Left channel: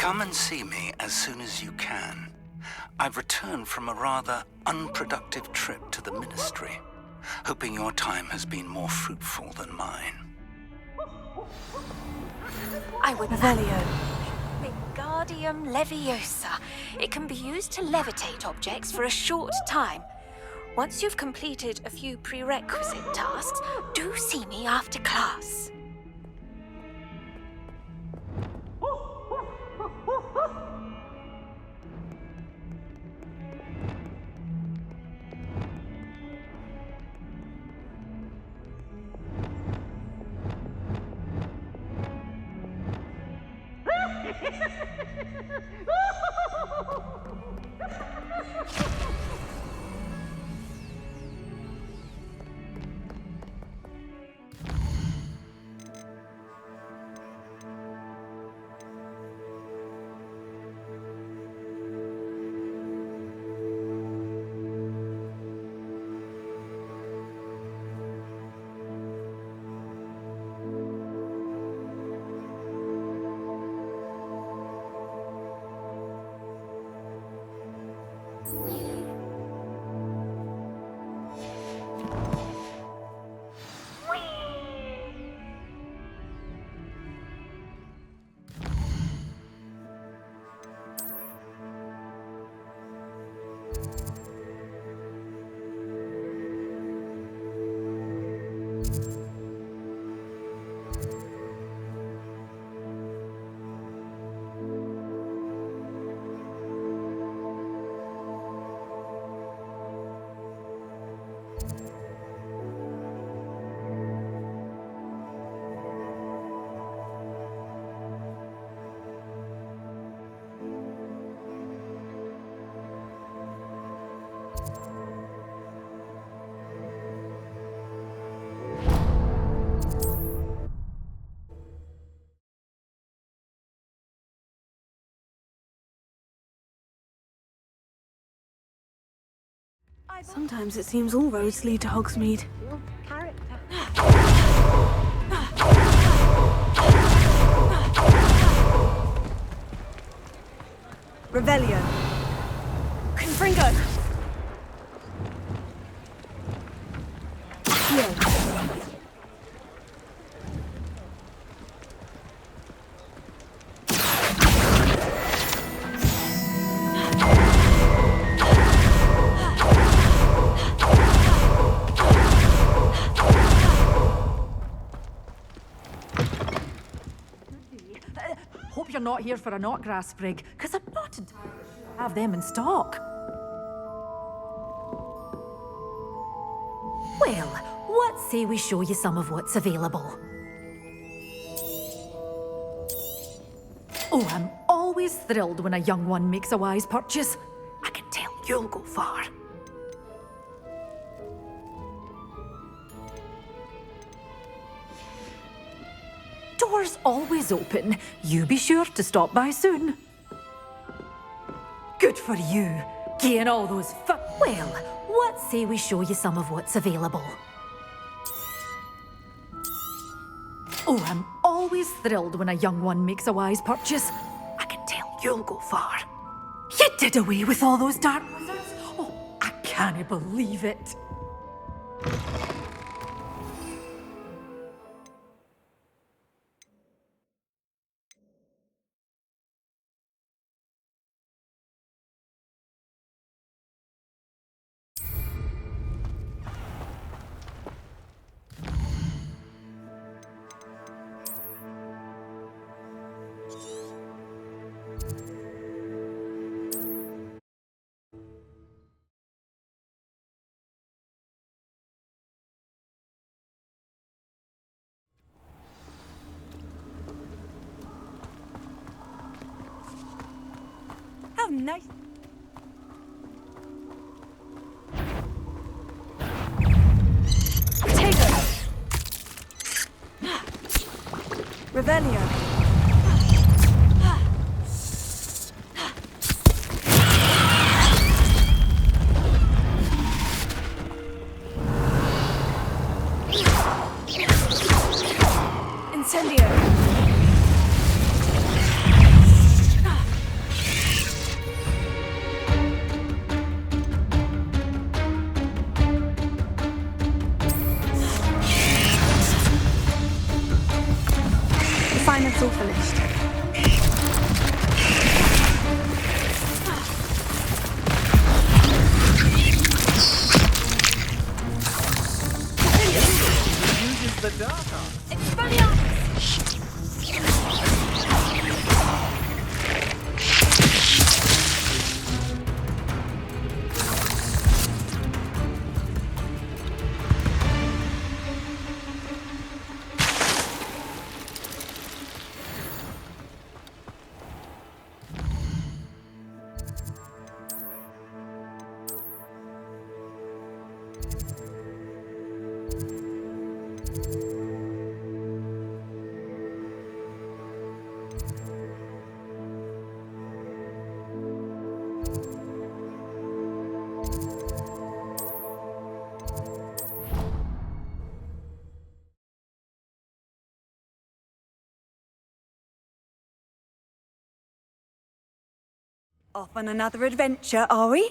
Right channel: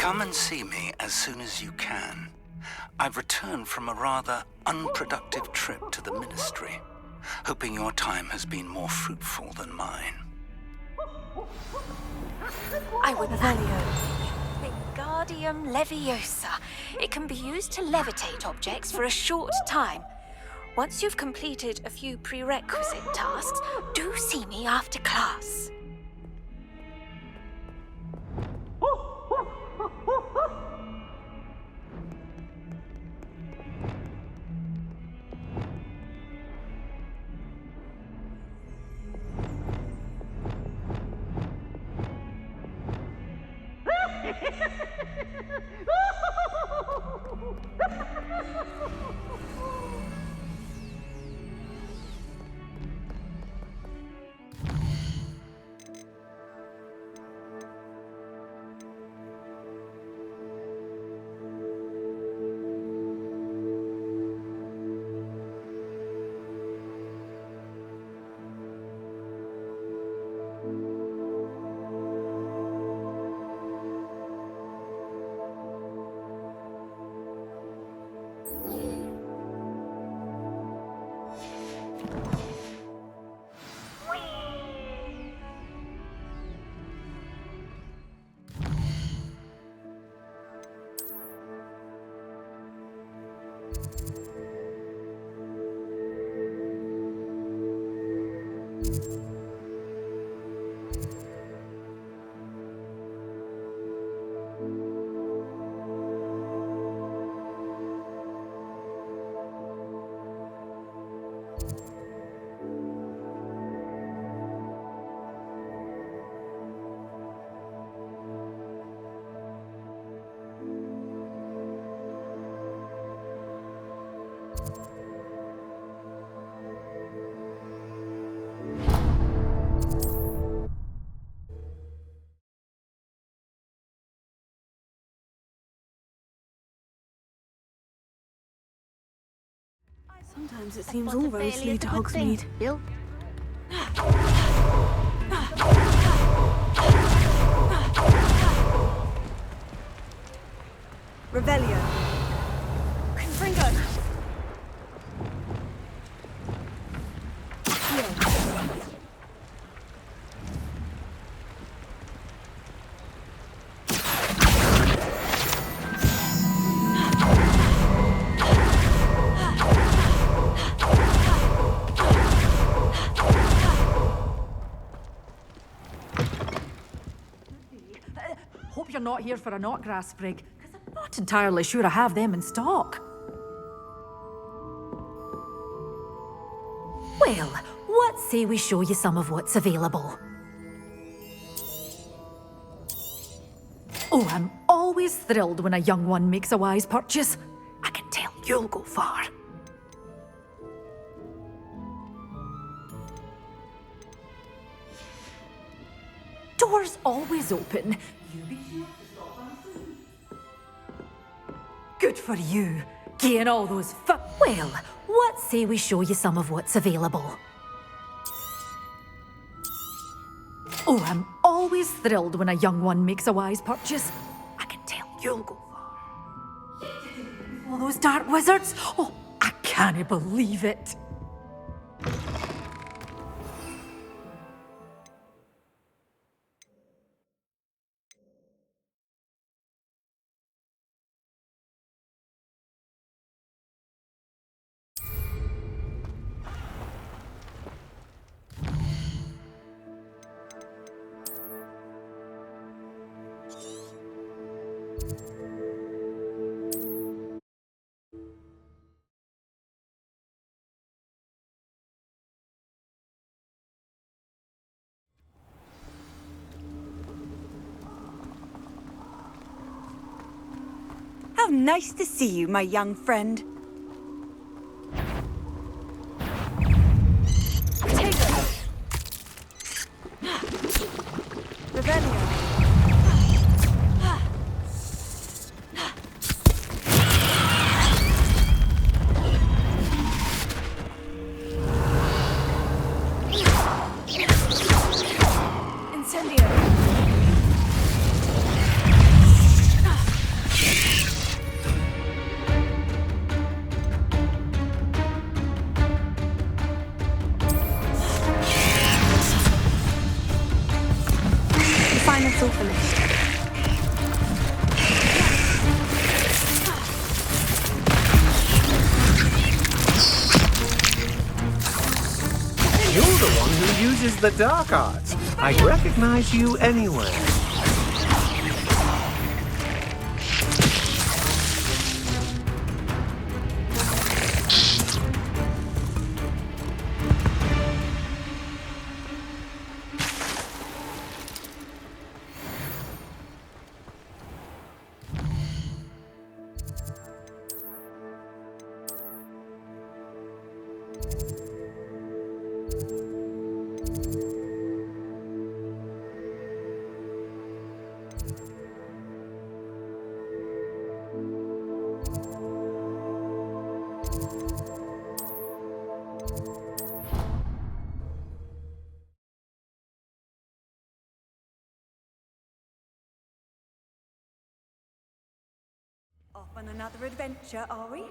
Come and see me as soon as you can. I've returned from a rather unproductive trip to the Ministry, hoping your time has been more fruitful than mine. I would Revelio. Wingardium Leviosa. It can be used to levitate objects for a short time. Once you've completed a few prerequisite tasks, do see me after class. Sometimes it seems all roads lead to Hogsmeade. Revelio. Confringo. Hope you're not here for a knotgrass sprig, because I'm not entirely sure I have them in stock. Well, what say we show you some of what's available? Oh, I'm always thrilled when a young one makes a wise purchase. I can tell you'll go far. Doors always open. You be sure to stop by soon. Good for you, getting all those Well, what say we show you some of what's available? Oh, I'm always thrilled when a young one makes a wise purchase. I can tell you'll go far. You did away with all those dark wizards? Oh, I can't believe it. How nice to see you, my young friend. Take it! Revelio. Incendio. assignment's all finished. You're the one who uses the dark arts. I recognize you anywhere. Off on another adventure, are we?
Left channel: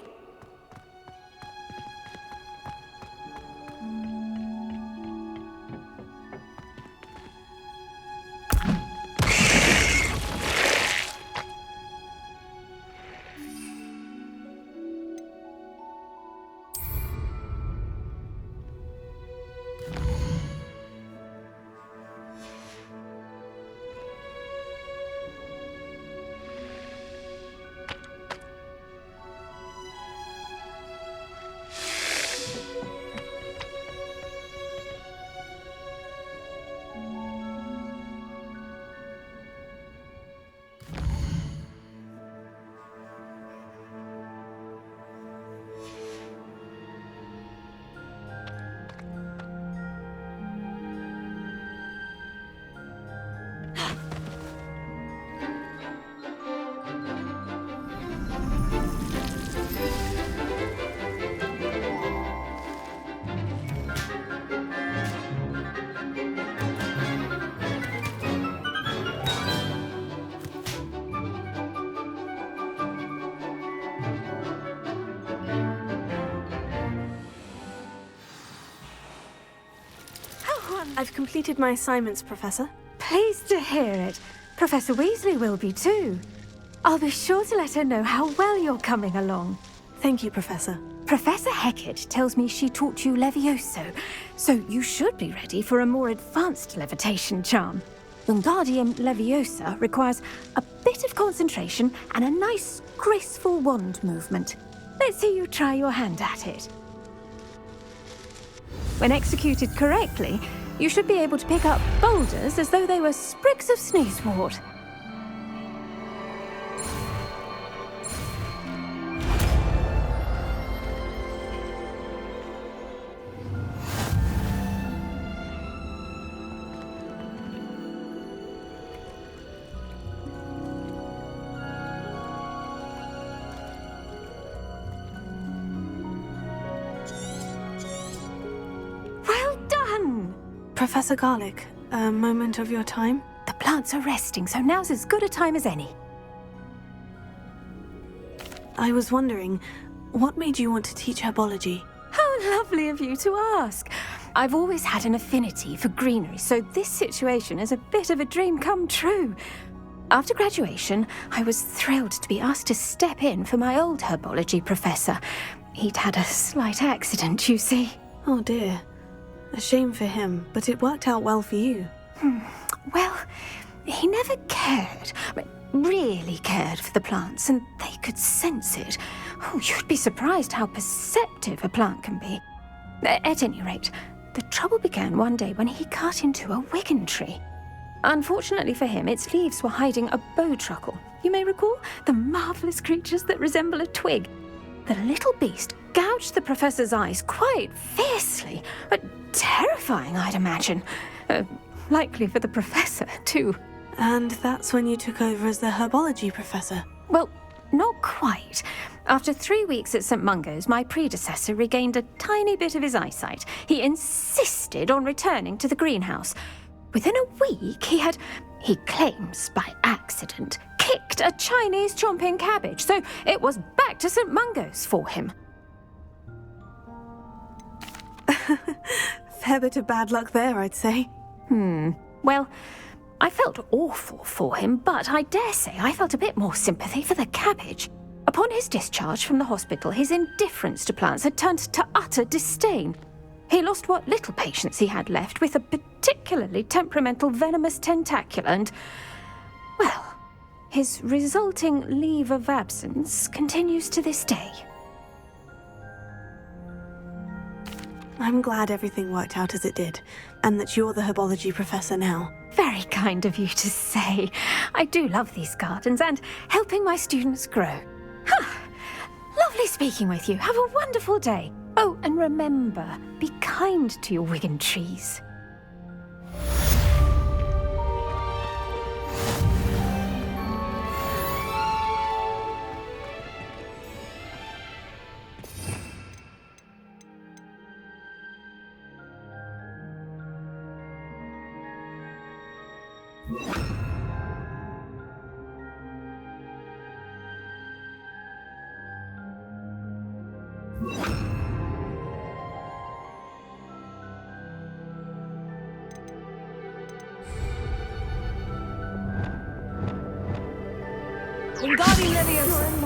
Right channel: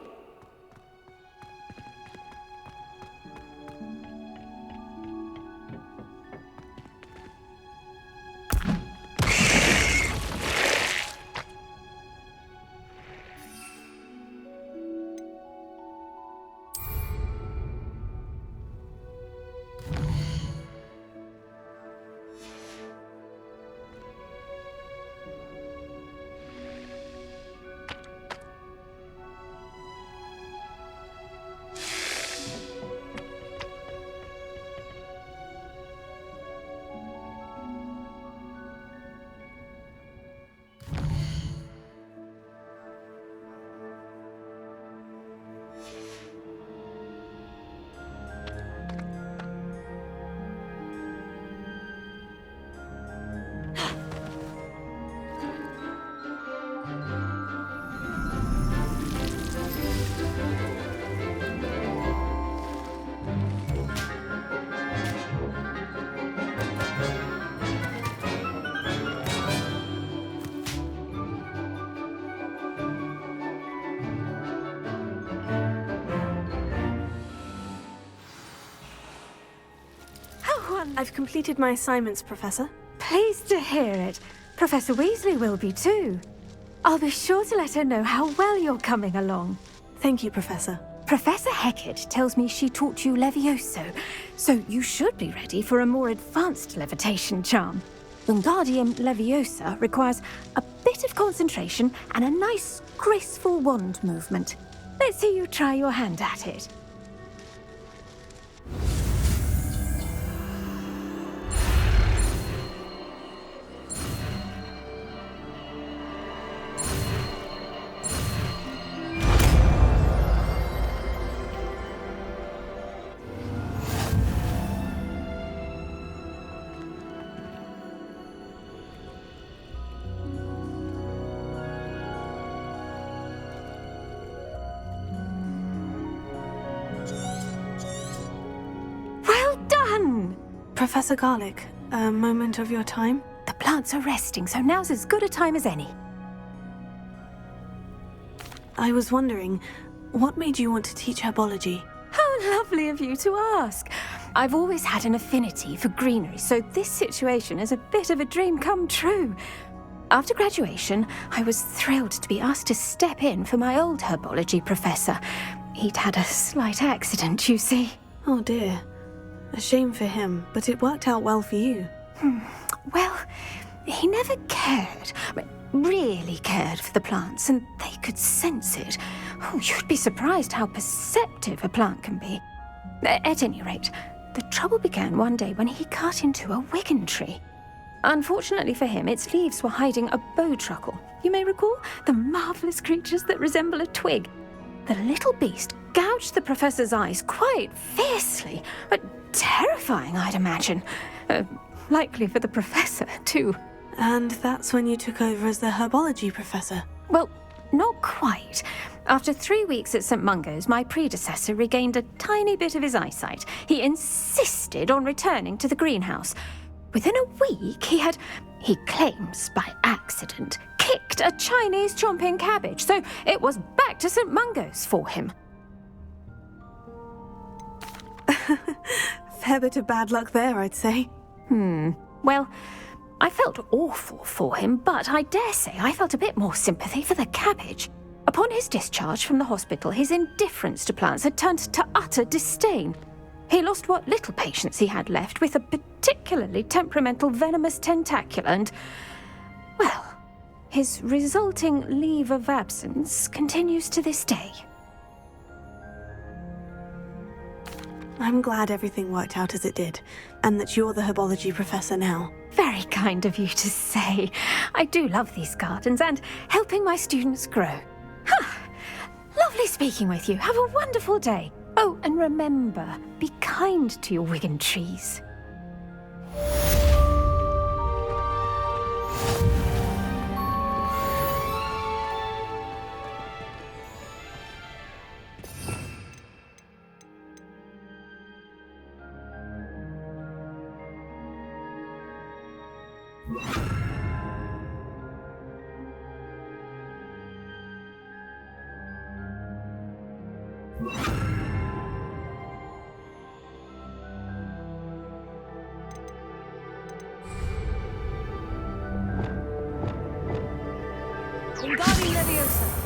I've completed my assignments, Professor. Pleased to hear it. Professor Weasley will be too. I'll be sure to let her know how well you're coming along. Thank you, Professor. Professor Hecat tells me she taught you Levioso, so you should be ready for a more advanced levitation charm. Wingardium Leviosa requires a bit of concentration and a nice, graceful wand movement. Let's see you try your hand at it. When executed correctly, you should be able to pick up boulders as though they were sprigs of sneezewort. Well done! Professor Garlick, a moment of your time? The plants are resting, so now's as good a time as any. I was wondering, what made you want to teach herbology? How lovely of you to ask. I've always had an affinity for greenery, so this situation is a bit of a dream come true. After graduation, I was thrilled to be asked to step in for my old herbology professor. He'd had a slight accident, you see. Oh dear. A shame for him, but it worked out well for you. Well, he never cared, really cared for the plants, and they could sense it. Oh, you'd be surprised how perceptive a plant can be. At any rate, the trouble began one day when he cut into a wigan tree. Unfortunately for him, its leaves were hiding a bowtruckle. You may recall the marvellous creatures that resemble a twig. The little beast gouged the professor's eyes quite fiercely, but terrifying, I'd imagine. Likely for the professor, too. And that's when you took over as the herbology professor? Well, not quite. After 3 weeks at St. Mungo's, my predecessor regained a tiny bit of his eyesight. He insisted on returning to the greenhouse. Within a week, he claims by accident, kicked a Chinese chomping cabbage, so it was back to St. Mungo's for him. Fair bit of bad luck there, I'd say. Well, I felt awful for him, but I dare say I felt a bit more sympathy for the cabbage. Upon his discharge from the hospital, his indifference to plants had turned to utter disdain. He lost what little patience he had left with a particularly temperamental venomous tentacula and, well, his resulting leave of absence continues to this day. I'm glad everything worked out as it did, and that you're the herbology professor now. Very kind of you to say. I do love these gardens and helping my students grow. Lovely speaking with you. Have a wonderful day. Oh, and remember, be kind to your Wigan trees. Wingardium Leviosa!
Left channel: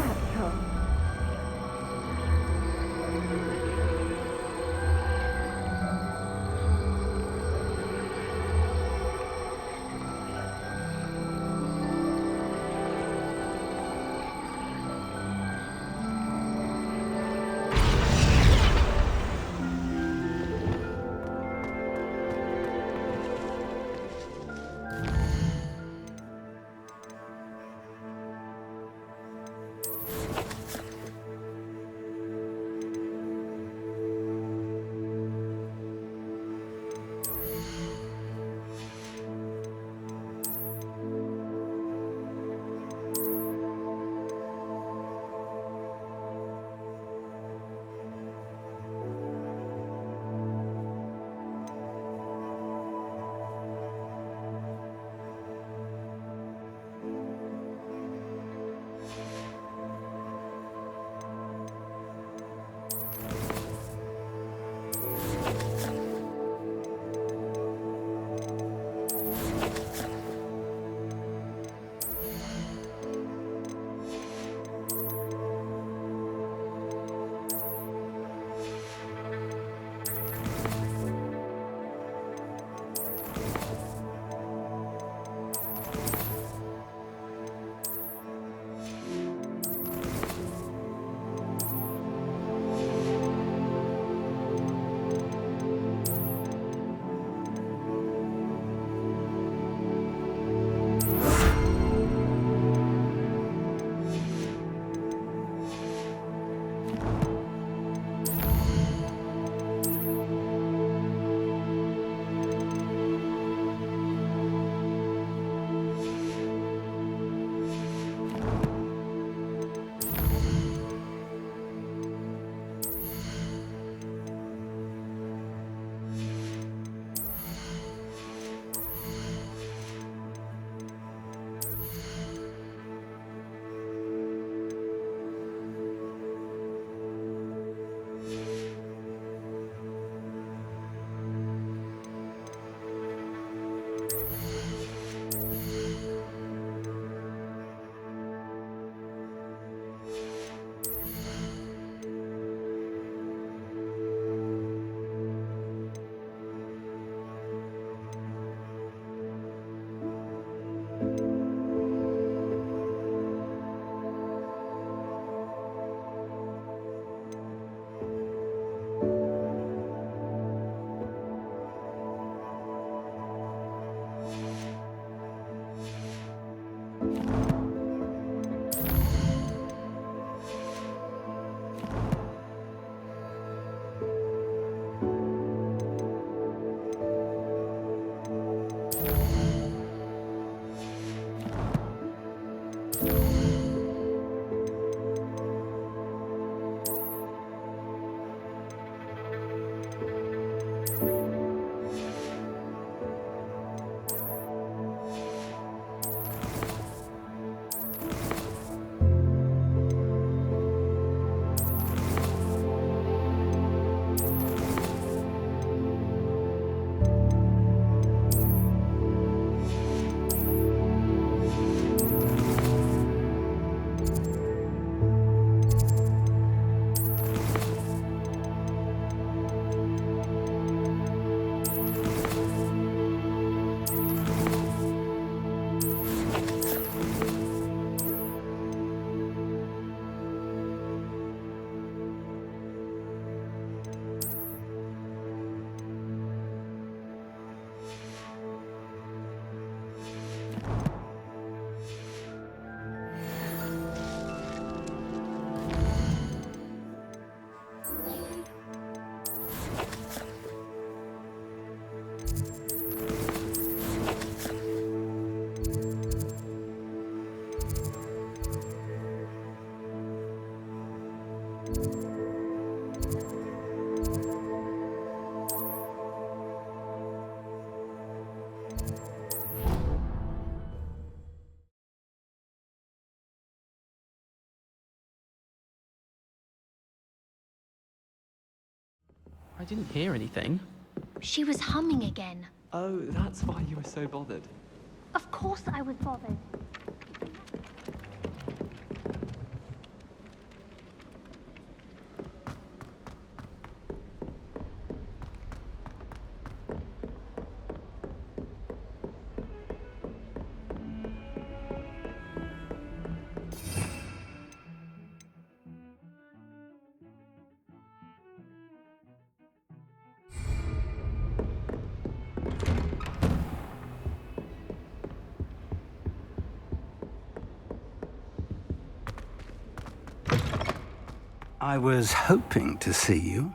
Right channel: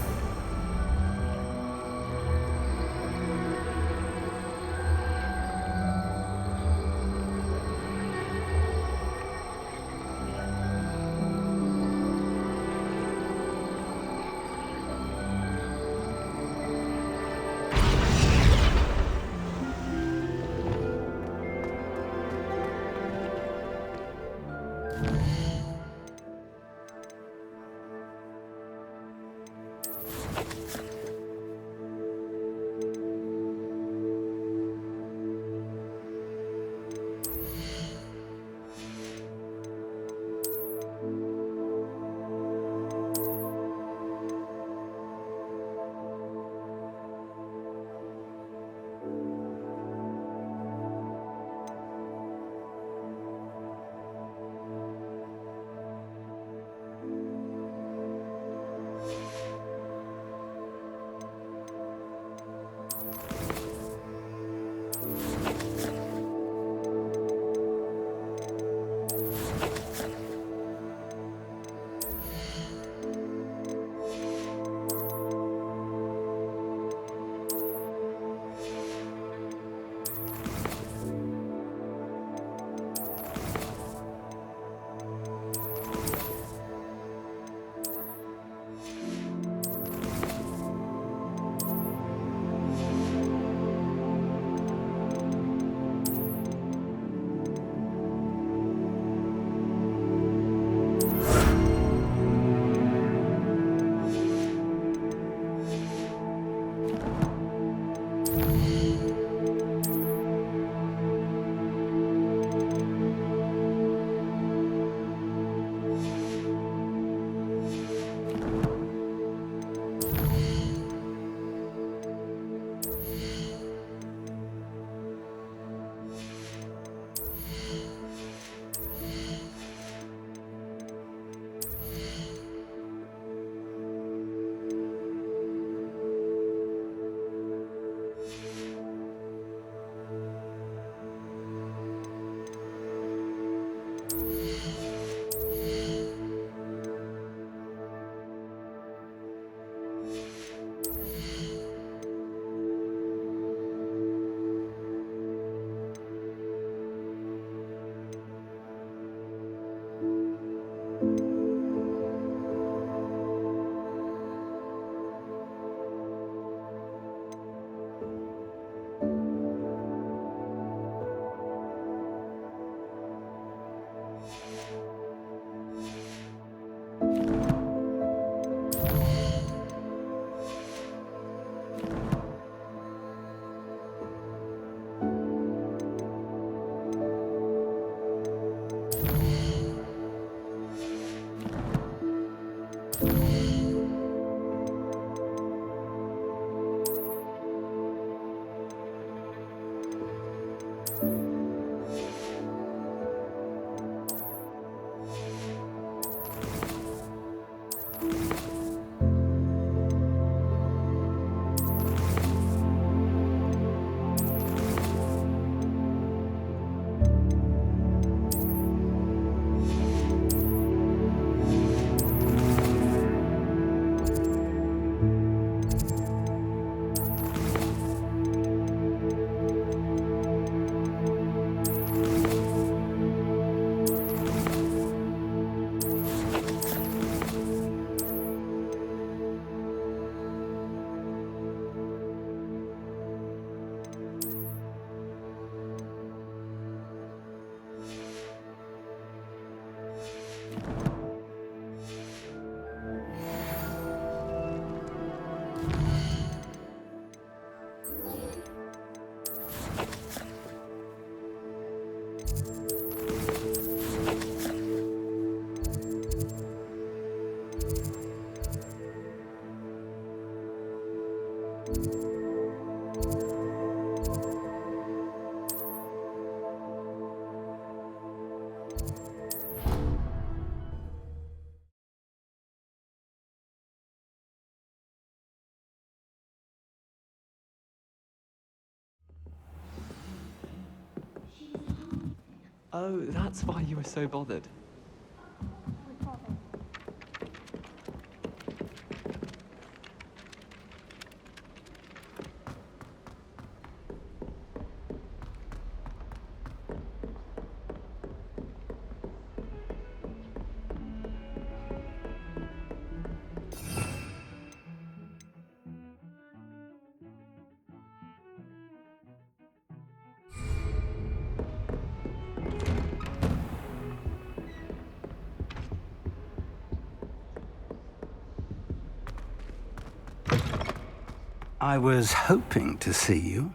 didn't hear anything. She was humming again. Oh, that's why you were so bothered. Of course I was bothered. I was hoping to see you.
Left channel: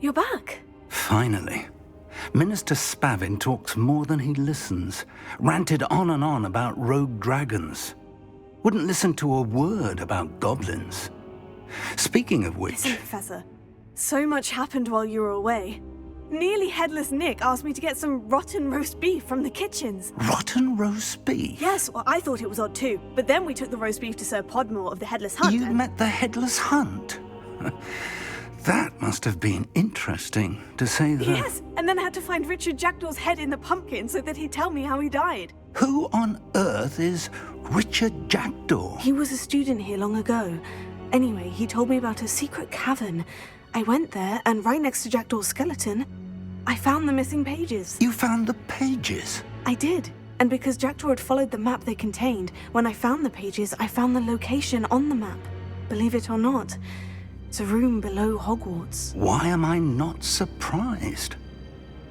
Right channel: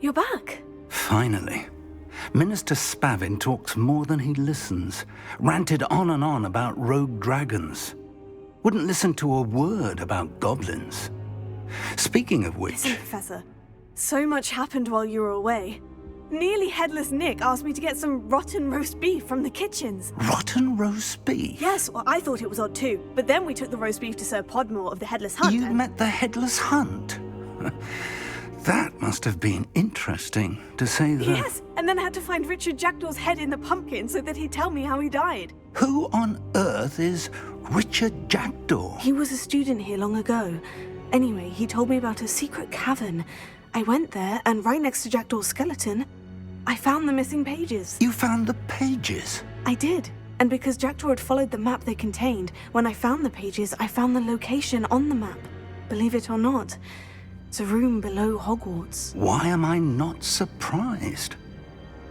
You're back. Finally. Minister Spavin talks more than he listens. Ranted on and on about rogue dragons. Wouldn't listen to a word about goblins. Speaking of which... Listen, Professor. So much happened while you were away. Nearly Headless Nick asked me to get some rotten roast beef from the kitchens. Rotten roast beef? Yes, well, I thought it was odd too. But then we took the roast beef to Sir Podmore of the Headless Hunt. You met the Headless Hunt? That must have been interesting, to say the... Yes, and then I had to find Richard Jackdaw's head in the pumpkin so that he'd tell me how he died. Who on earth is Richard Jackdaw? He was a student here long ago. Anyway, he told me about a secret cavern. I went there, and right next to Jackdaw's skeleton, I found the missing pages. You found the pages? I did. And because Jackdaw had followed the map they contained, when I found the pages, I found the location on the map. Believe it or not, it's a room below Hogwarts. Why am I not surprised?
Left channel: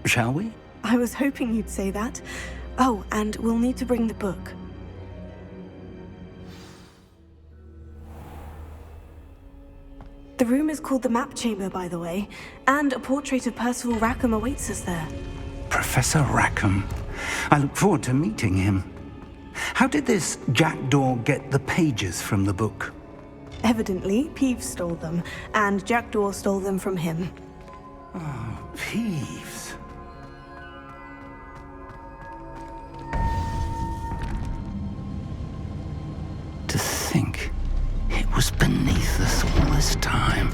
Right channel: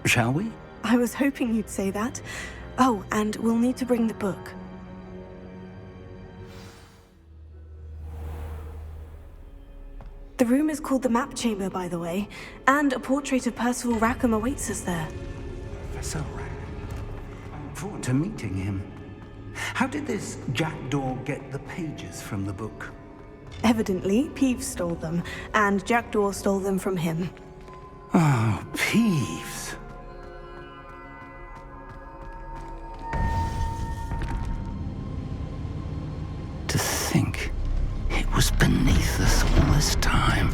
Shall we? I was hoping you'd say that. Oh, and we'll need to bring the book. The room is called the Map Chamber, by the way, and a portrait of Percival Rackham awaits us there. Professor Rackham. I look forward to meeting him. How did this Jackdaw get the pages from the book? Evidently, Peeves stole them, and Jackdaw stole them from him. Oh, Peeves. To think it was beneath us all this time.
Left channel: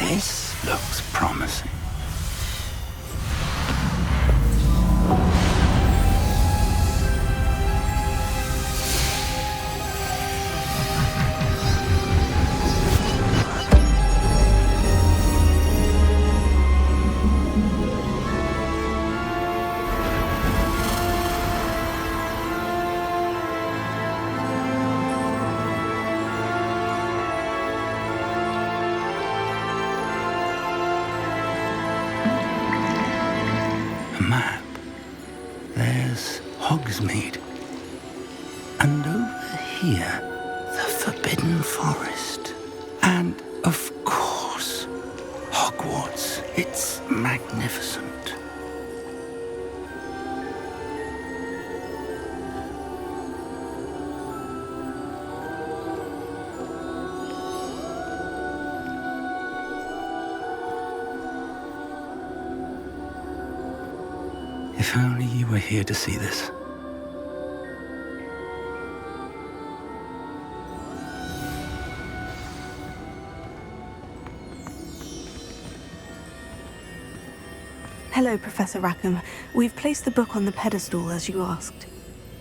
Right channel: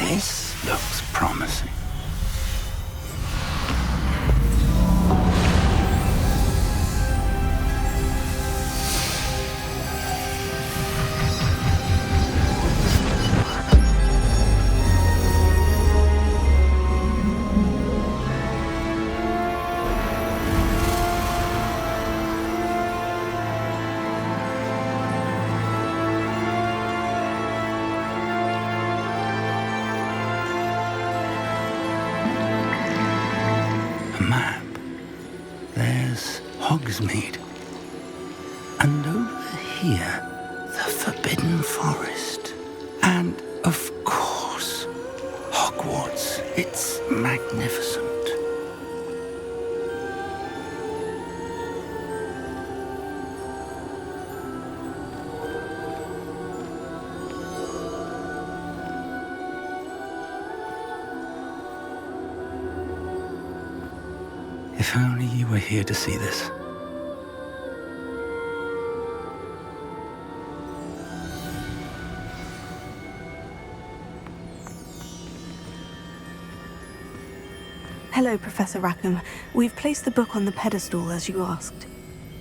This looks promising. Map. There's Hogsmeade. And over here, the Forbidden Forest. And, of course, Hogwarts. It's magnificent. If only you were here to see this. Hello, Professor Rackham. We've placed the book on the pedestal, as you asked.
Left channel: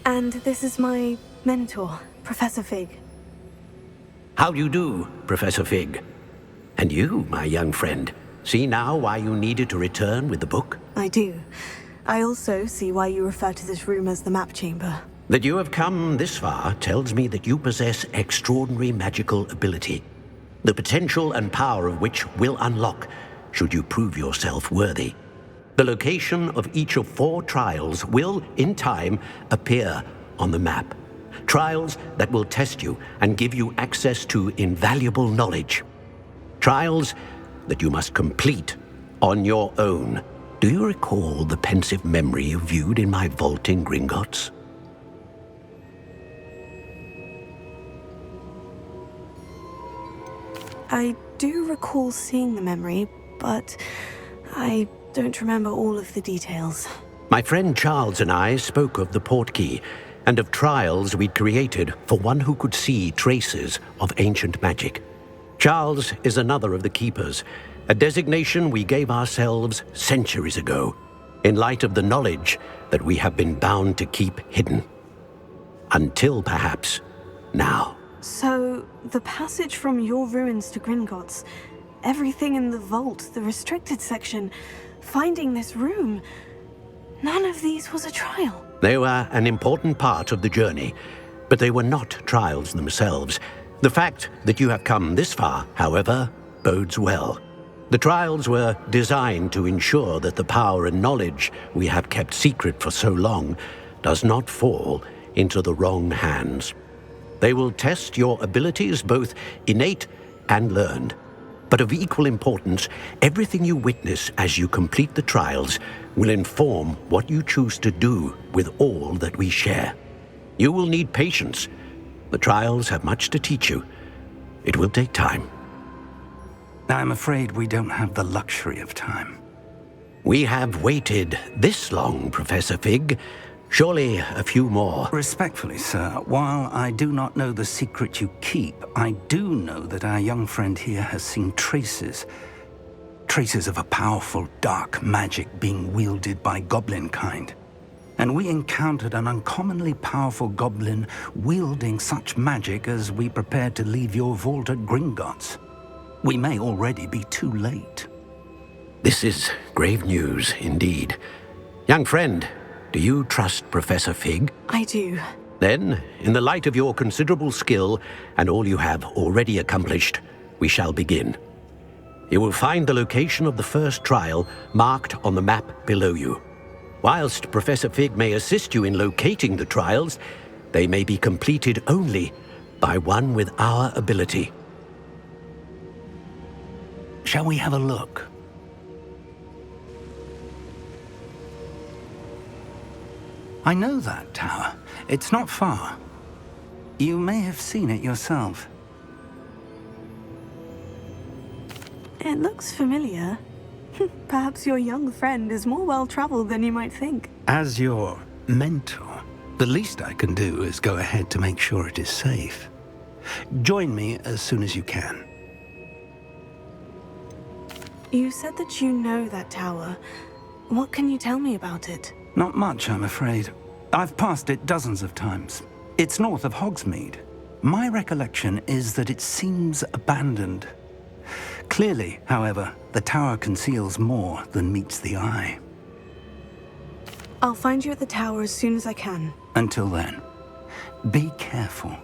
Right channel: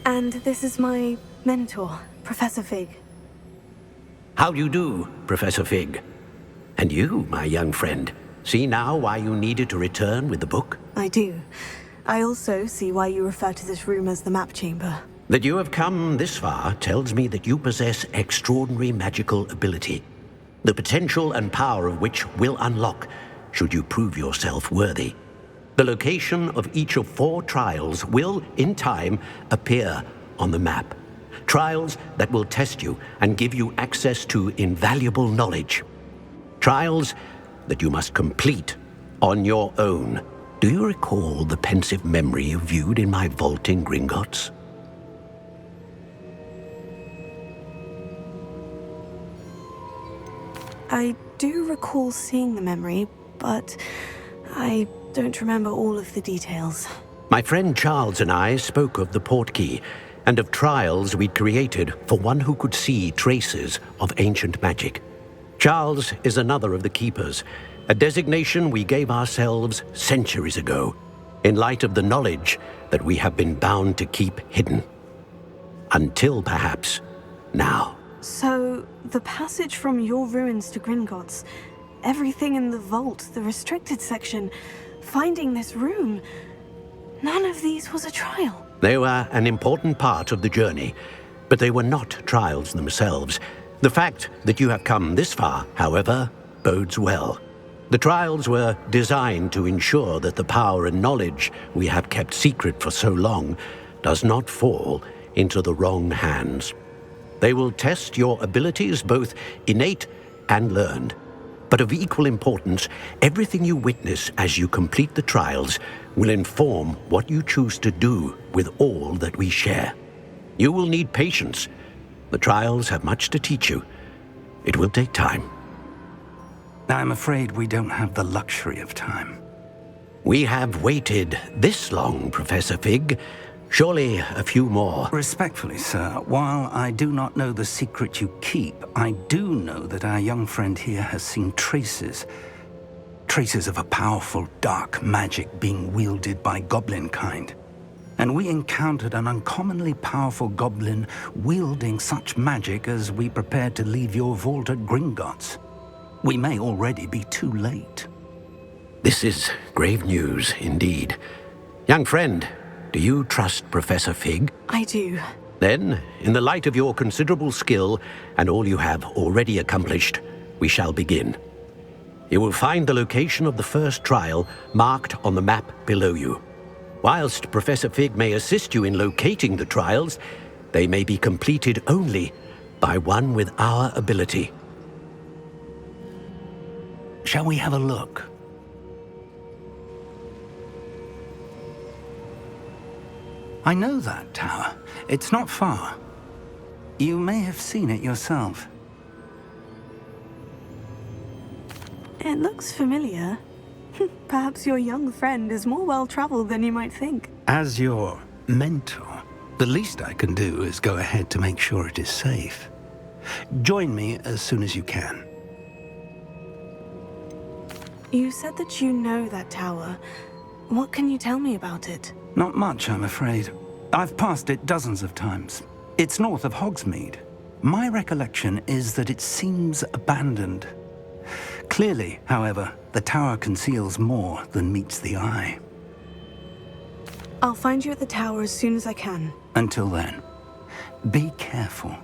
And this is my mentor, Professor Fig. How do you do, Professor Fig? And you, my young friend, see now why you needed to return with the book? I do. I also see why you refer to this room as the Map Chamber. That you have come this far tells me that you possess extraordinary magical ability, the potential and power of which will unlock should you prove yourself worthy. The location of each of 4 trials will, in time, appear on the map. Trials that will test you and give you access to invaluable knowledge. Trials that you must complete on your own. Do you recall the pensive memory you viewed in my vault in Gringotts? I do recall seeing the memory, but I don't remember all of the details. My friend Charles and I spoke of the portkey and of trials we'd created for one who could see traces of ancient magic. Charles is another of the keepers, a designation we gave ourselves centuries ago, in light of the knowledge that we have been bound to keep hidden. Until perhaps now. So, the passage from your ruins to Gringotts, everything in the vault, the restricted section, finding this room, none of these was a trial. They were an important part of the journey, but they were not trials themselves. The fact that you have come this far, however, bodes well. The trials were designed to ensure that the power and knowledge we have kept secret for so long does not fall into the wrong hands. They will test your abilities, both innate and learned. But of equal importance, everything you witness as you complete the trials will inform what you choose to do with all that we share. You will need patience. The trials have much to teach you. It will take time. I'm afraid we don't have the luxury of time. We have waited this long, Professor Fig. Surely a few more. Respectfully, sir, while I do not know the secret you keep, I do know that our young friend here has seen traces of a powerful dark magic being wielded by goblin kind. And we encountered an uncommonly powerful goblin wielding such magic as we prepared to leave your vault at Gringotts. We may already be too late. This is grave news indeed. Young friend, do you trust Professor Fig? I do. Then, in the light of your considerable skill and all you have already accomplished, we shall begin. You will find the location of the first trial marked on the map below you. Whilst Professor Fig may assist you in locating the trials, they may be completed only by one with our ability. Shall we have a look? I know that tower. It's not far. You may have seen it yourself. It looks familiar. Perhaps your young friend is more well-traveled than you might think. As your mentor, the least I can do is go ahead to make sure it is safe. Join me as soon as you can. You said that you know that tower. What can you tell me about it? Not much, I'm afraid. I've passed it dozens of times. It's north of Hogsmeade. My recollection is that it seems abandoned. Clearly, however, the tower conceals more than meets the eye. I'll find you at the tower as soon as I can. Until then, be careful,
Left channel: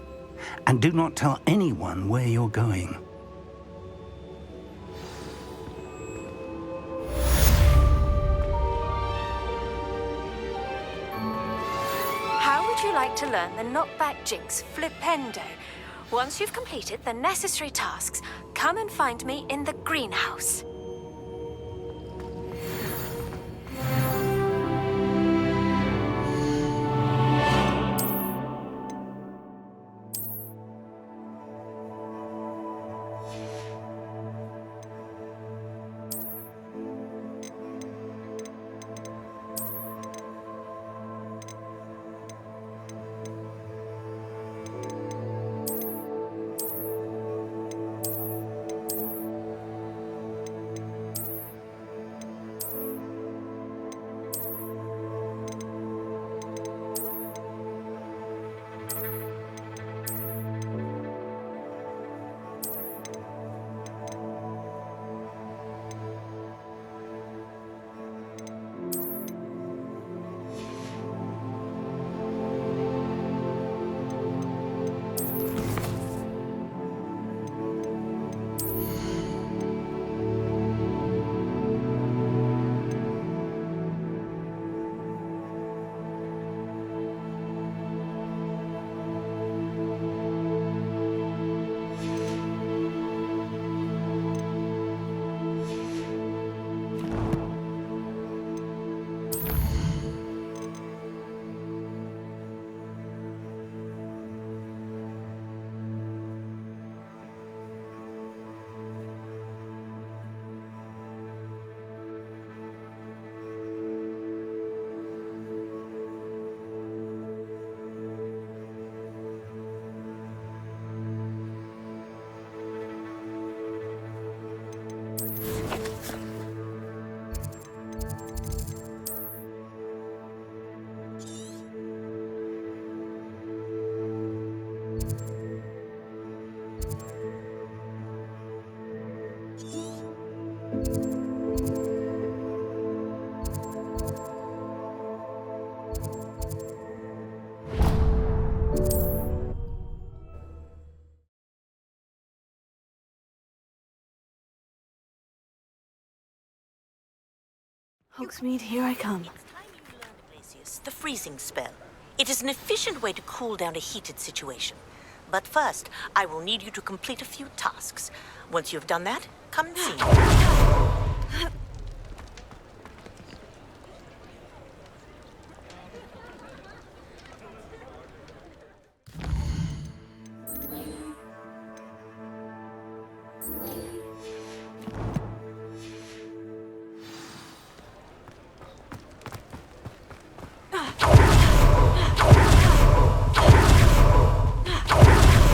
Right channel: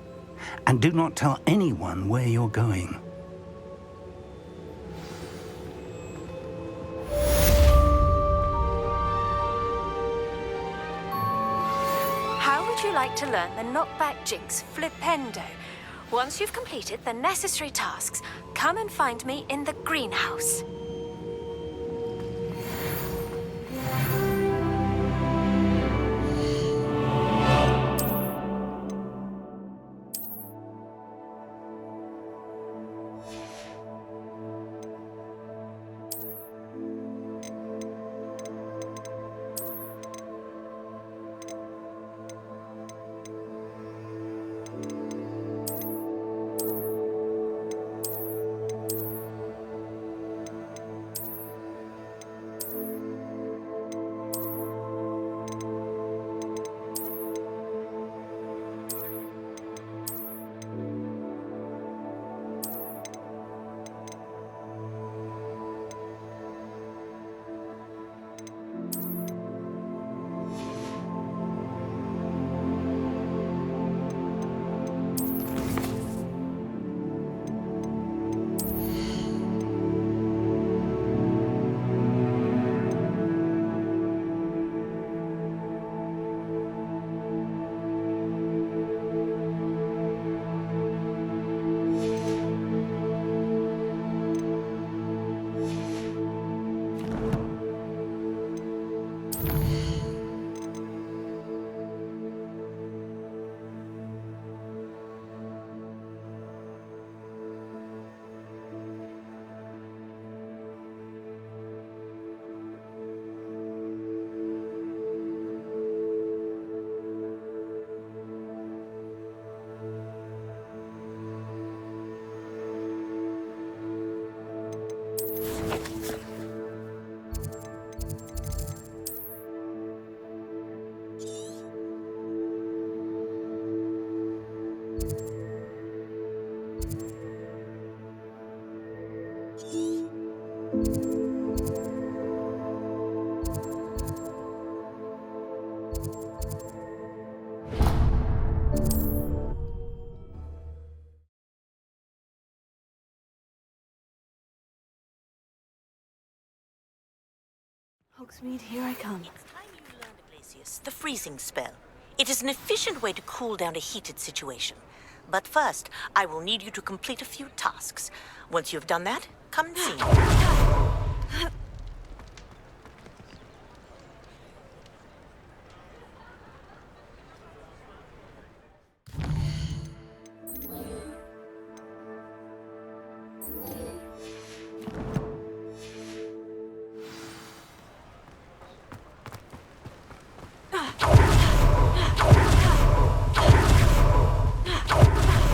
and do not tell anyone where you're going. How would you like to learn the knockback jinx flipendo? Once you've completed the necessary tasks, come and find me in the greenhouse. Hogsmeade, here I come. It's time you learned, Iglesias, the freezing spell. It is an efficient way to cool down a heated situation. But first, I will need you to complete a few tasks. Once you've done that, come and see me.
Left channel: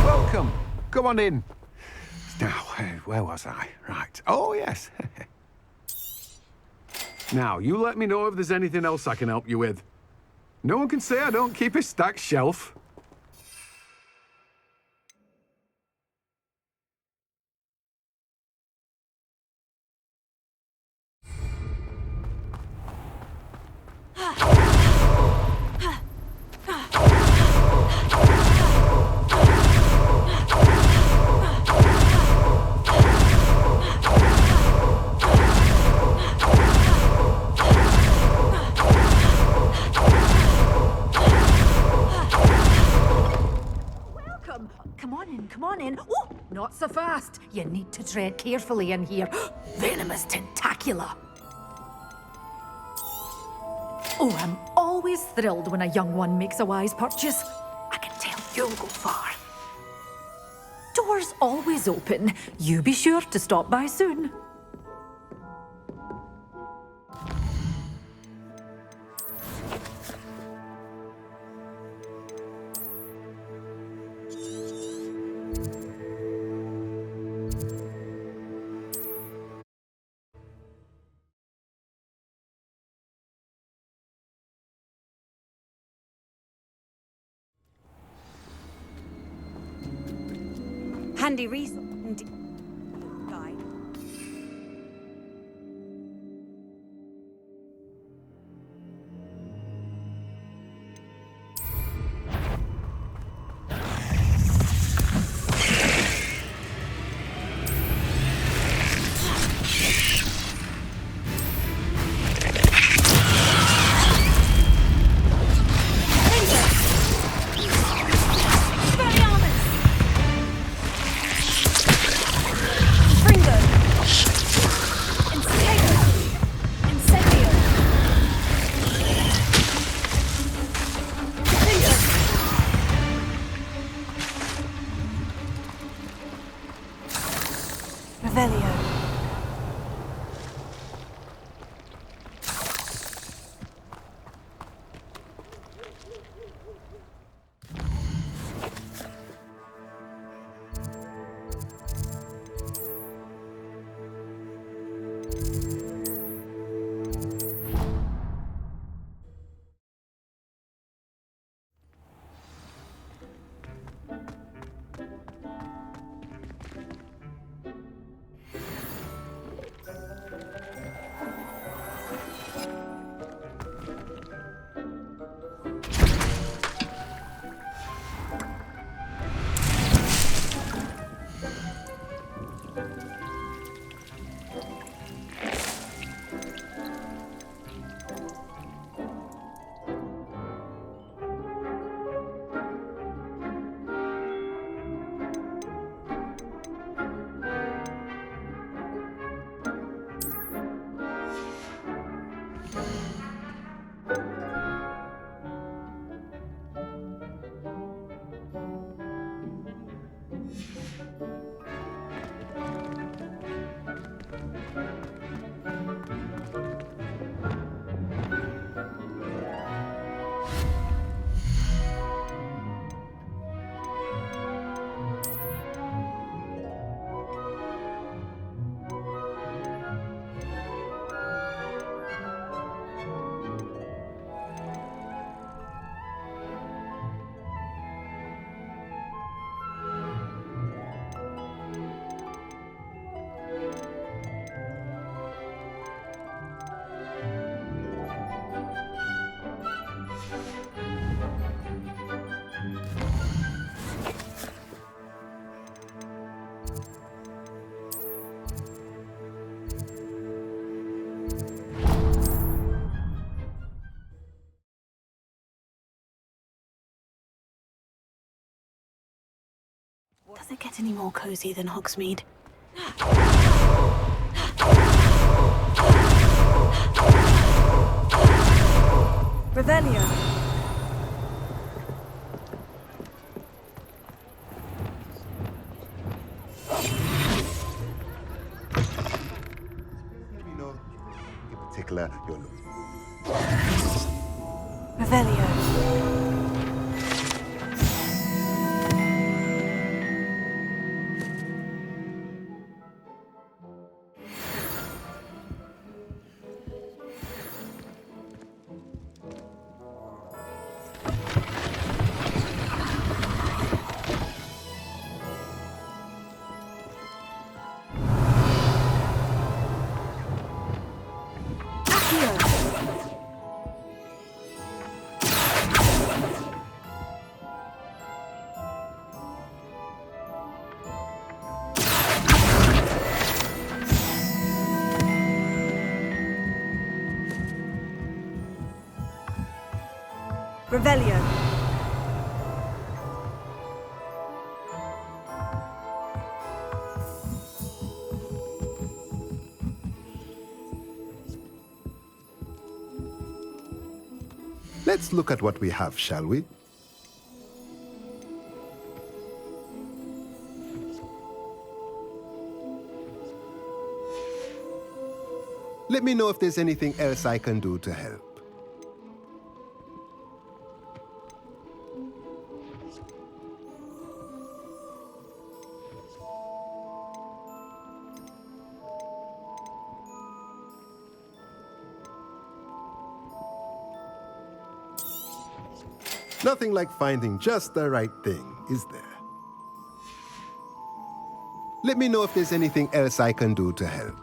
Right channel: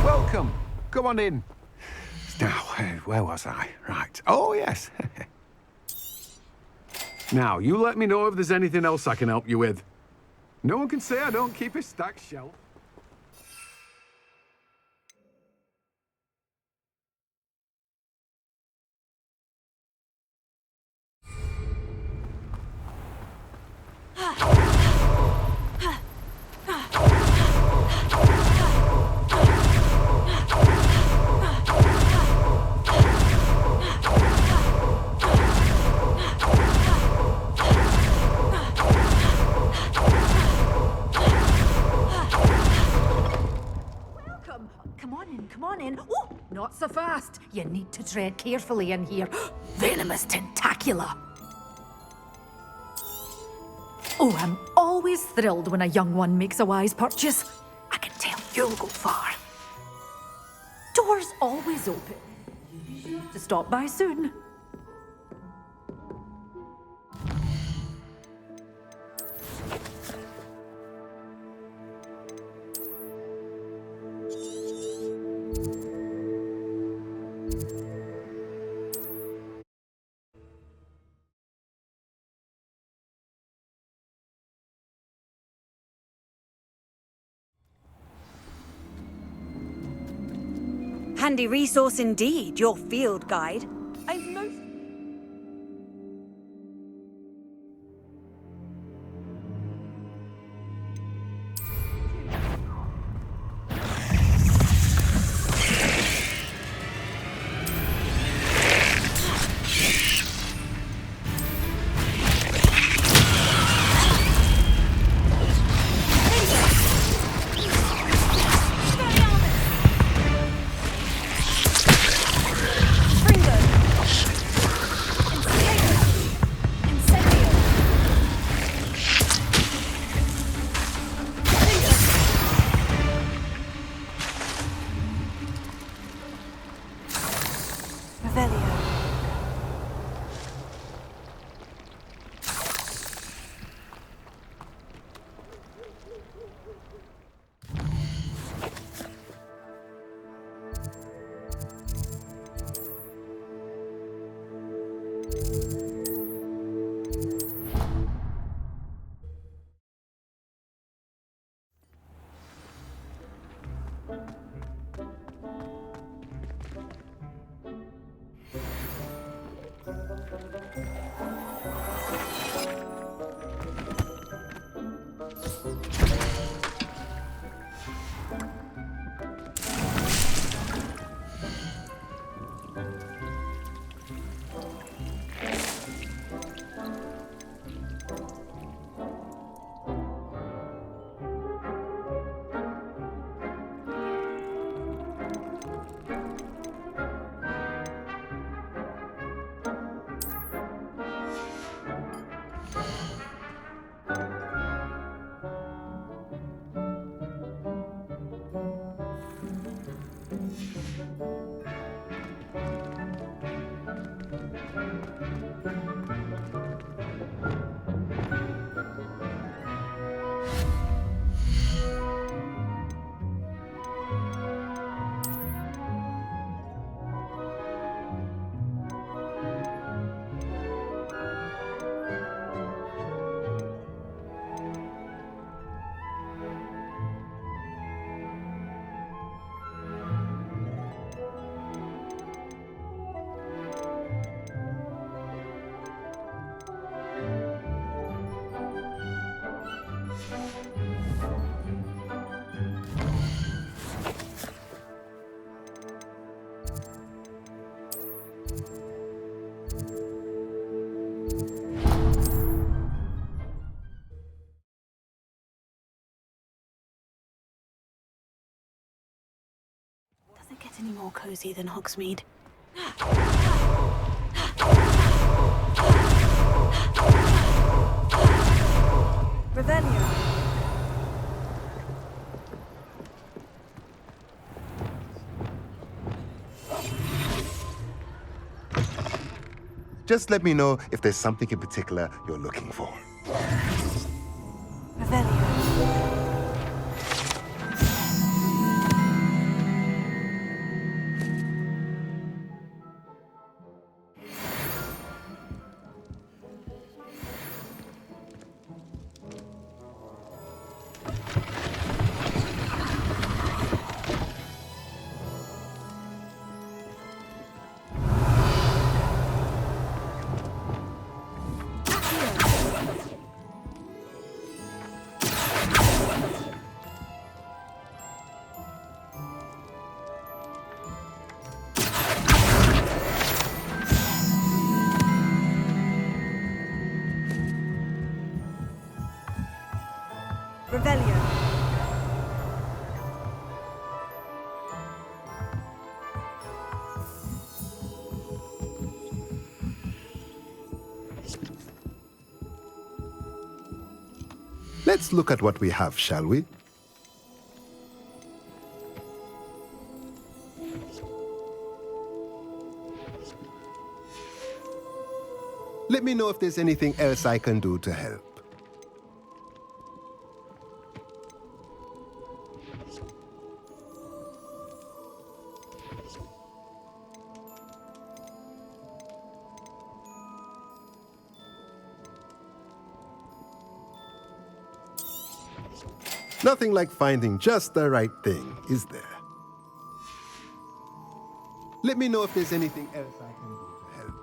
Welcome. Come on in. Now, where was I? Right. Oh, yes. Now, you let me know if there's anything else I can help you with. No one can say I don't keep a stacked shelf. Come on in. Oh, not so fast. You need to tread carefully in here. Venomous tentacula. Oh, I'm always thrilled when a young one makes a wise purchase. I can tell you'll go far. Doors always open. You be sure to stop by soon. Handy resource indeed, your field guide. I've no... Fringo! Does it get any more cozy than Hogsmeade? Revelio. Just let me know if there's something in particular you're looking for. Revelio. Revelio. Let's look at what we have, shall we? Let me know if there's anything else I can do to help. Nothing like finding just the right thing, is there? Let me know if there's anything else I can do to help.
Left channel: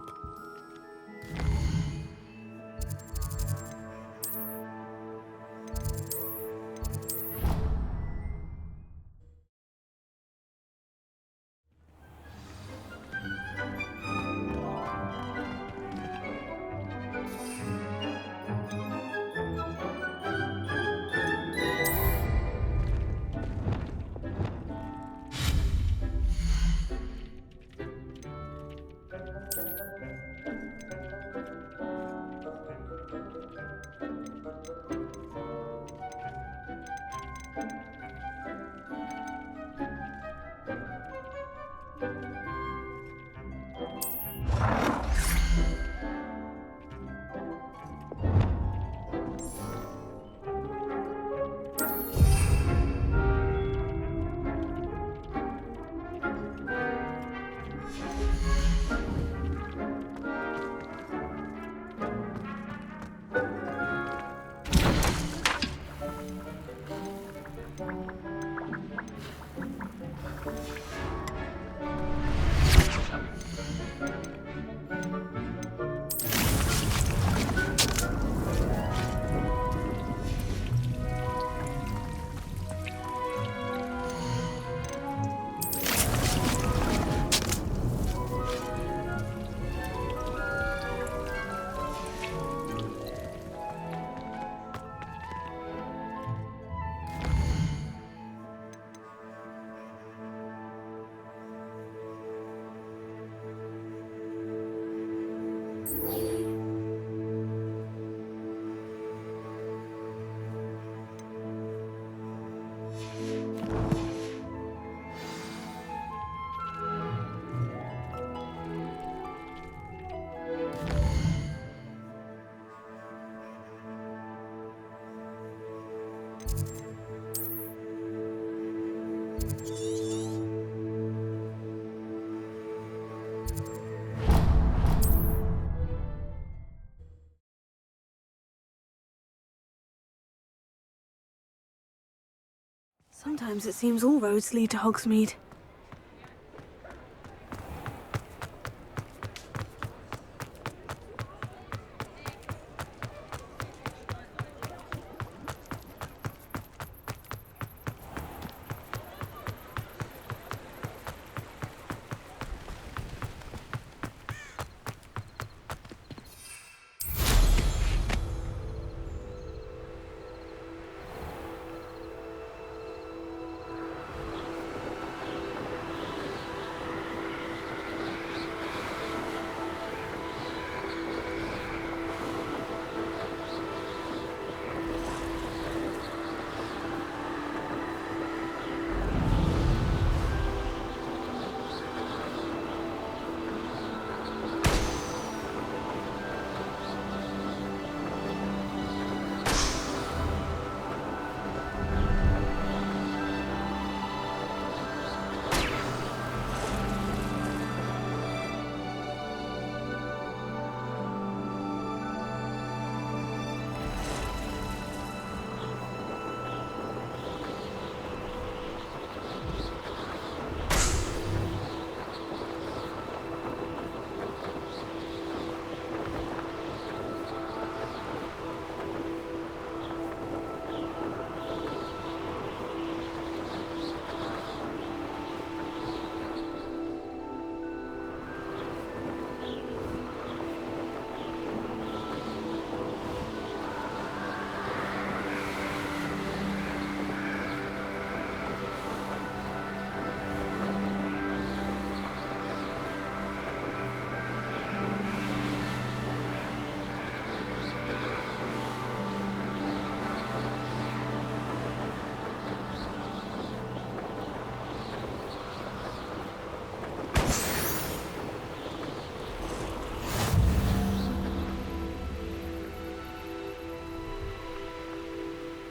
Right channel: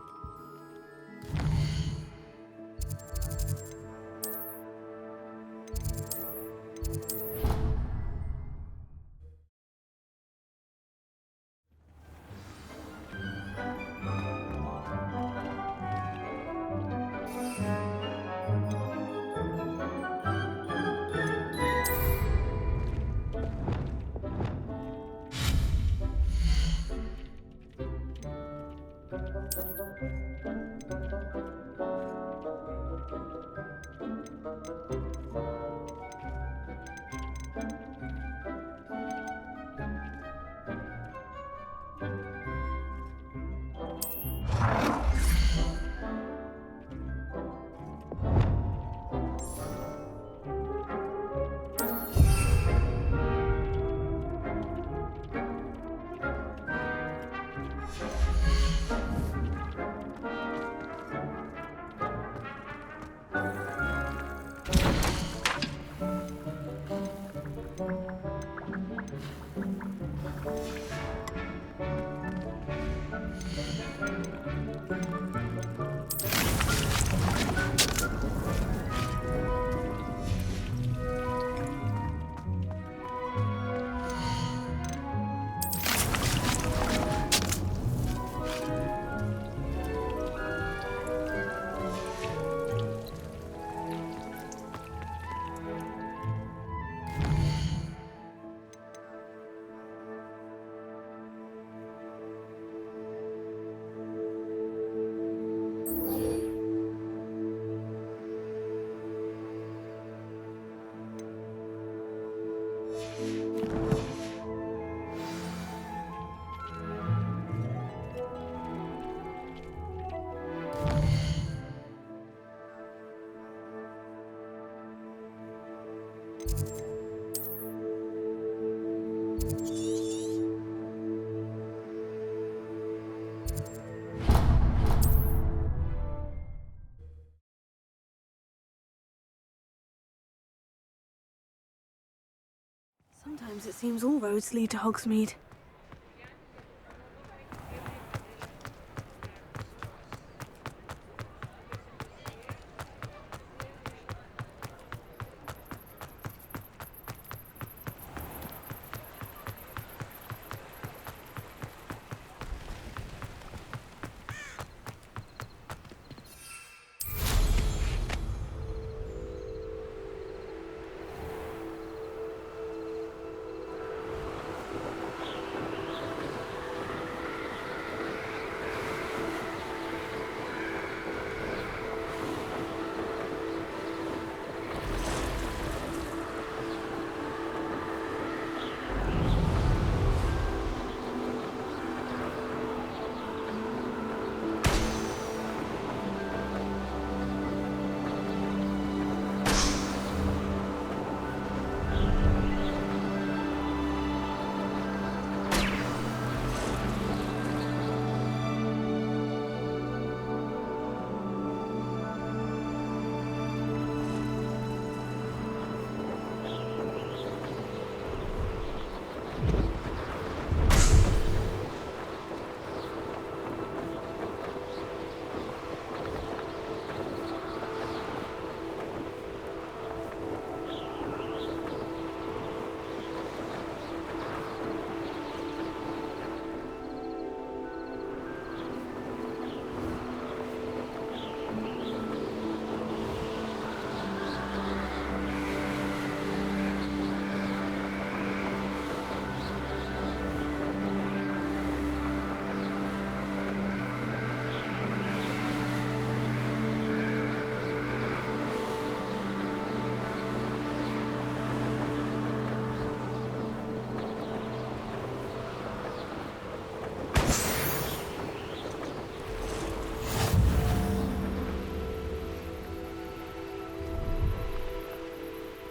Sometimes it seems all roads lead to Hogsmeade.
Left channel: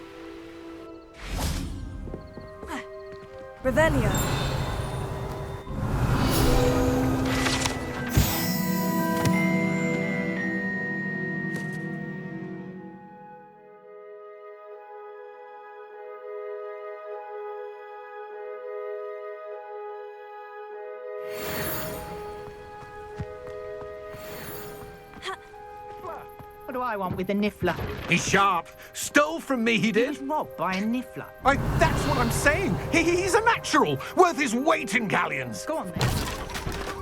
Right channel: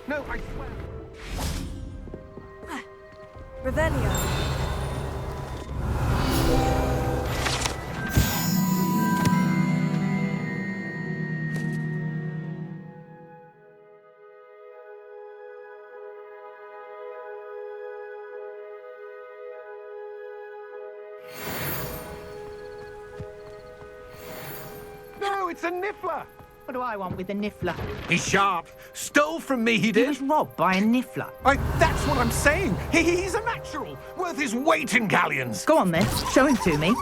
No, I swear. Revelio. No, it's a niffler. What do I want with a niffler? He's sharp. Stole from me, he He did. was robbed by a niffler. That's what I'm saying. He's a natural, worth his weight in galleons. Go on then, show him to me.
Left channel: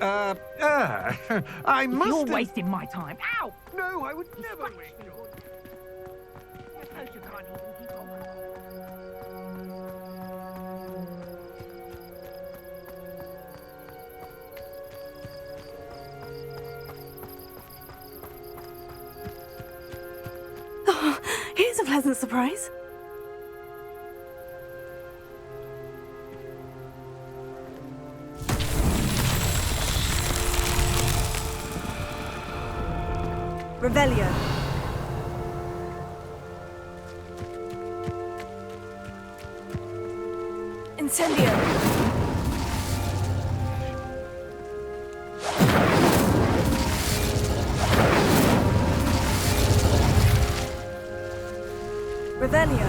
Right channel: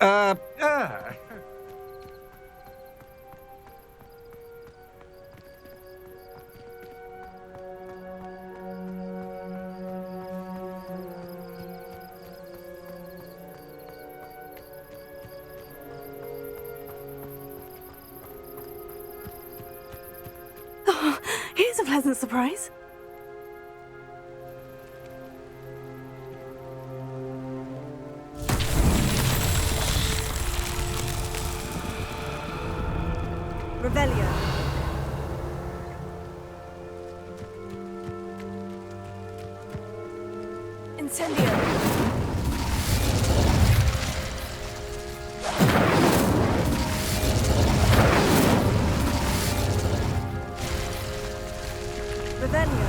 I must. You're wasting my time. Ow! No, I would never waste Oh, here's a pleasant surprise. Revelio. Incendio. Revelio.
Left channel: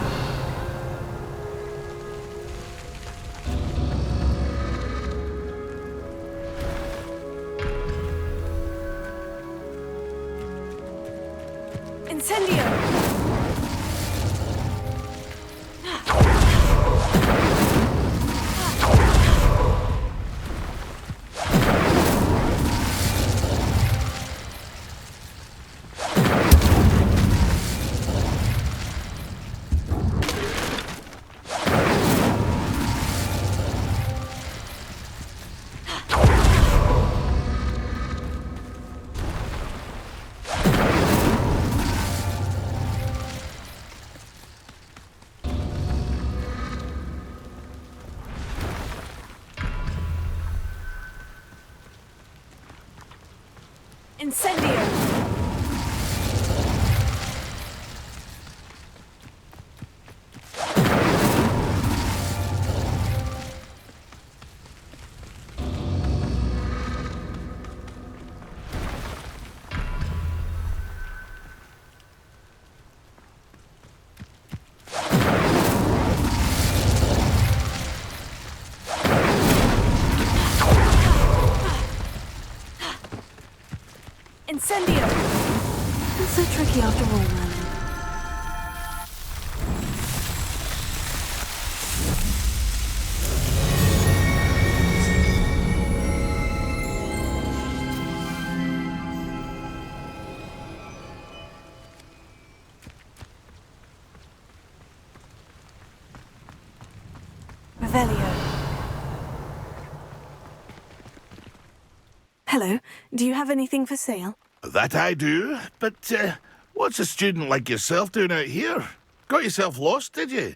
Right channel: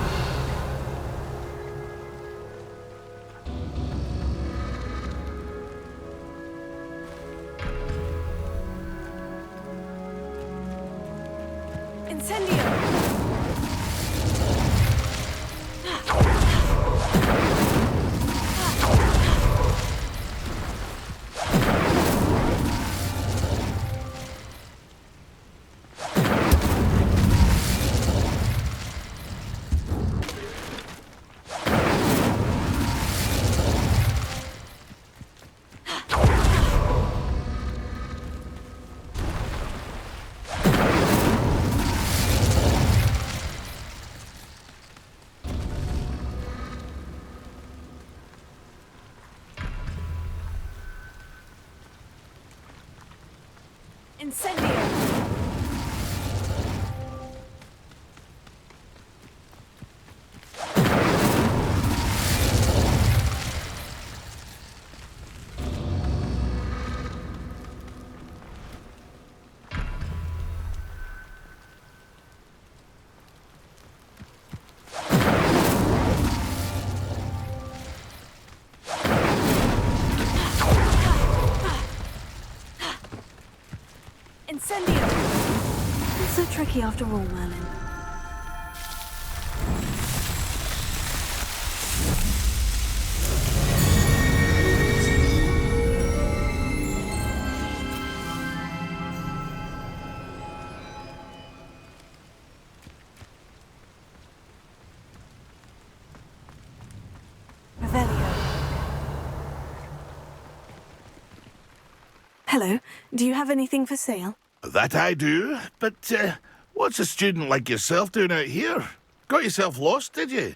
Incendio. Incendio. Incendio! Not so tricky after all, Merlin. Revelio. Hello. Do you have anything for sale? That I do, but what's a student like yourself doing out here? Got yourself lost, did you?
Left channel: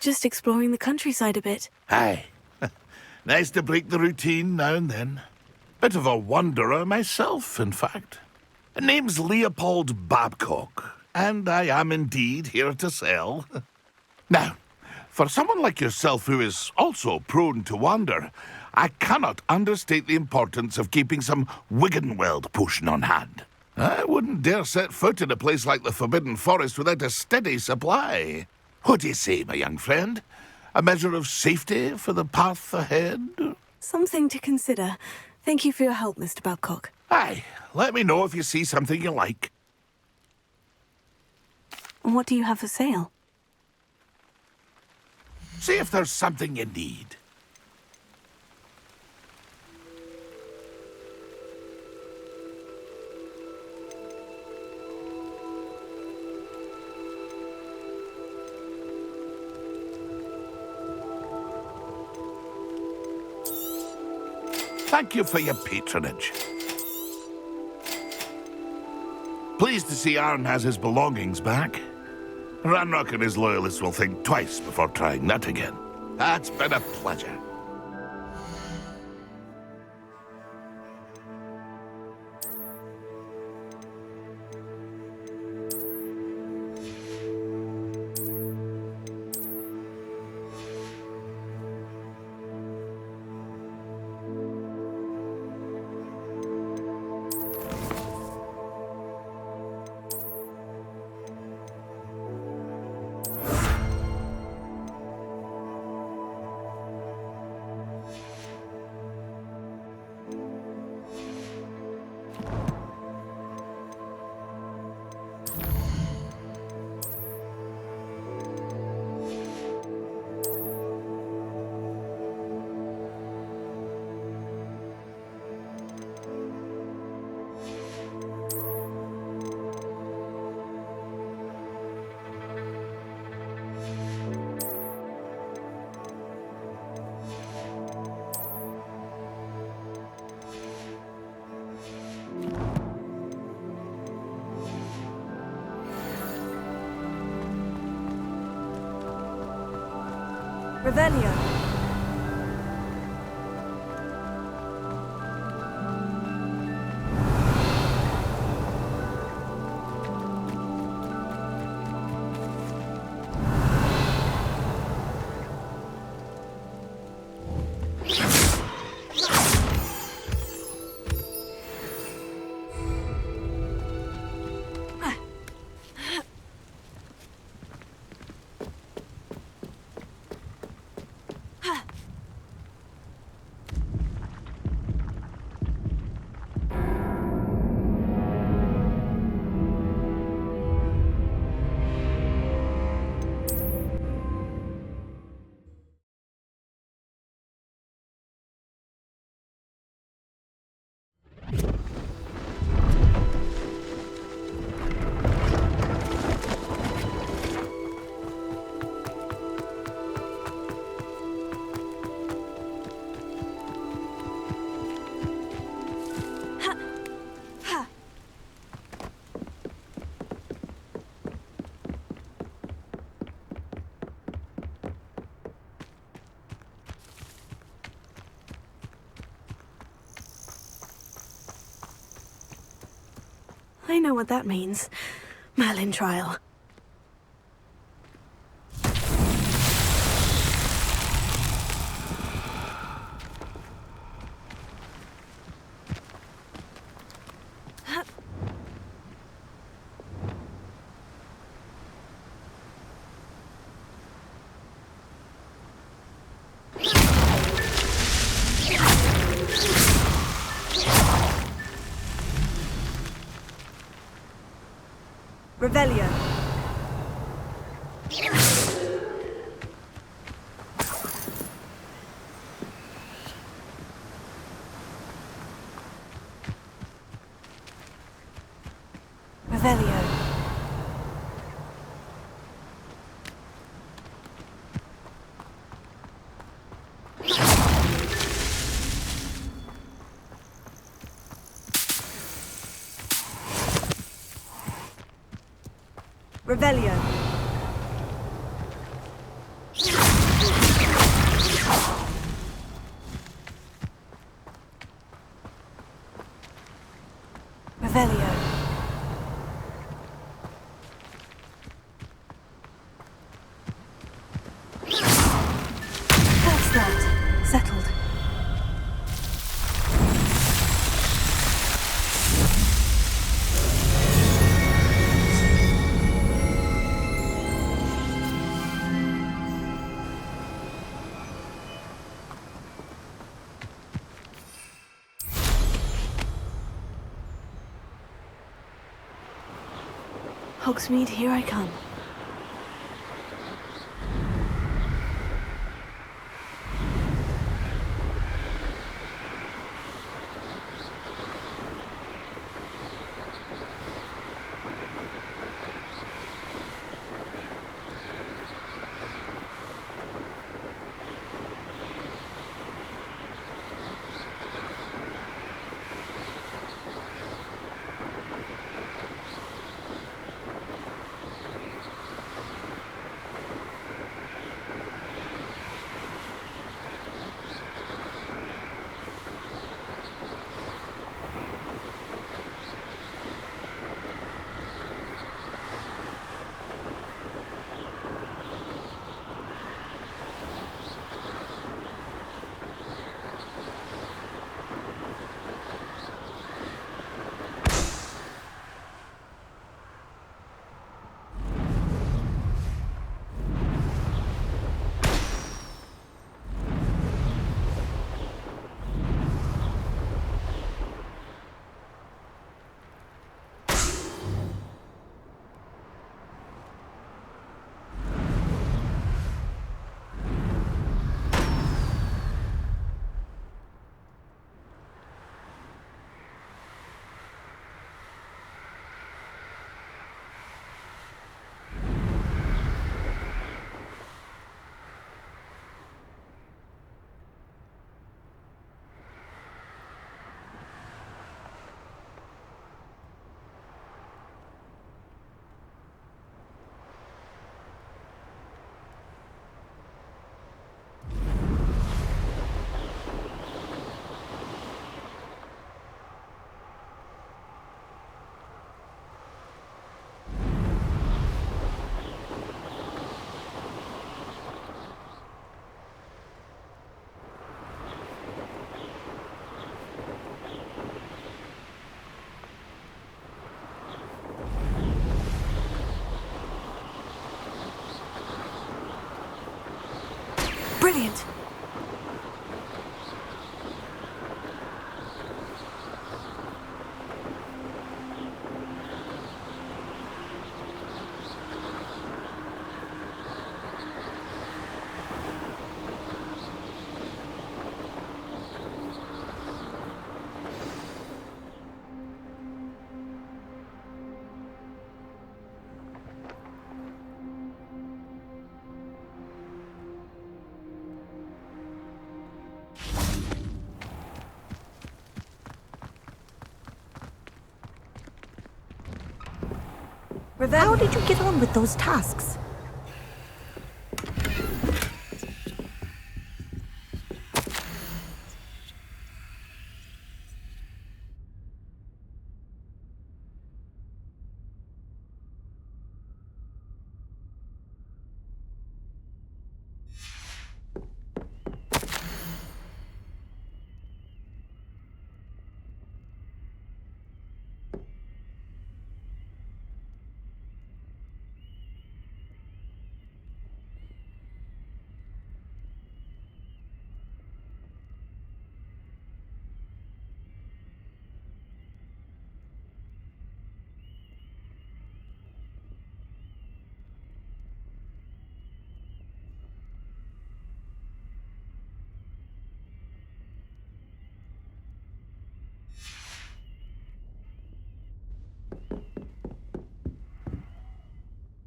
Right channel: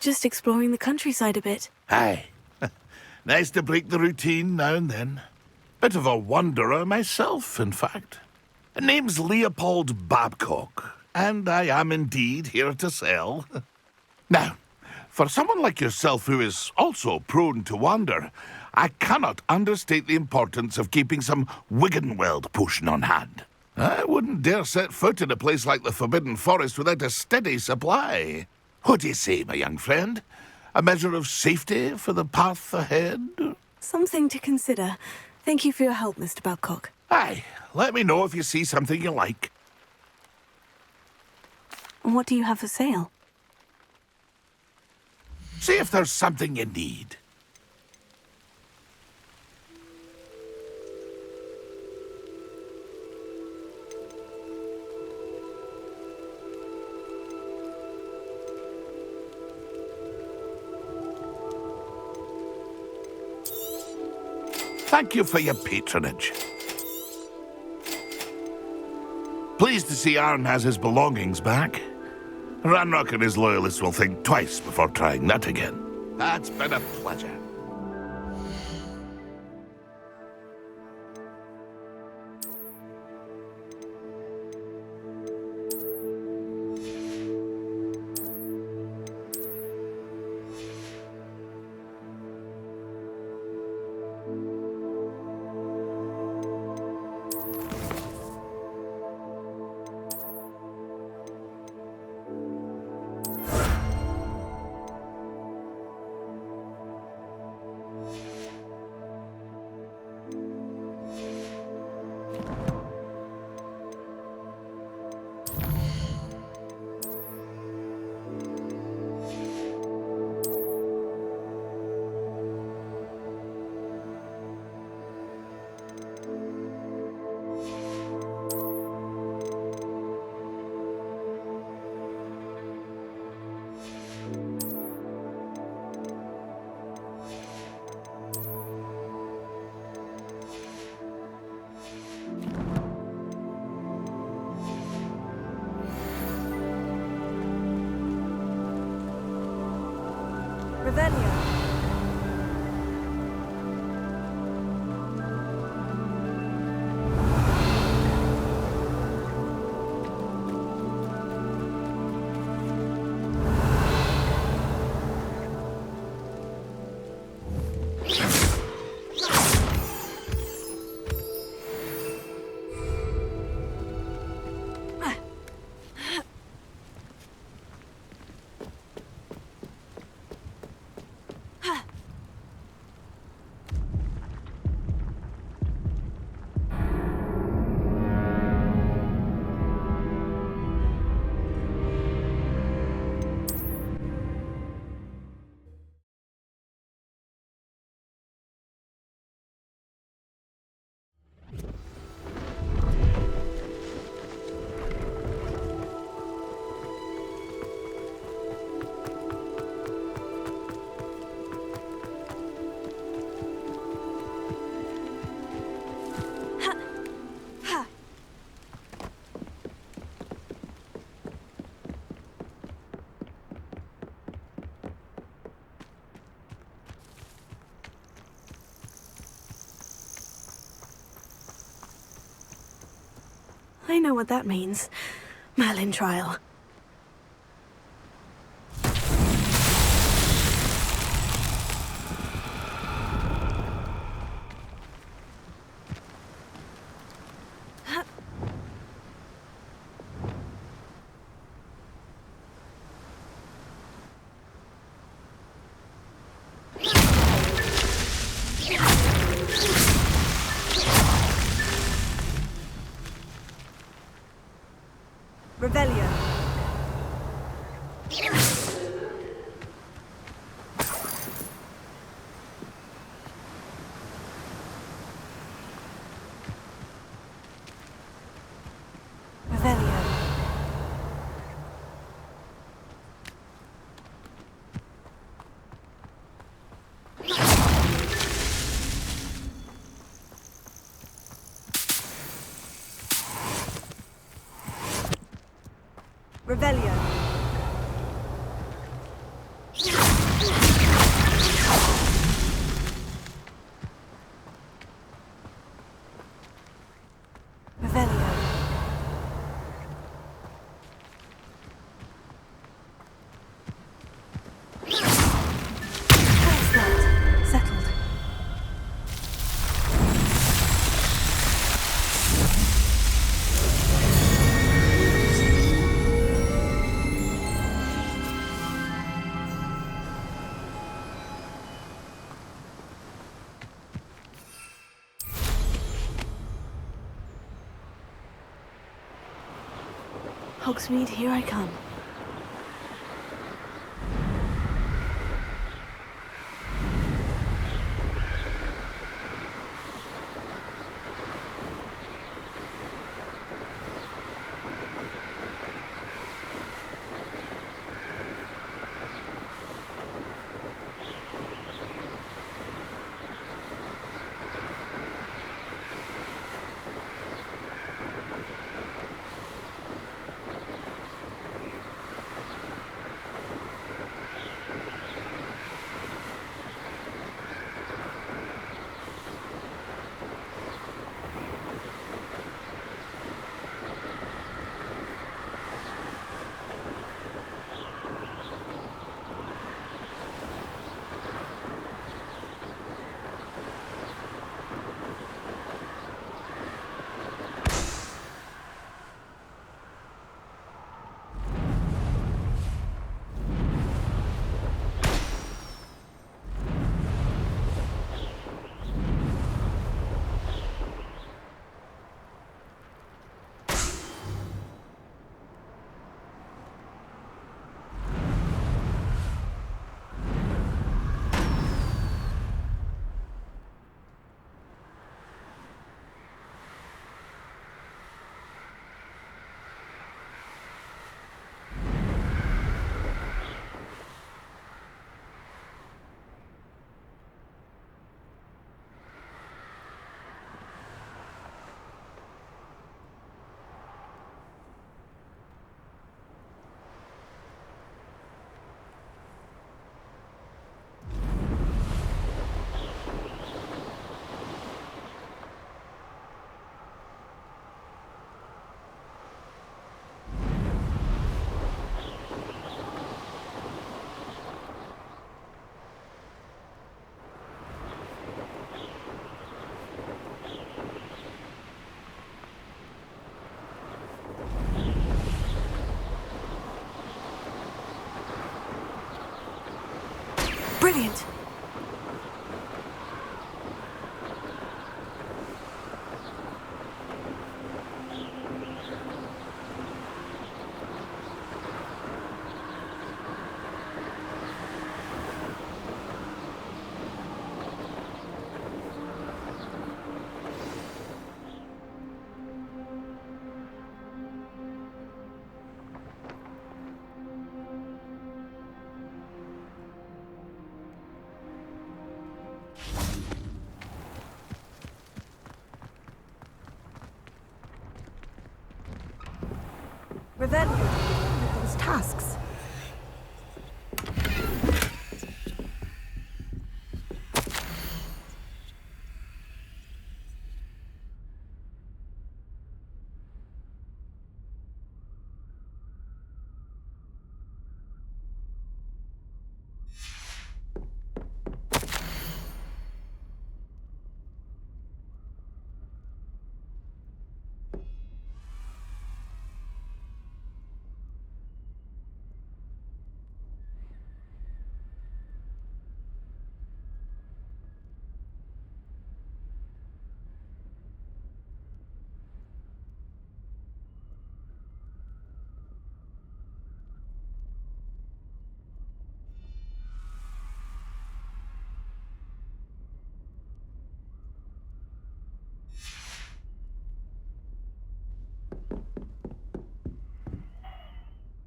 Just exploring the countryside a bit. Aye. Nice to break the routine now and then. Bit of a wanderer myself, in fact. Name's Leopold Babcock, and I am indeed here to sell. Now, for someone like yourself who is also prone to wander, I cannot understate the importance of keeping some Wiggenweld potion on hand. I wouldn't dare set foot in a place like the Forbidden Forest without a steady supply. What do you say, my young friend? A measure of safety for the path ahead? Something to consider. Thank you for your help, Mr. Babcock. Aye, let me know if you see something you like. What do you have for sale? See if there's something you need. Thank you for your patronage. Pleased to see Arn has his belongings back. Ranrock and his loyalists will think twice before trying that again. That's been a pleasure. Revelio. I know what that means. Merlin trial. Revelio. Revelio. Revelio. Revelio. That's that. Settled. Hogsmeade, here I come. Brilliant. How did you get on with those tasks?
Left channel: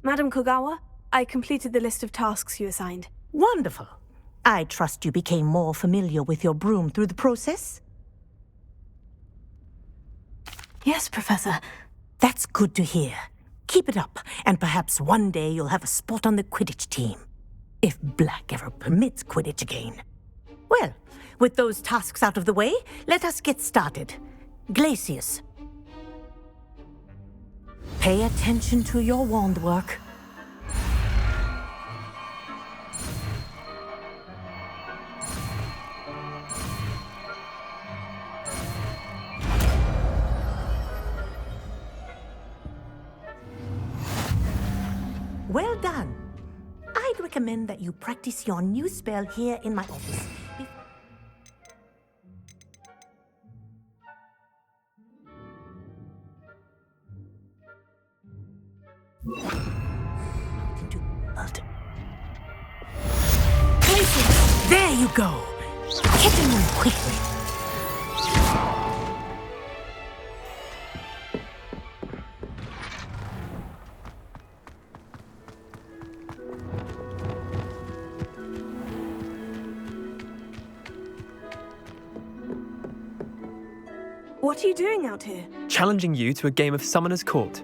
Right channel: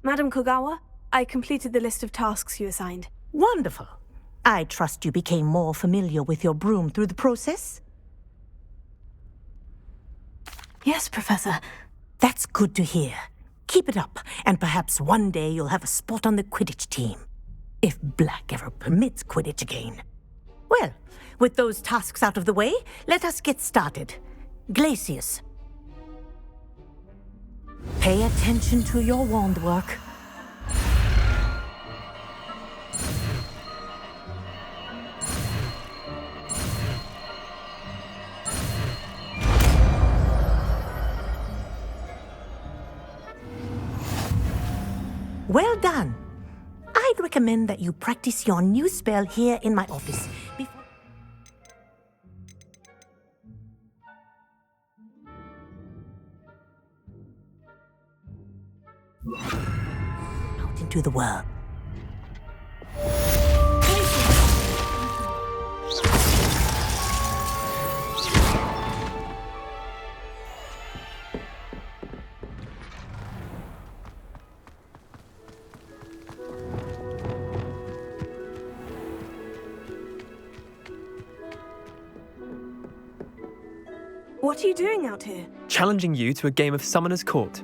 Madam Kogawa, I completed the list of tasks you assigned. Wonderful. I trust you became more familiar with your broom through the process? Yes, Professor. That's good to hear. Keep it up, and perhaps one day you'll have a spot on the Quidditch team. If Black ever permits Quidditch again. Well, with those tasks out of the way, let us get started. Glacius. Pay attention to your wand work. Well done. I'd recommend that you practice your new spell here in my office before... out into the world. Places! There you go! Hit them quickly. What are you doing out here? Challenging you to a game of Summoner's Court.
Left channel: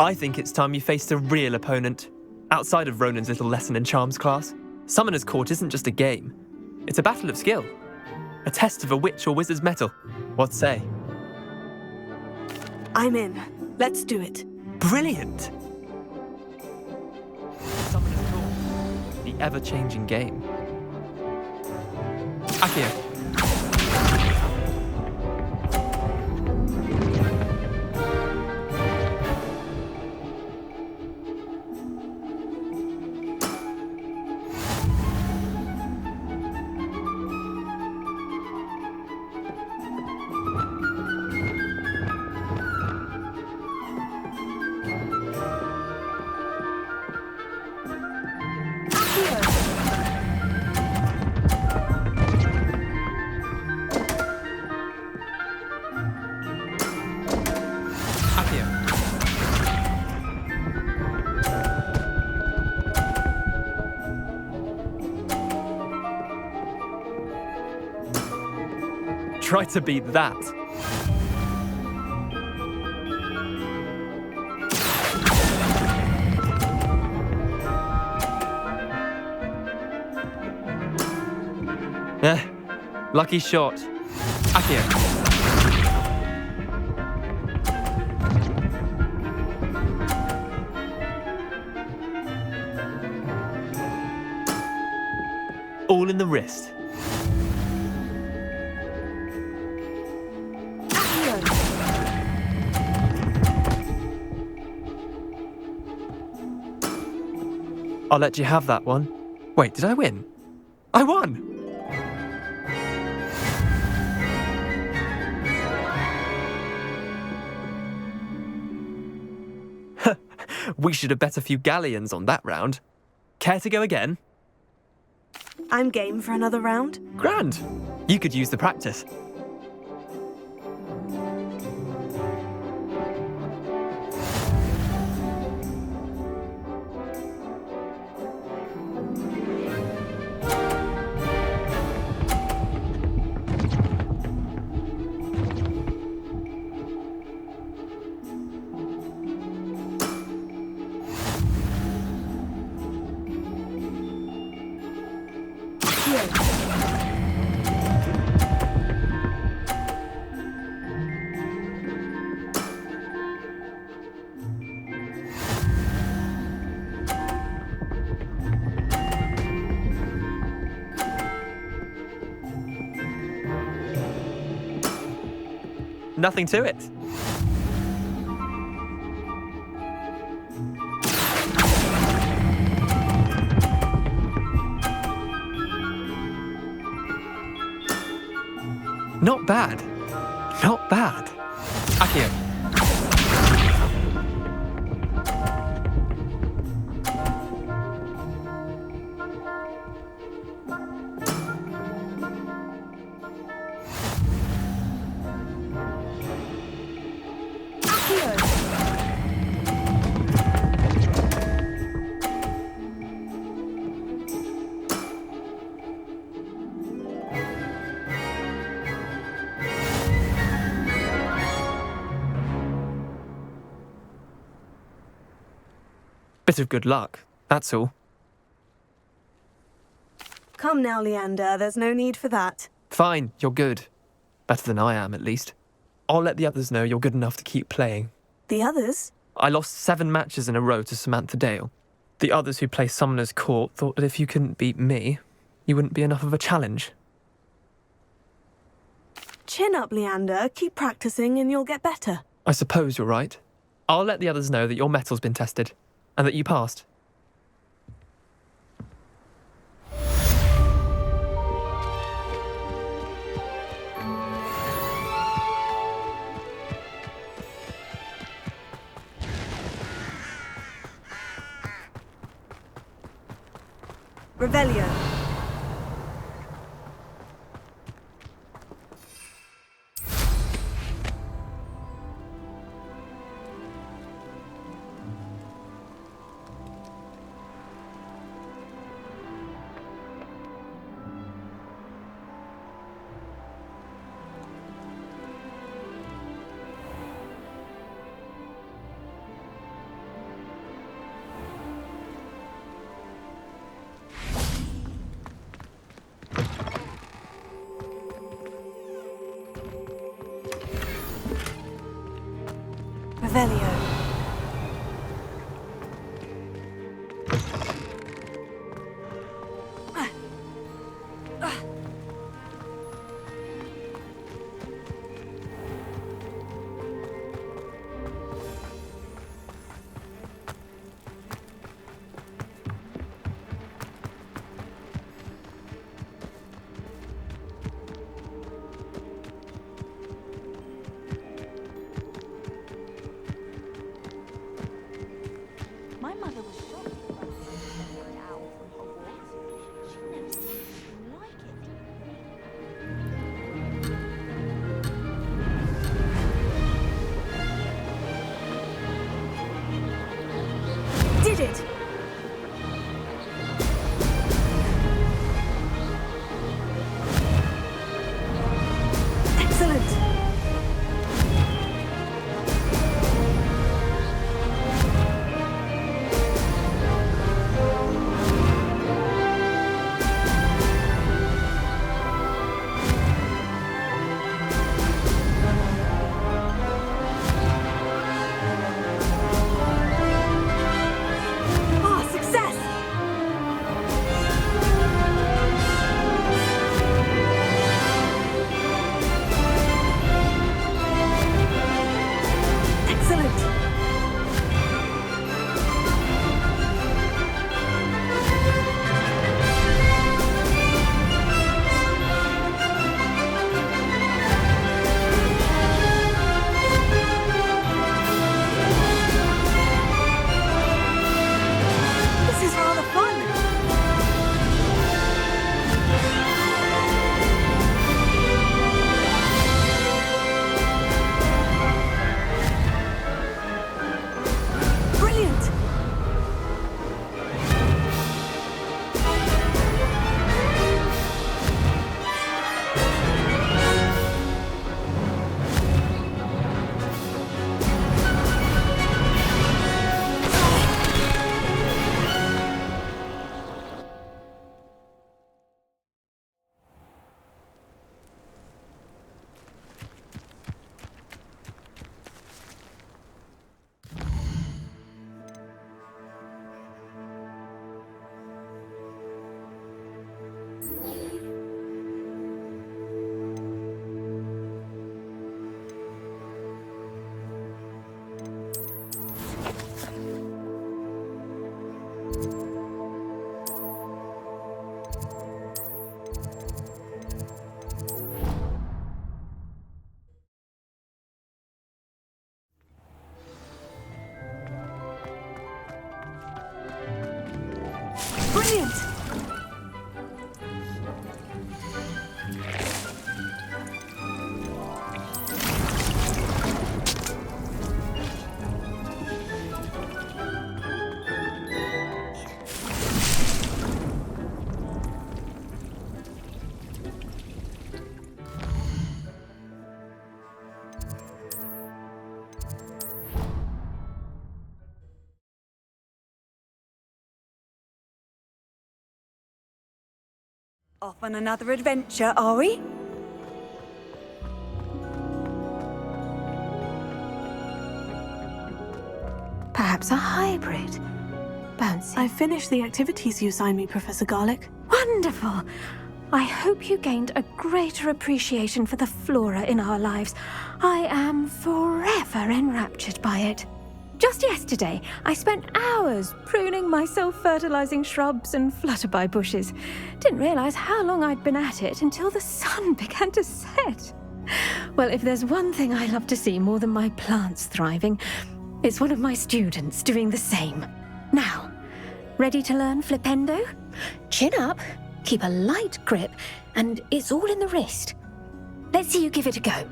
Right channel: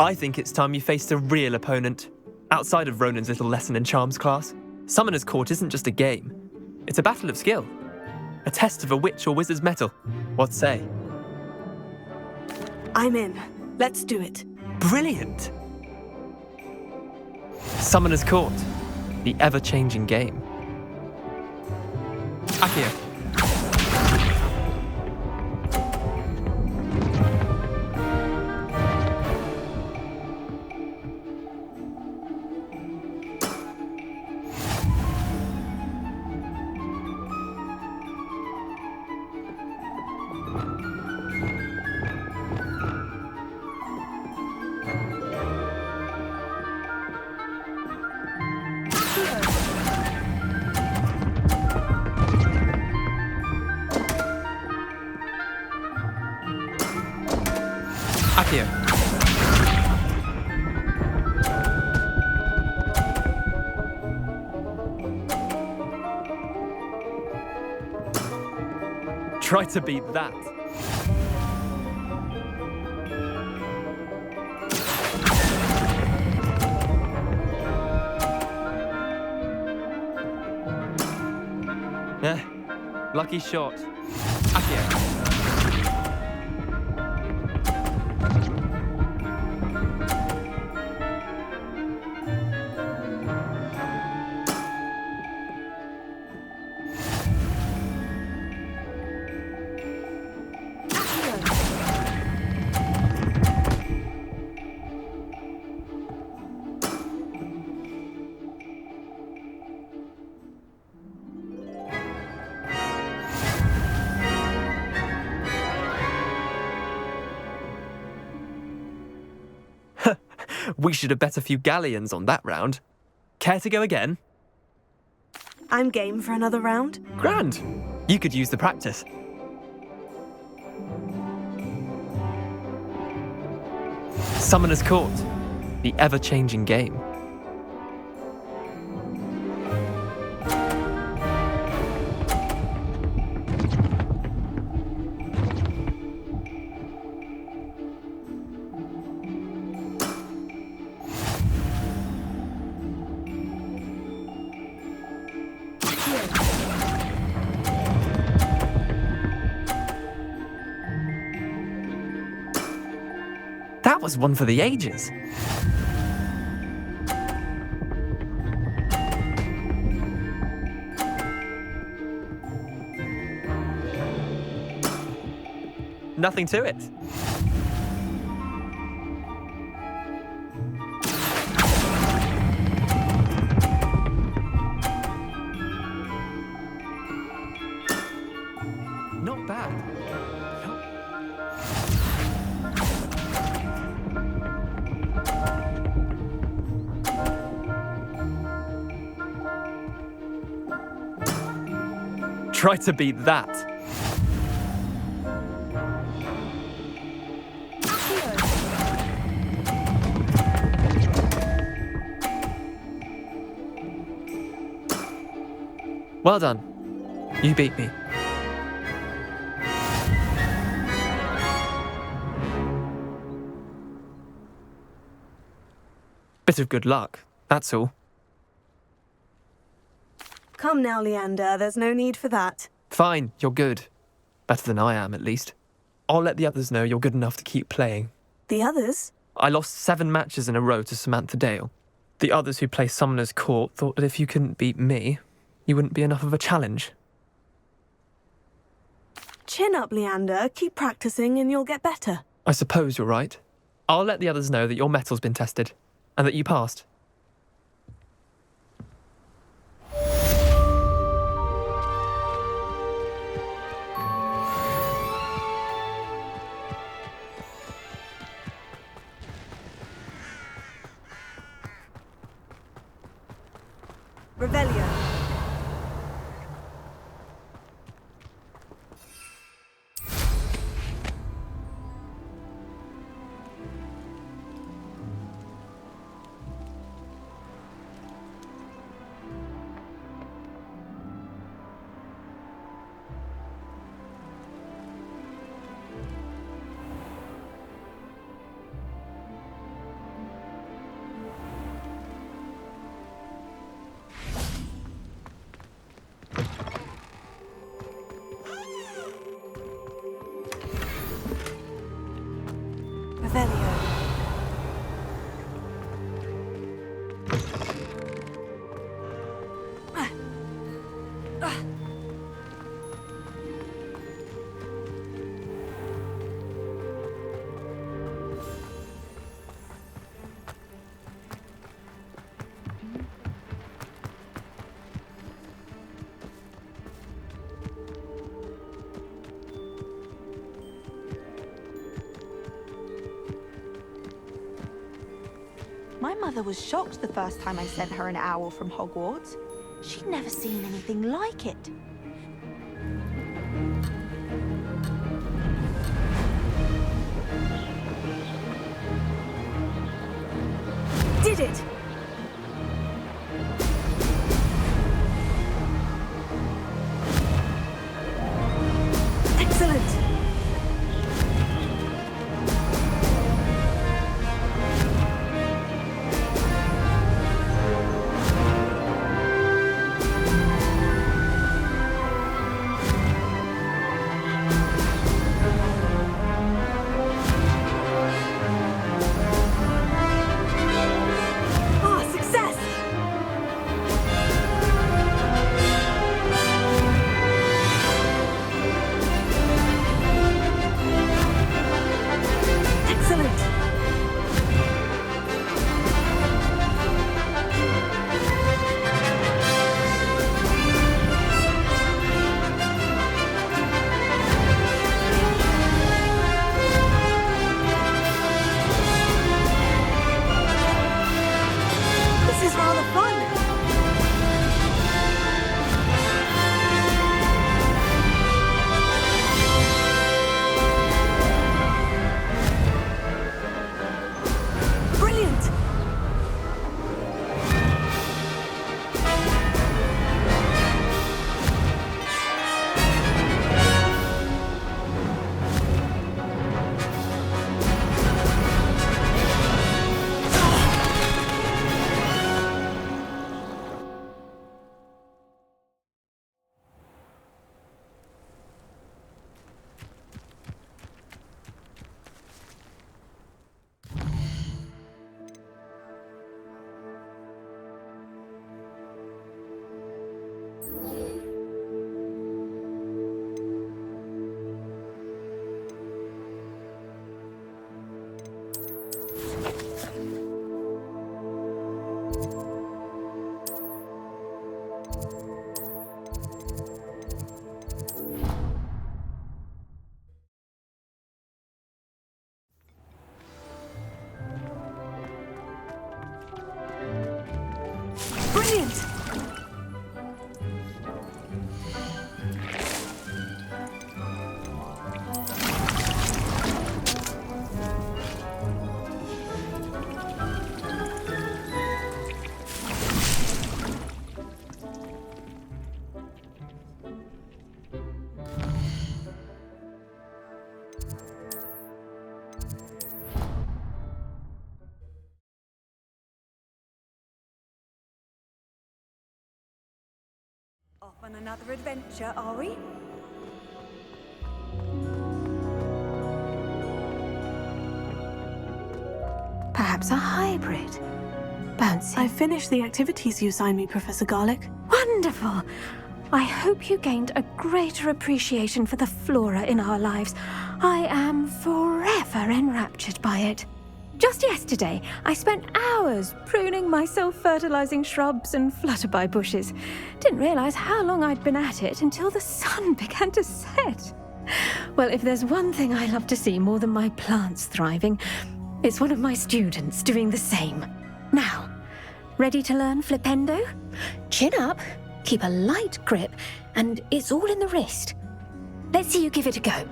I think it's time you faced a real opponent. Outside of Ronan's little lesson in charms class, Summoner's Court isn't just a game. It's a battle of skill. A test of a witch or wizard's mettle. What say? I'm in. Let's do it. Brilliant! Summoner's Court. The ever-changing game. Accio. Try to beat that. Lucky shot. Accio. All in the wrist. I'll let you have that one. Wait, did I win? I won! We should have bet a few galleons on that round. Care to go again? I'm game for another round. Grand! You could use the practice. Summoner's Court, the ever-changing game. That was one for the ages. Nothing to it. Not bad. Not bad. Akio. Try to beat that. Well done. You beat me. Bit of good luck, that's all. Come now, Leander, there's no need for that. Fine, you're good. Better than I am, at least. I'll let the others know you're good enough to keep playing. The others? I lost 7 matches in a row to Samantha Dale. The others who play Summoner's Court thought that if you couldn't beat me, you wouldn't be enough of a challenge. Chin up, Leander. Keep practicing and you'll get better. I suppose you're right. I'll let the others know that your metal's been tested, and that you passed. Revelio. Revelio. My mother was shocked the first time I sent her an owl from Hogwarts. She'd never seen anything like it. Did it! Excellent! rather fun. Brilliant! Brilliant! Off on another adventure, are we? Perhaps a hybrid. Bouncy. I finished the activities you assigned me, Professor Garlic. Wonderful! I hope you gained a greater appreciation for the flora in our lives. I am forever enraptured by it. Just yesterday, I spent hours pruning my self-fertilizing shrubs and flutterby bushes. Didn't realize how long I'd been at it until the sun began to set. Well, if there's one thing I love to see more than my plants thriving, it's one of my students doing the same. Now, ready to learn Flipendo? Chin up, keep a light grip, and it's all in the wrist. Let's see you give it a go.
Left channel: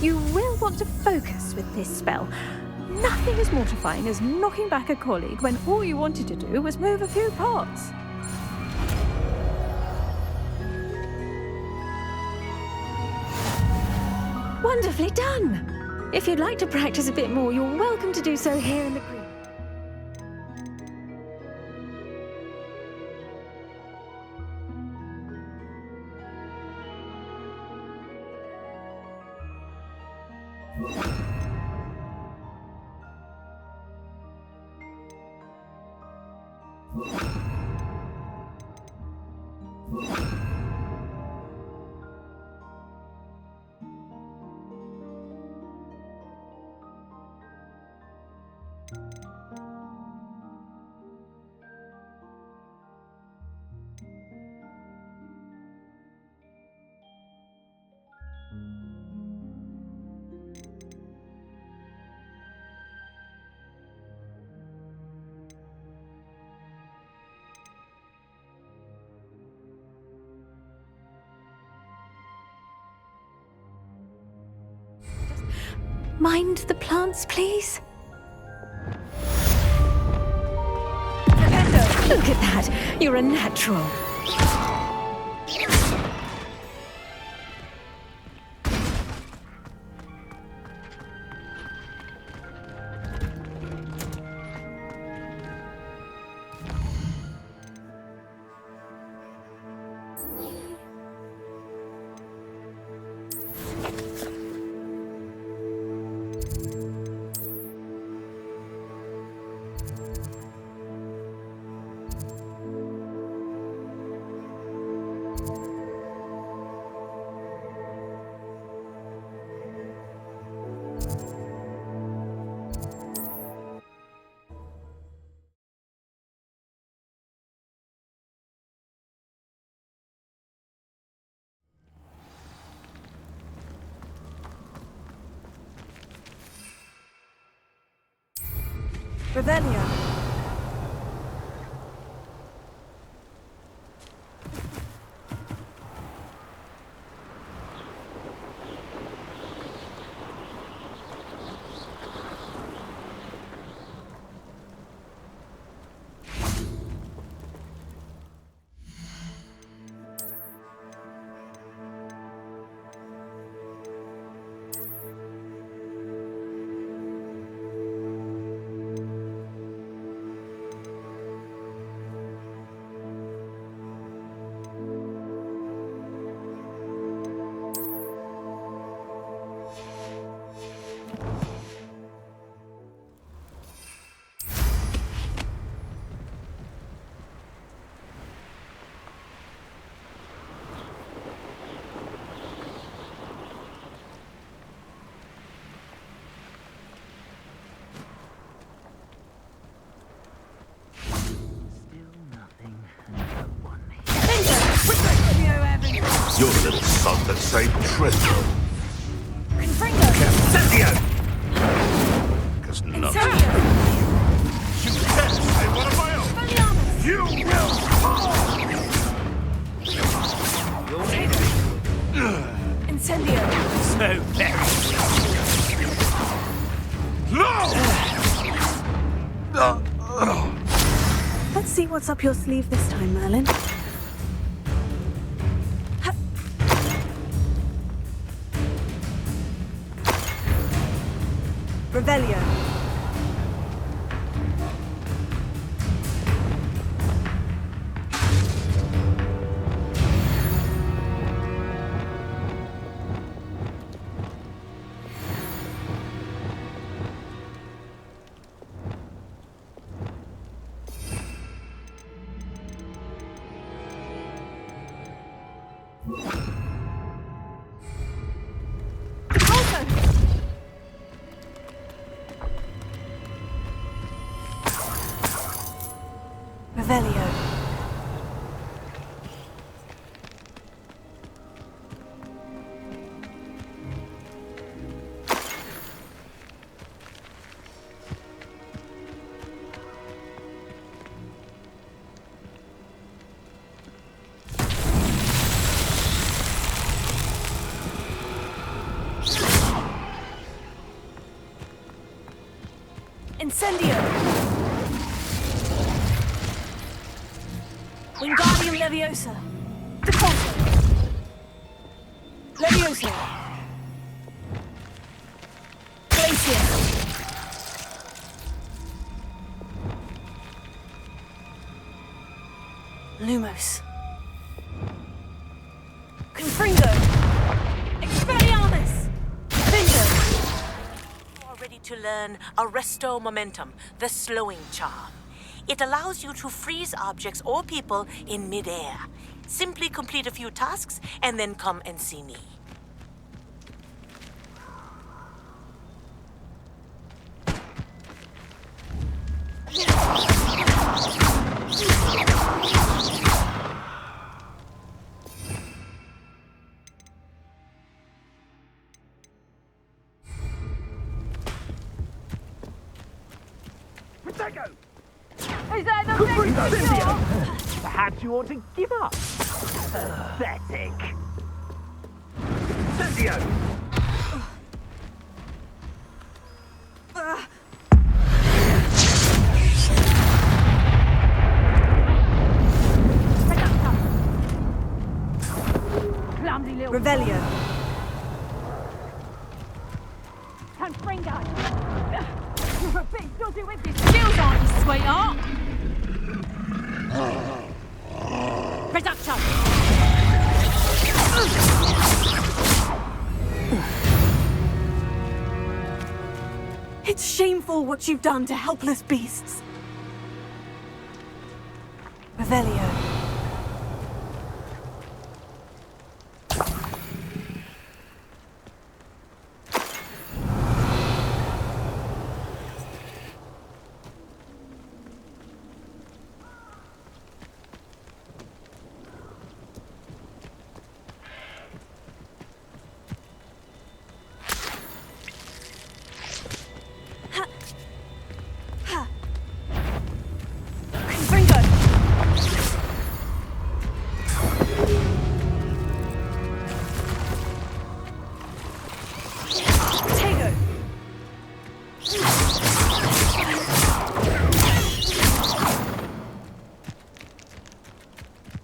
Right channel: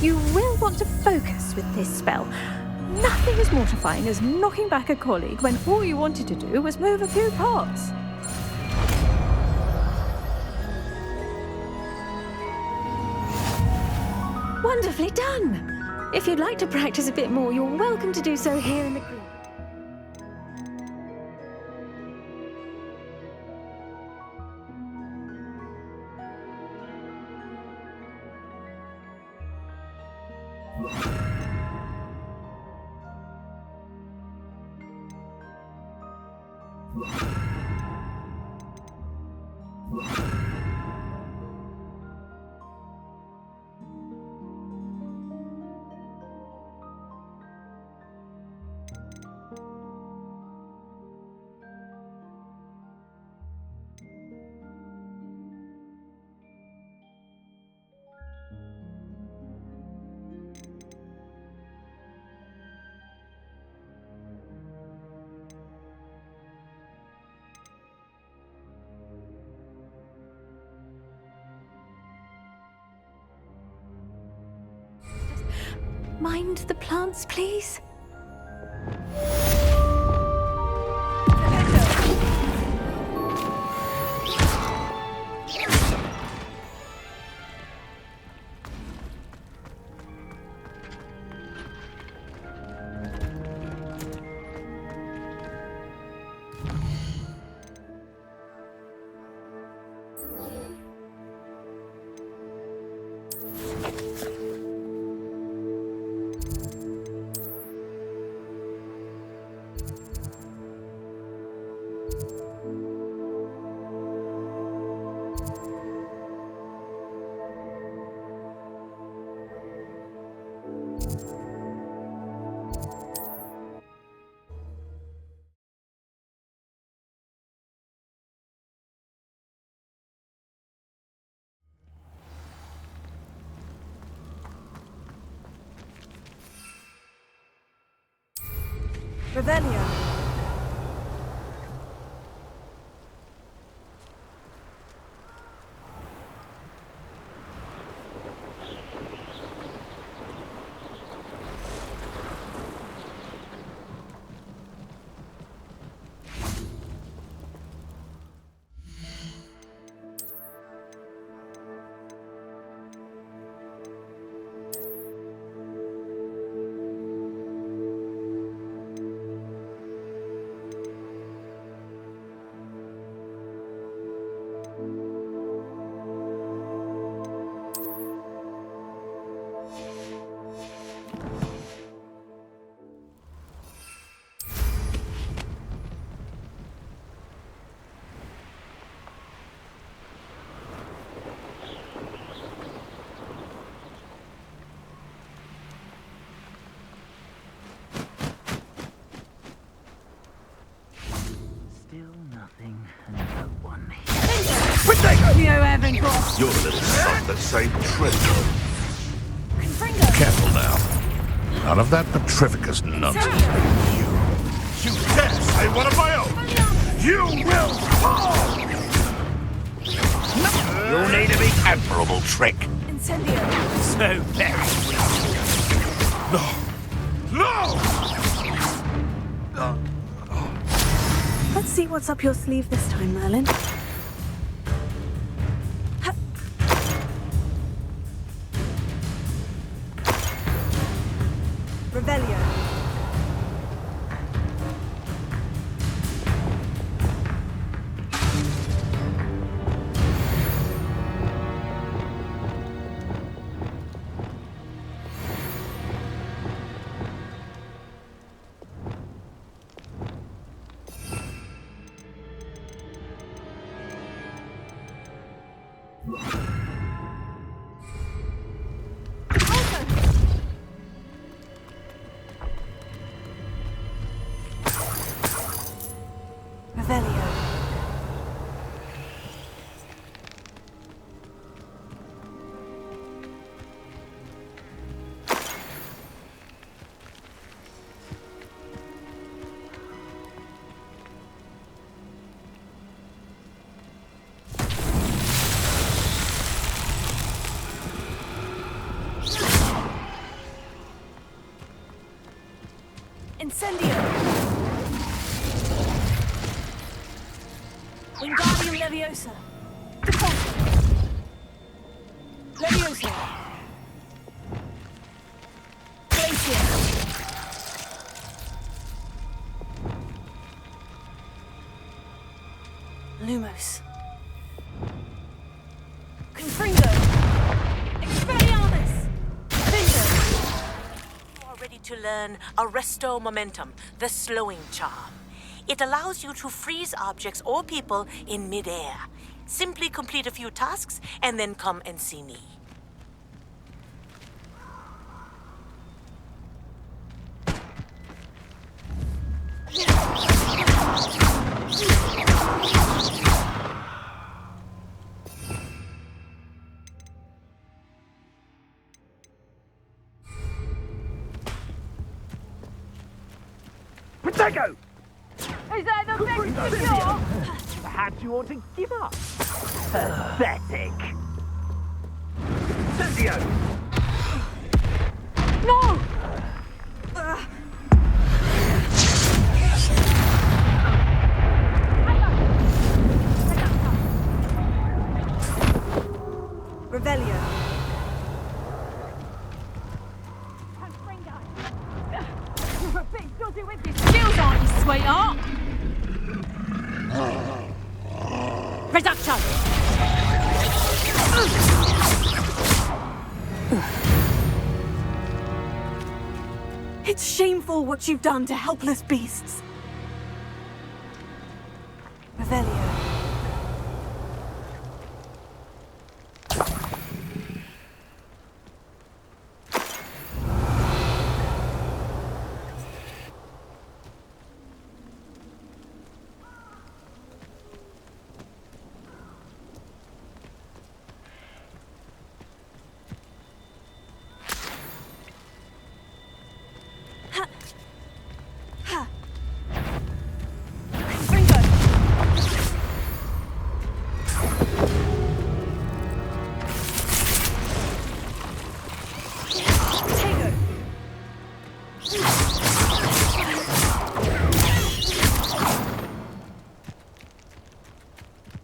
You will want to focus with this spell. Nothing as mortifying as knocking back a colleague when all you wanted to do was move a few pots. Wonderfully done! If you'd like to practice a bit more, you're welcome to do so here in the green. Mind the plants, please. Look at that. You're a natural. Revelio. You're the little son that saved treasure. Confringo! Careful now. None of that petrificus nonsense. You dare say one of my own! You will fall! You'll need a big admirable trick. Incendio! So very No! Let's see what's up your sleeve this time, Merlin. Revelio. Revelio. Incendio! Wingardium Leviosa! Deposit! Leviosa! Glacier! Lumos! Confringo! Expelliarmus! Bingo! You are ready to learn Arresto Momentum, the slowing charm. It allows you to freeze objects or people in midair. Simply complete a few tasks and then come and see me. Protego! Is that the thing for sure? Perhaps you ought to give up. Pathetic. Incendio! No! Revelio. Confringo! You're a bit dodgy with your skills, aren't you, sweetheart? Reduction! It's shameful what you've done to helpless beasts. Revelio.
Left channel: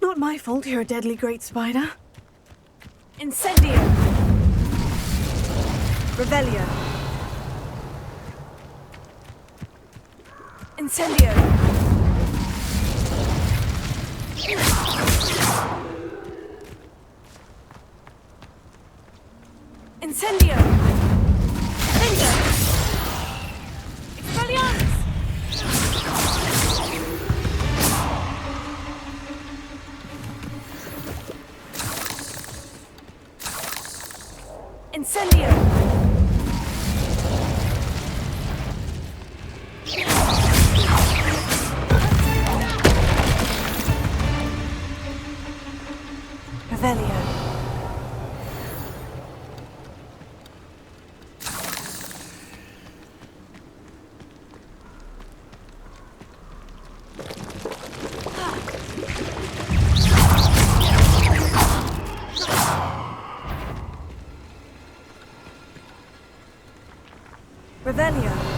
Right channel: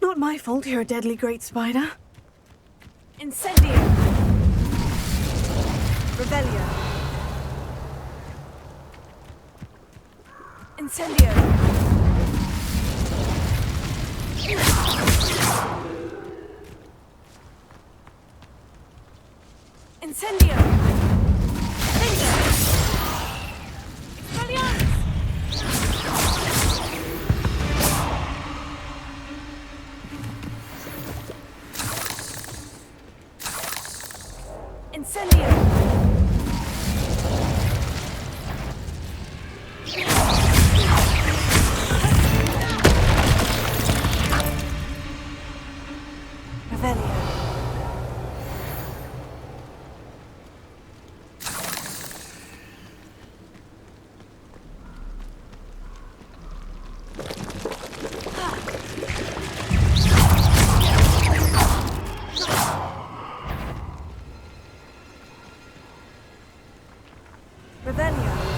Not my fault you're a deadly great spider. Incendio! Revelio. Incendio! Incendio! Bingo! Expelliarmus! Incendio! Revelio. Revelio.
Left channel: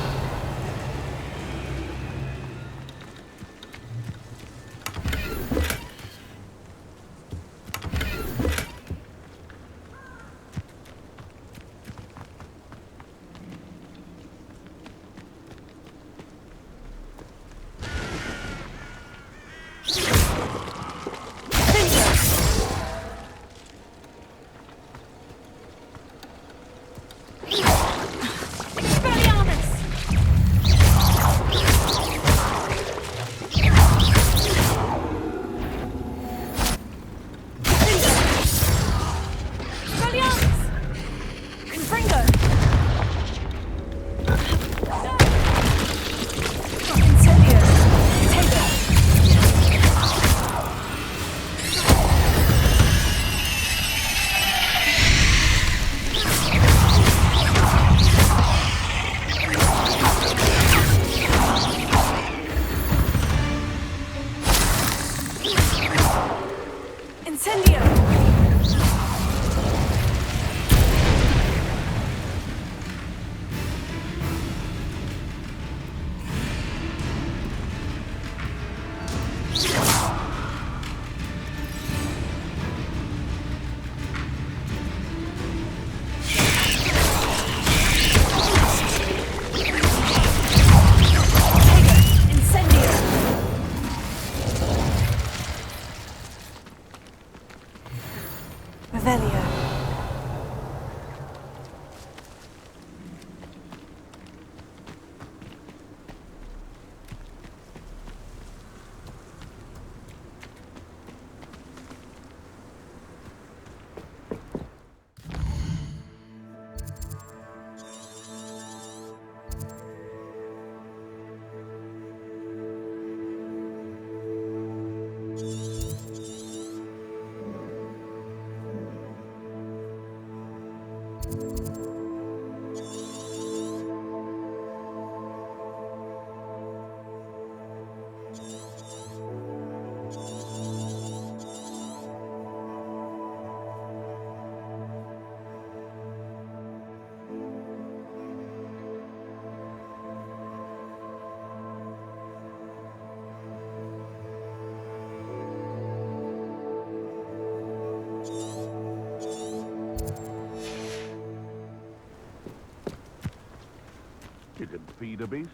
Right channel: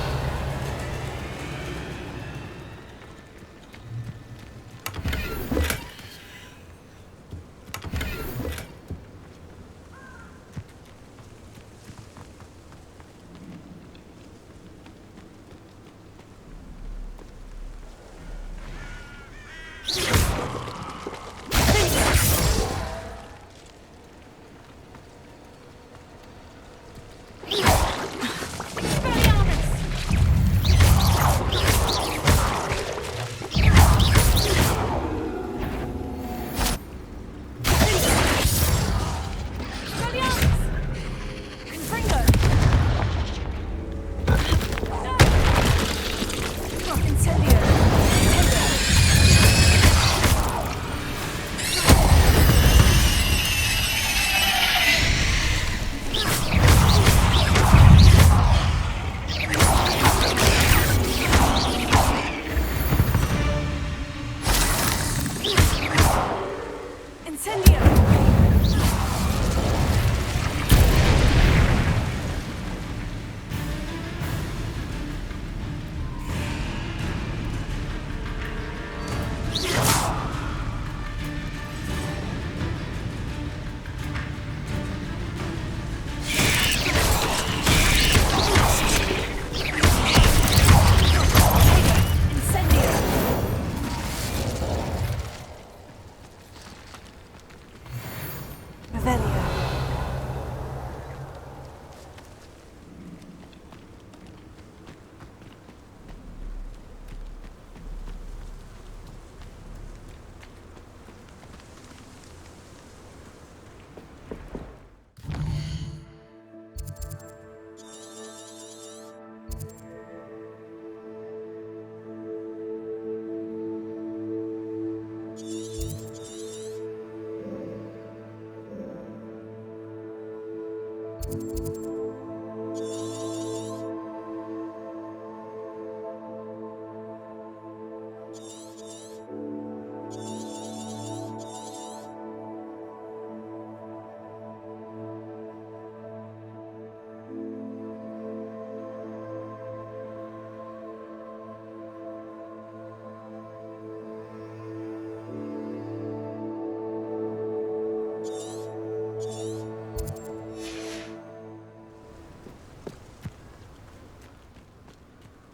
You can feed a beast,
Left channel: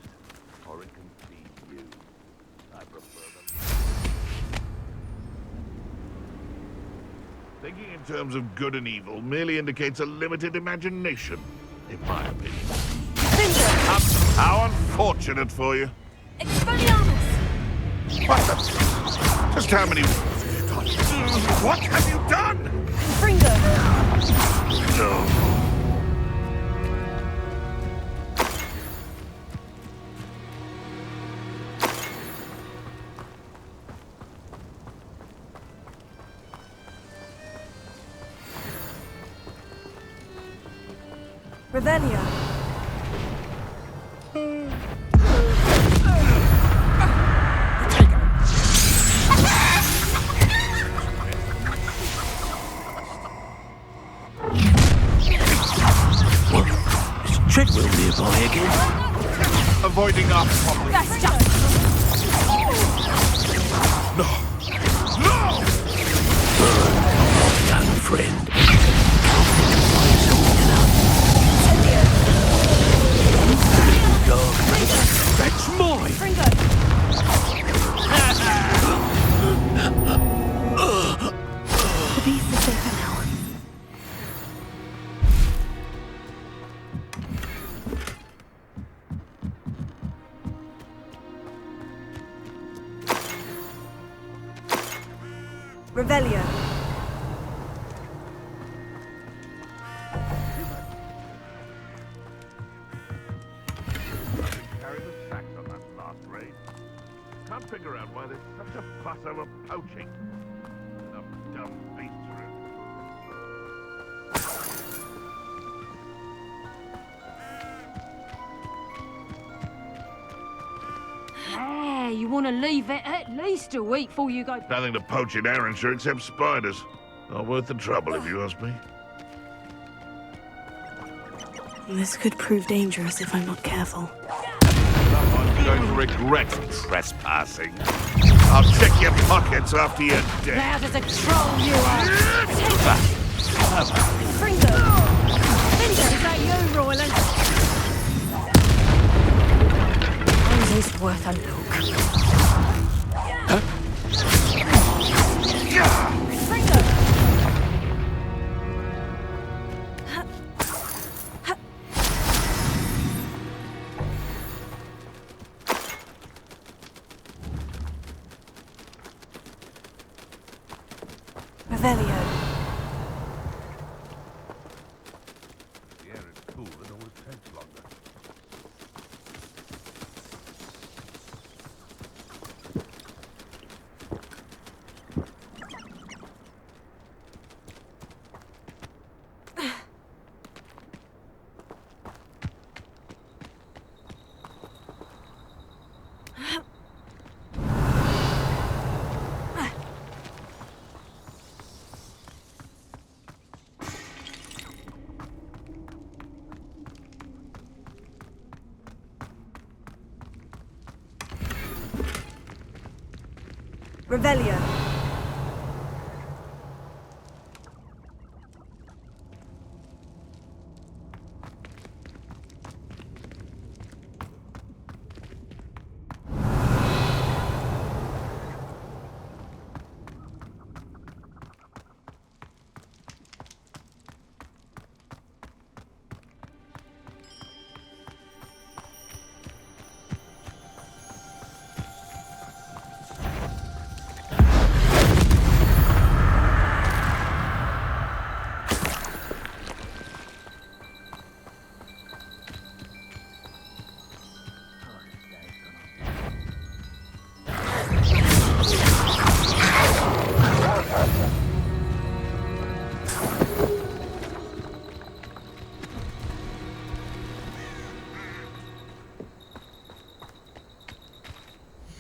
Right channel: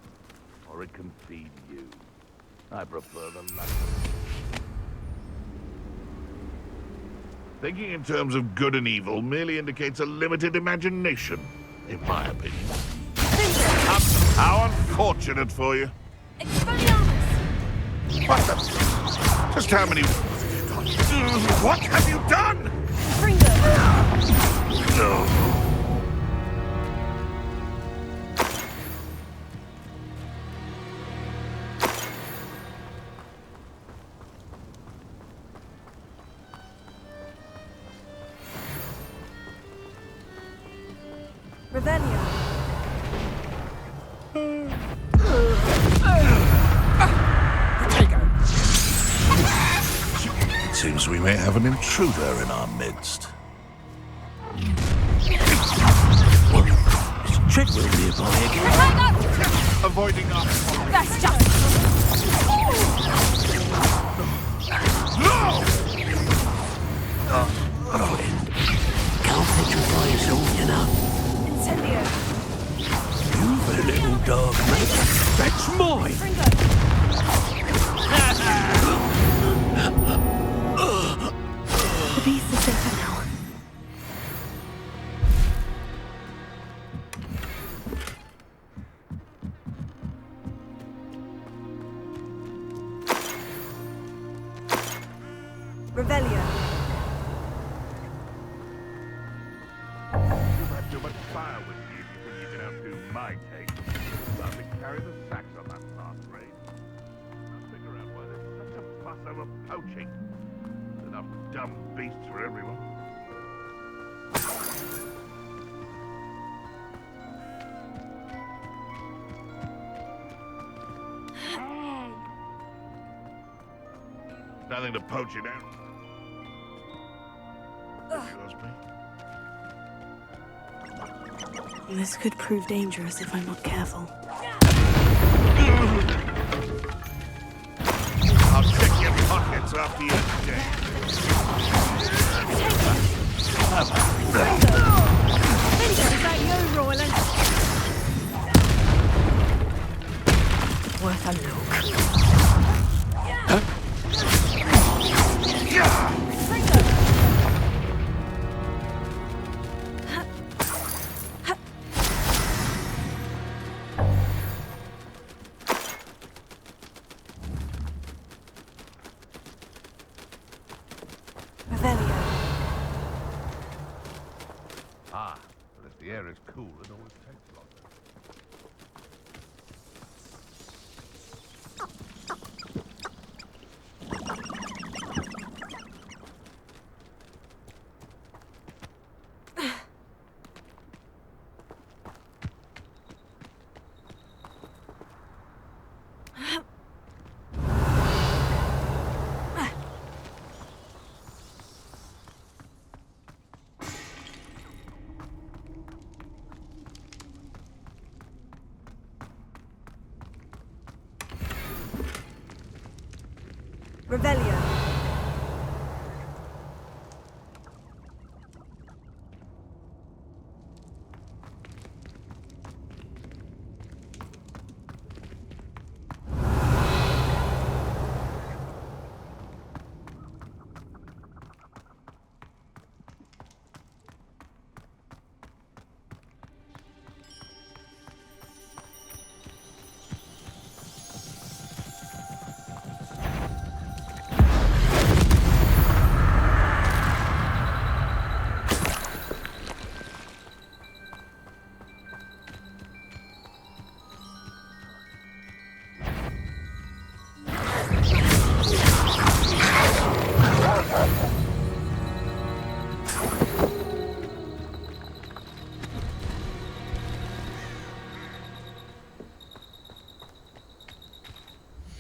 or it can feed you. I prefer the latter. Thinking in terms of good and evil merely indicates a limited imagination, in my opinion. How unfortunate for you. What the? Just how many... What have you done? No. Revelio. Seems we may have an intruder in our midst. What? Is Treadwell nearby again? Avoiding us. That's just... No! No! Oh, young friend. Can't petrify yourself enough. You little dog, mate. That's mine! The beast is safer now. Revelio. You've had too much fire with you. You can outdo my taste. I've been carrying the sacks on that last raid. Can't figure out why there's such a fuss over poaching. There's enough dumb beasts for everyone. Hey, you want to leave it at least a week before you go... Nothing to poach in Arrynshire except spiders. Not worth the trouble, if you ask me. This could prove dangerous if I'm not careful. You'll regret trespassing. I'll check your pockets after you're dead. Loud as a troll, you are. Is that you, Royland? It is worth a look. Revelio. If the air is cool, it always takes longer. Revelio.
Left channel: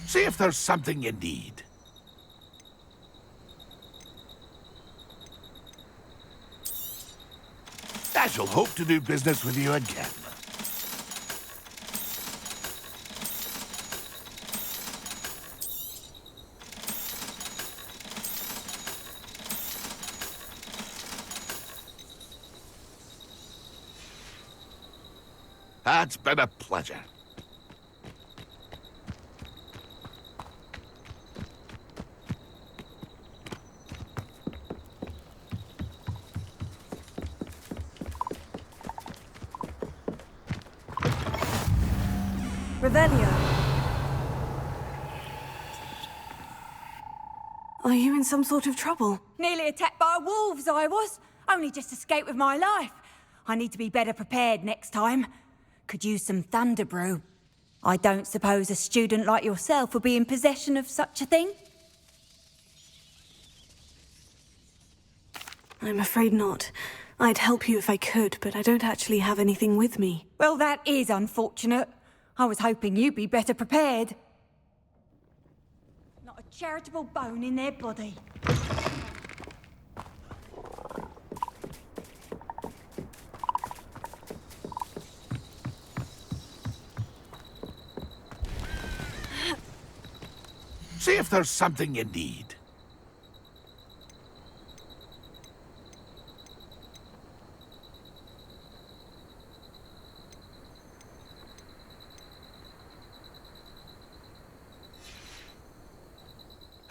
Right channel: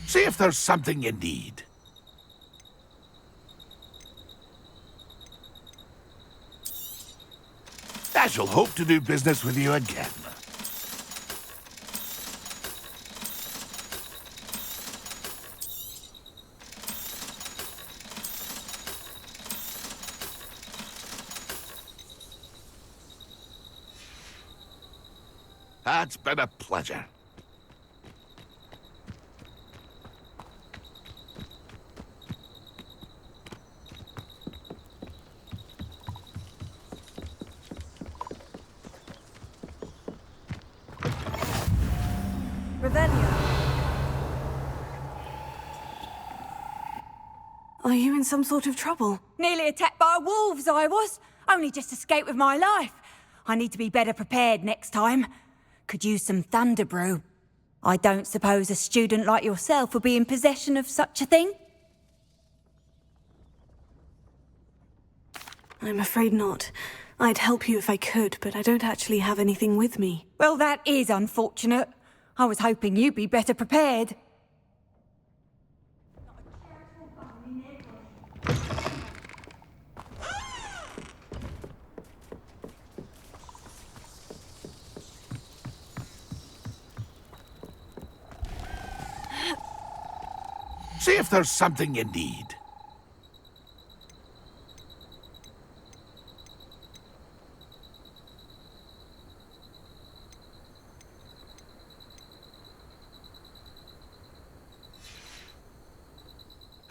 See if there's something you need. I shall hope to do business with you again. It's been a pleasure. Revelio. Are you in some sort of trouble? Nearly attacked by wolves, I was. Only just escaped with my life. I need to be better prepared next time. Could use some thunder brew. I don't suppose a student like yourself would be in possession of such a thing? I'm afraid not. I'd help you if I could, but I don't actually have anything with me. Well, that is unfortunate. I was hoping you'd be better prepared. Not a charitable bone in their body. See if there's something you need.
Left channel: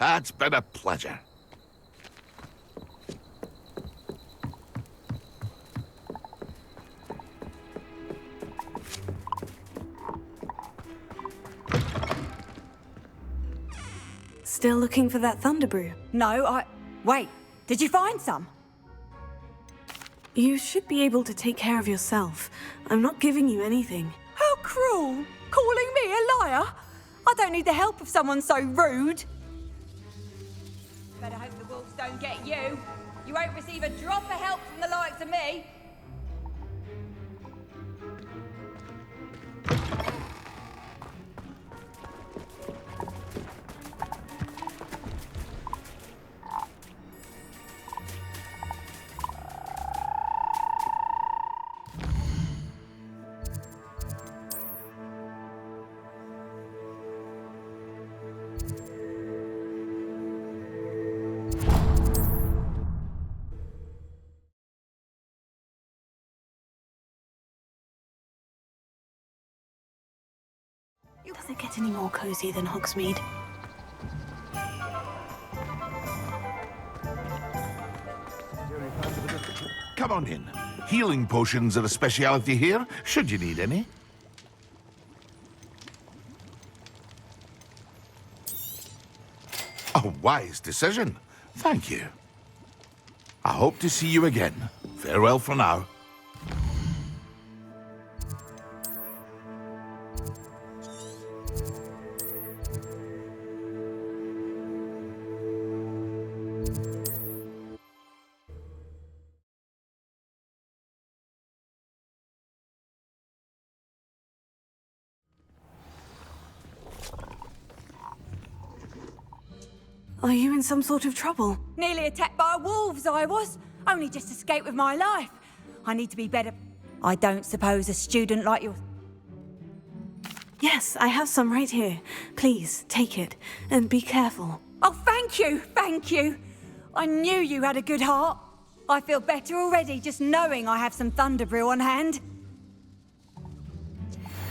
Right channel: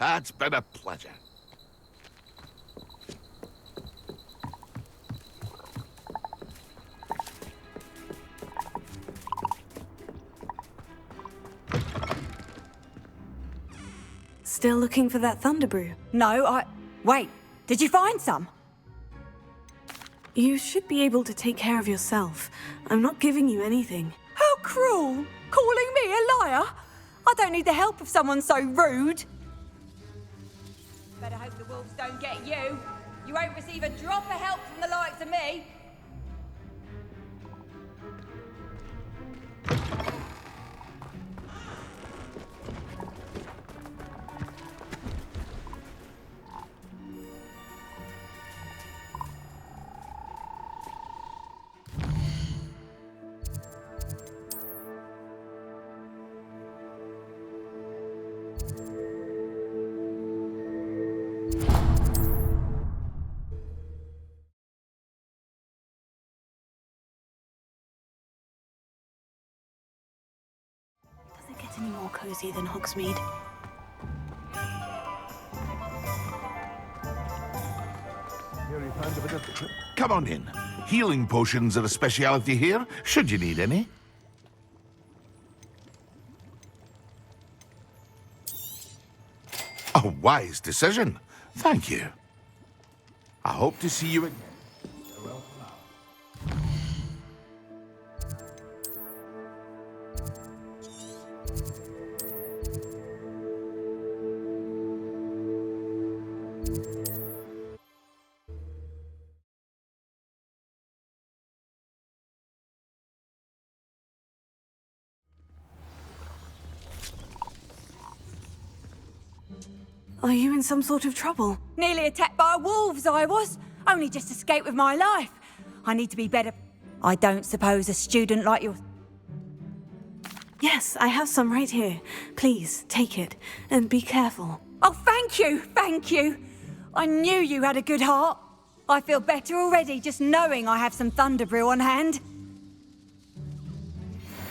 It's been a pleasure. Still looking for that thunder brew? No, Wait, did you find some? You should be able to take care of yourself. I'm not giving you anything. How cruel! Calling me a liar? I don't need the help of someone so rude. Better hope the wolves don't get you. You won't receive a drop of help from the likes of me. any more cozy than Hogsmeade. Come on in. Healing potions are a speciality here, should you need any. A wise decision. Thank you. I hope to see you again. Farewell for now. Are you in some sort of trouble? Nearly attacked by wolves, I was. Only just escaped with my life. I need to be better. I don't suppose a student like you... Yes, I have some right here. Please, take it. And be careful. Oh, thank you, thank you. I knew you had a good heart. I feel better already just knowing I have some thunder brew on hand.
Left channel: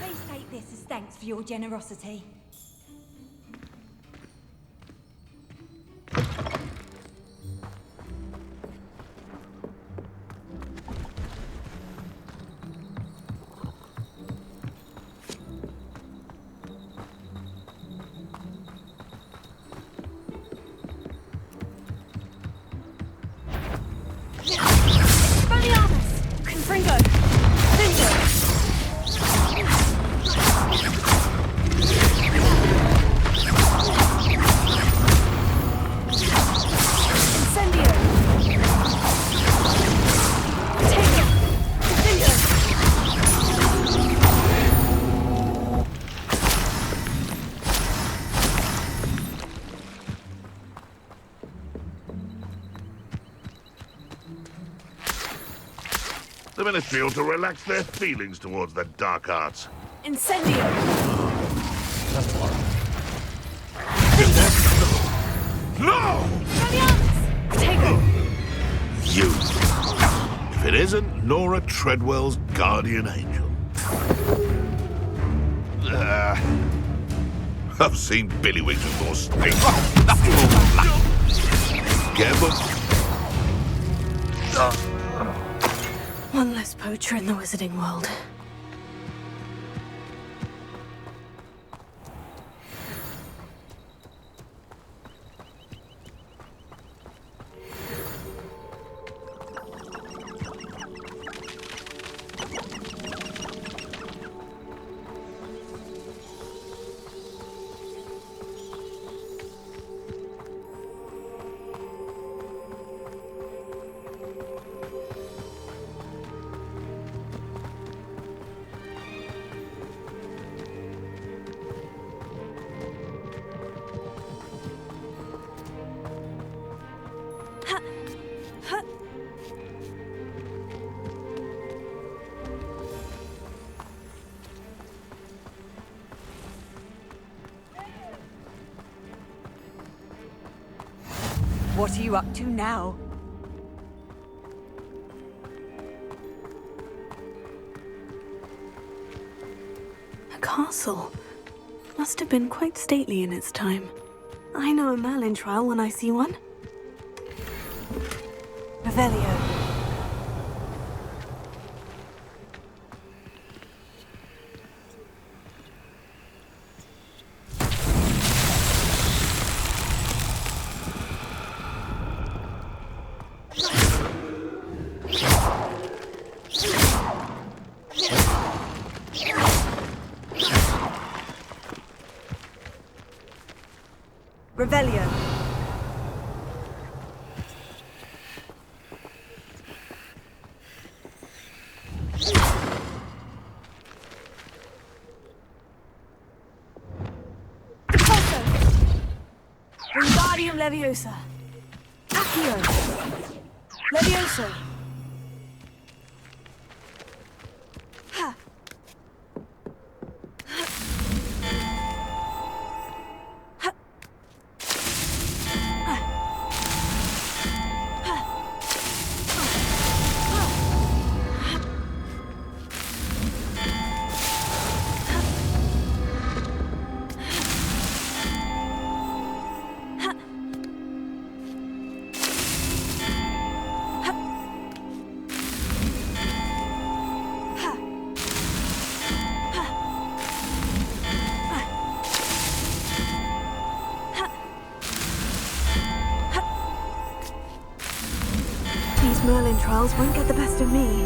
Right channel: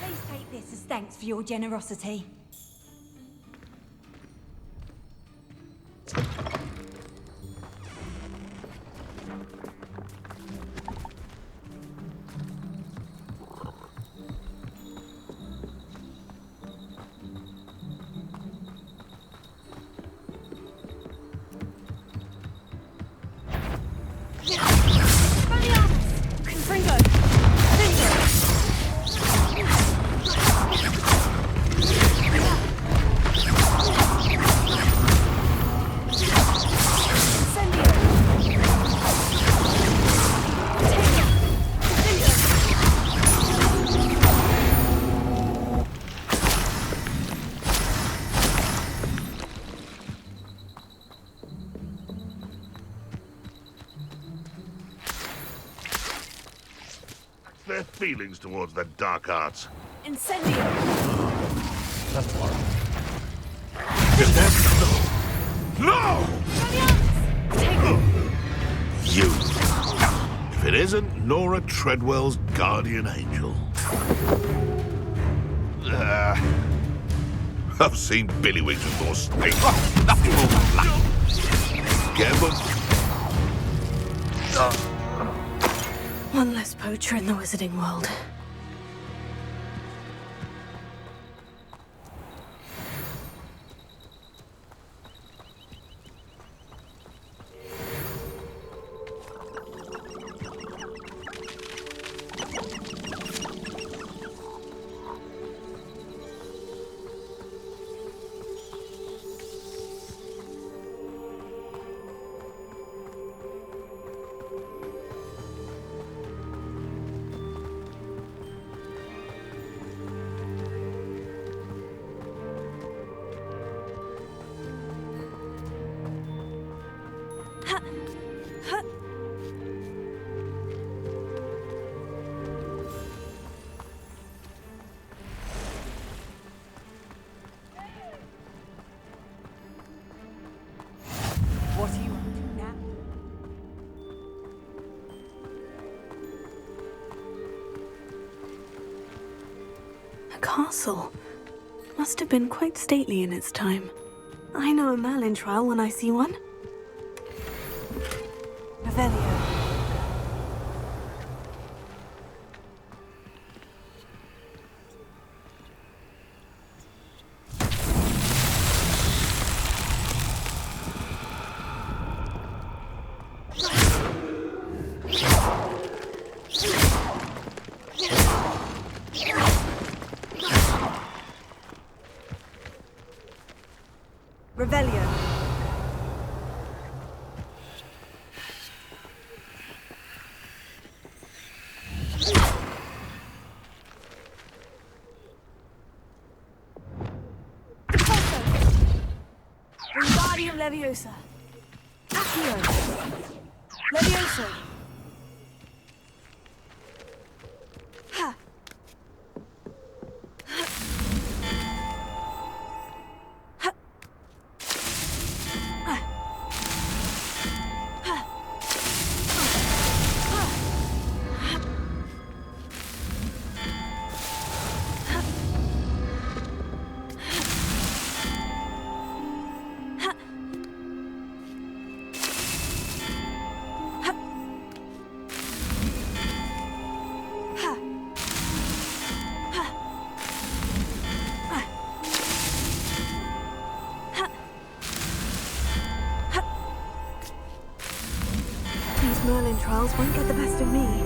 Please take this as thanks for your generosity. The Ministry ought to relax their feelings towards the dark arts. Incendio! No! Take it! You. If it isn't Nora Treadwell's guardian angel. I've seen Billywigs with more state. Nothing more luck. Careful. One less poacher in the wizarding world. What are you up to now? A castle. Must have been quite stately in its time. I know a Merlin trial when I see one. Revelio. Revelio. Wingardium Leviosa. Accio. Levioso. Ha. Merlin trials won't get the best of me.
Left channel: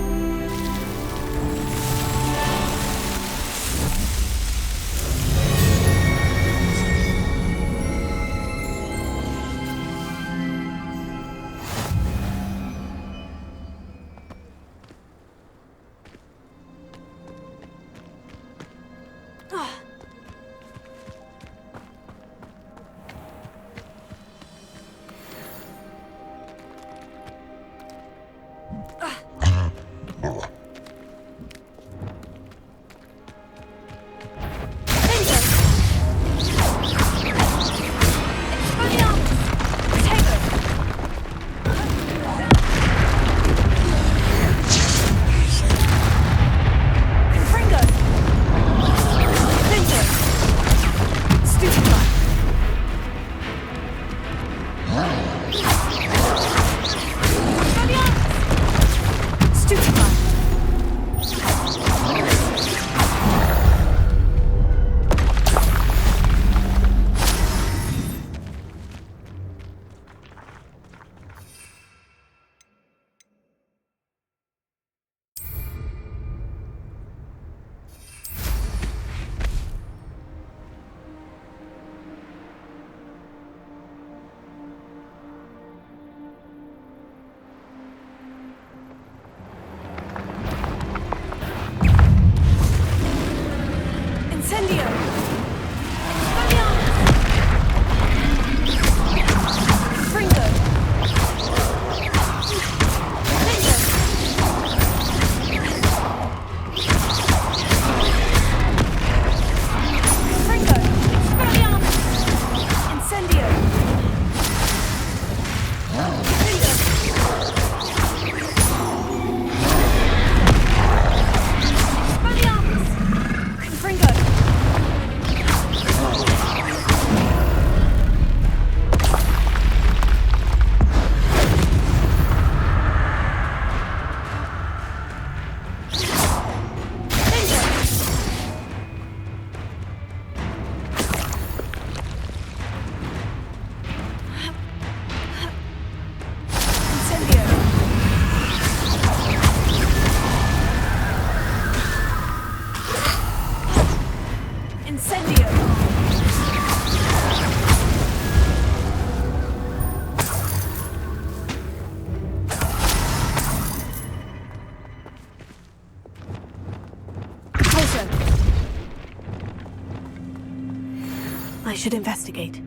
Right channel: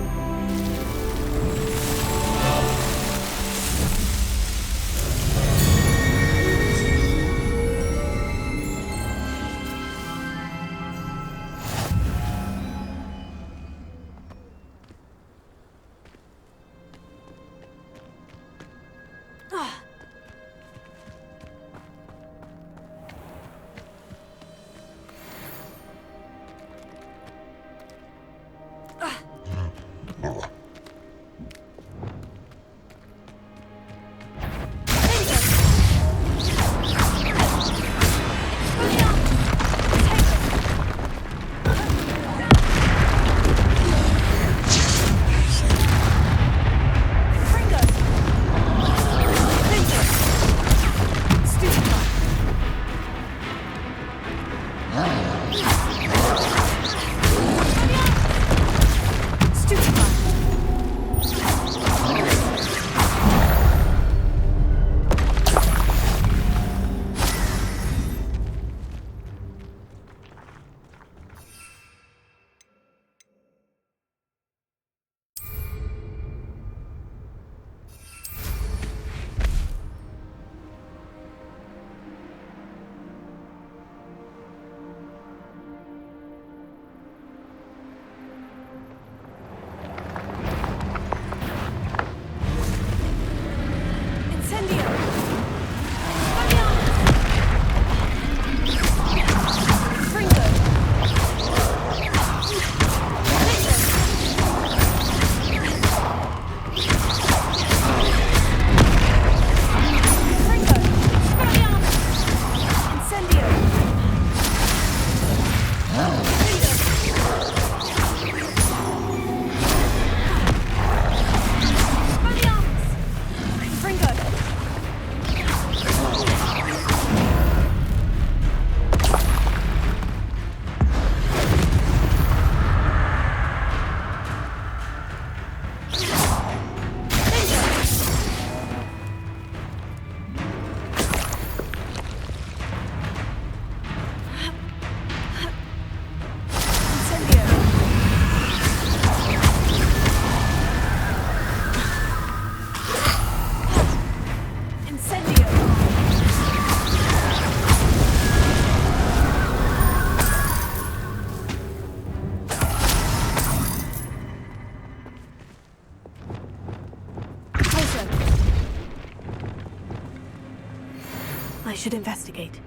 I should investigate.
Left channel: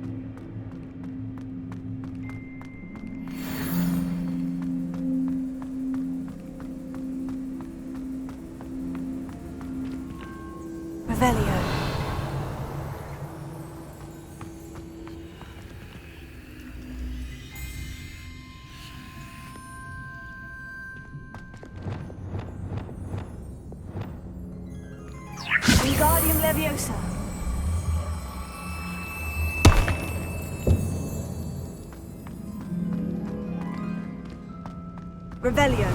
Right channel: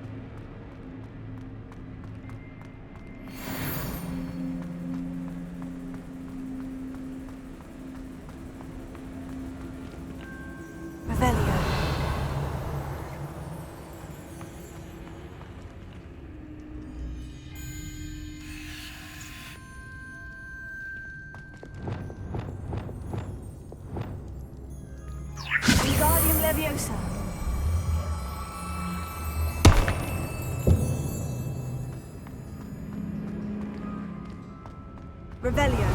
Revelio. Wingardium Leviosa. Revelio.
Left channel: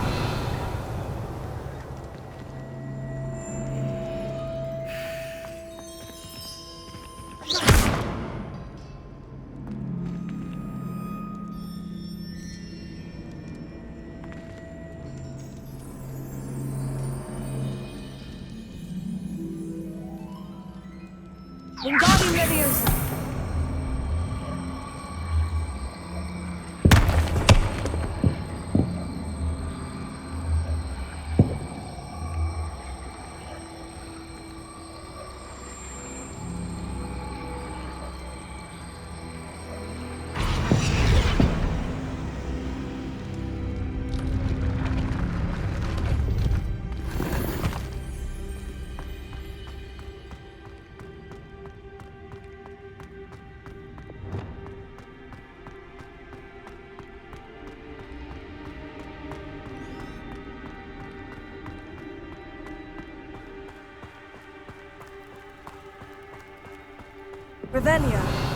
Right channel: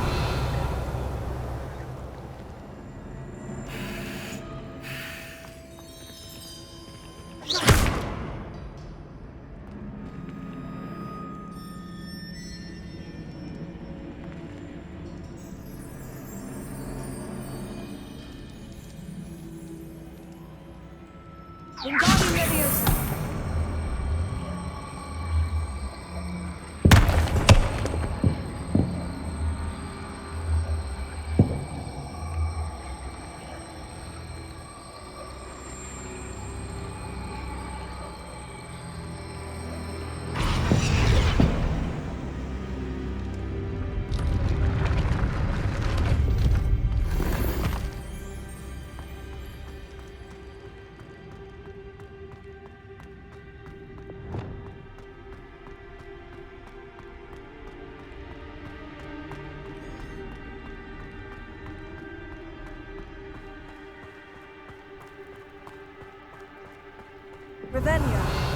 Wingardium Leviosa. Revelio.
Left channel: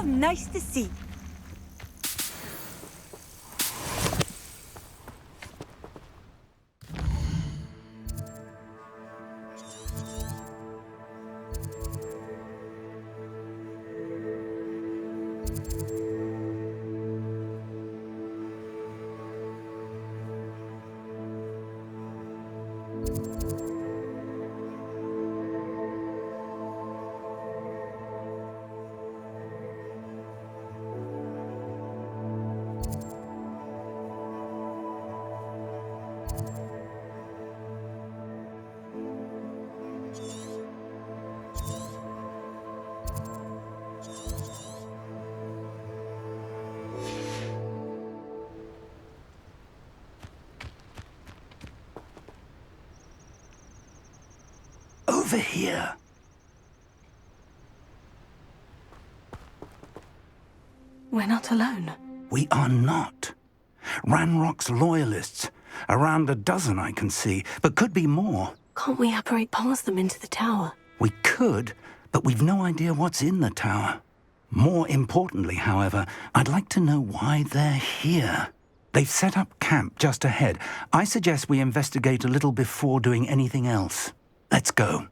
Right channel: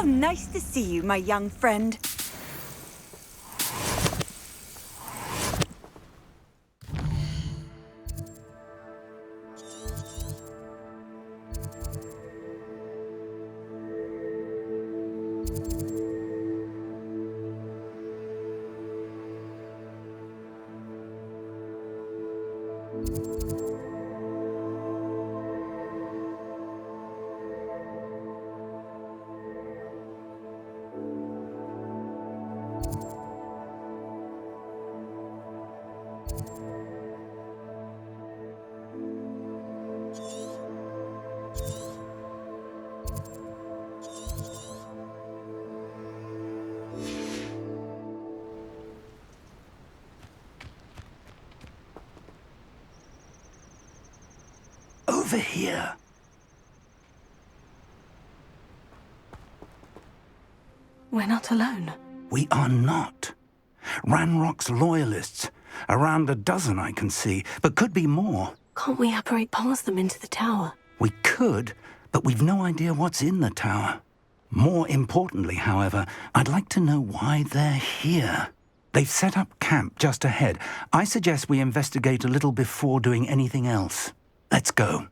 How nice to see you, my young friend. Over here. We're not alone. We are not. Ranrock's loyalists. Around a dozen I can see, but could be more. Can't we apparate past them into the tower? We could, but we've no idea what's in the tower. More importantly, however, I'd like to know why they're here. They've set up camp just ahead. I suggest we investigate a little before doing anything else. Let's go.